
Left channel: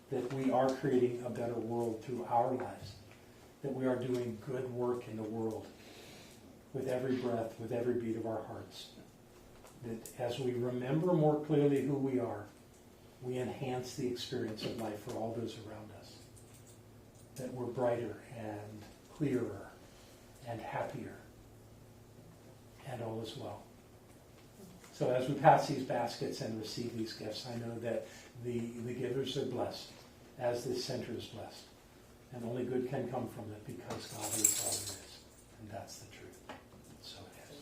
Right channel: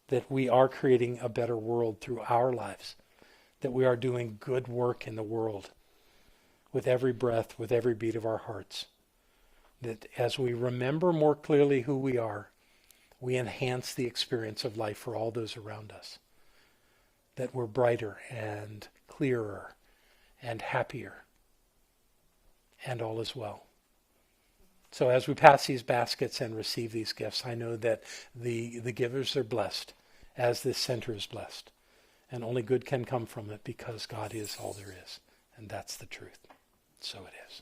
that we are creating a better world through our lives, that we are doing good work in the world with every breath, with every beat of our hearts, that as we remember more clearly who we are, we enhance the experience of life for all those around us, that we're brighter and clearer and happier, and all is well. So as we pass these baskets and receive these gifts, I know that the givers are blessed, as this center is blessed. And only good can come from it because God is all there is. And that's the truth. So it is.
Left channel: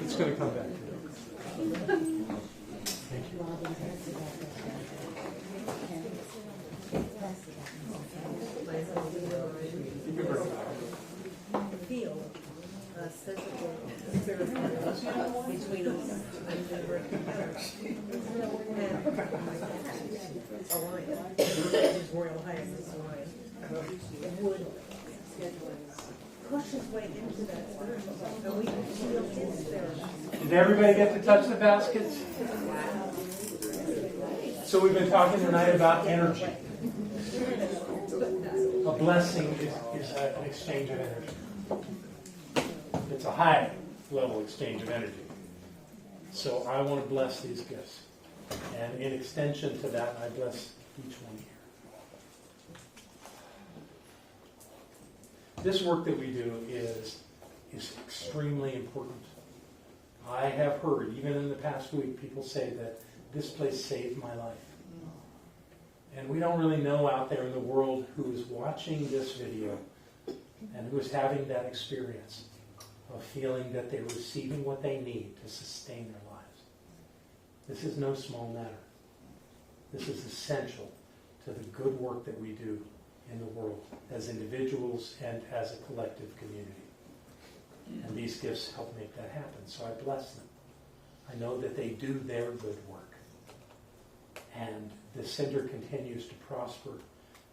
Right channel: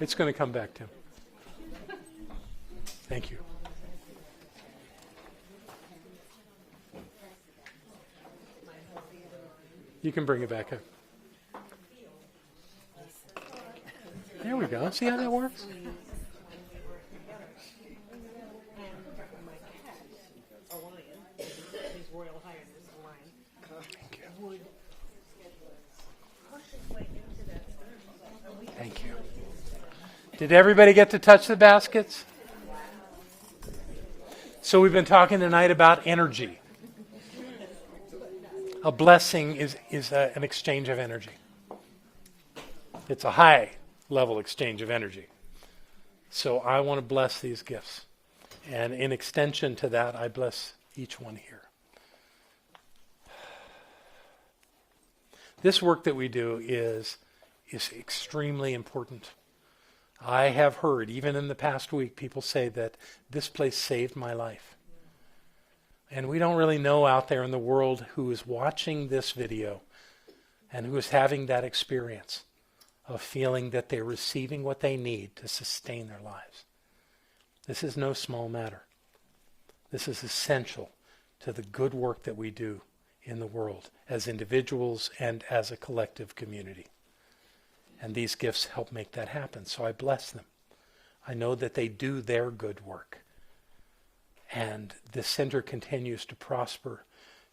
It's going to come back to me. Thank you. You can bring it back up. There we go. See how that works? Did everybody get to touch the baskets? So we've been talking tonight about energy. A blessing is an exchange of energy. It's a high level exchange of energy. So I want to bless these gifts. And in extension to that, I bless each one here. This work that we do is extremely important. I have heard, even in the past week, people say that this place saved my life. And we don't really know out there in the world who is watching this video and who is having that experience of feeling that they're receiving what they need to sustain their lives. This is no small matter. This is essential to the good work that we do in the world as individuals and as a collective community. And these gifts help make that happen. So I bless them. I know that they do their good work. And this center continues to prosper,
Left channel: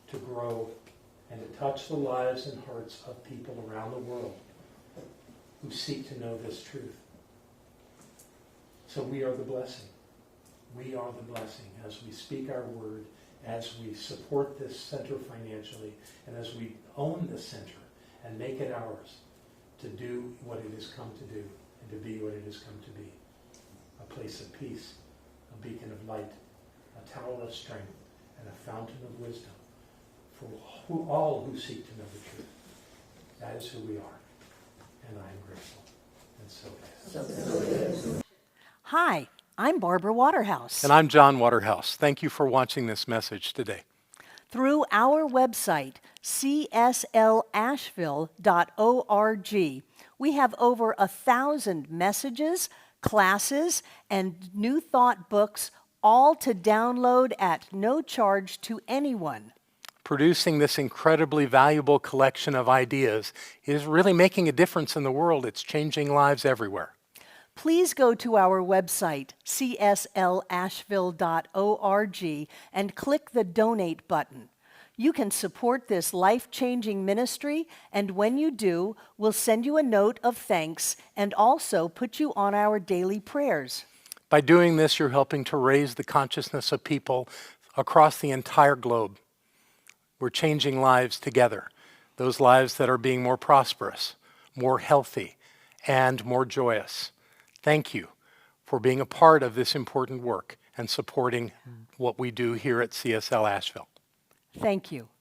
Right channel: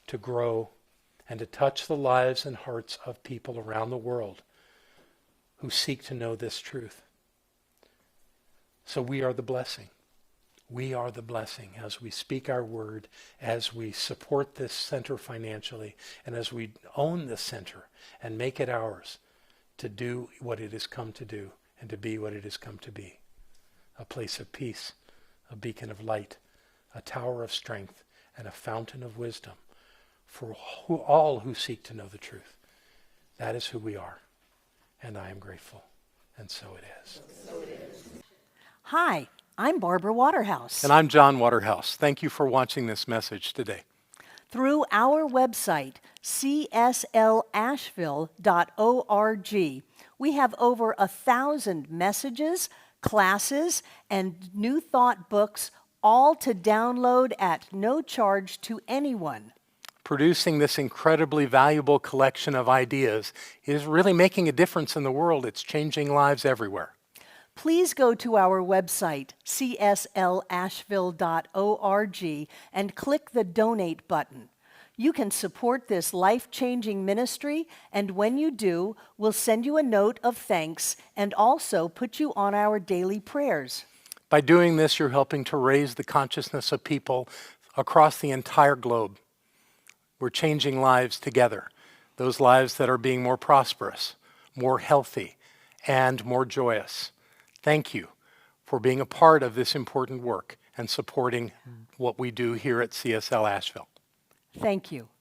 to grow, and to touch the lives and hearts of people around the world who seek to know this truth. So we are the blessing. We are the blessing as we speak our word, as we support this center financially, and as we own this center and make it ours to do what it has come to do and to be what it has come to be. A place of peace, a beacon of light, a tower of strength, and a fountain of wisdom for all who seek to know the truth. That is who we are, and I am grateful, and so it is. Hi, I'm Barbara Waterhouse. And I'm John Waterhouse. Thank you for watching this message today. Through our website, cslasheville.org, we have over 1,000 messages, classes, and New Thought books, all to download at no charge to anyone. Producing this incredibly valuable collection of ideas is really making a difference in the world. It's changing lives everywhere. Please go to our website, cslasheville.org, and click the Donate button. You can support this life-changing ministry, and when you do, we'll send you a note of thanks and also put you on our daily prayers. By doing this, you're helping to raise the consciousness of people across the entire globe. We're changing lives together, those lives that are being more prosperous, more healthy, and more joyous. Thank you for being a part of this important work and supporting what we do here at CSL Asheville. Thank you.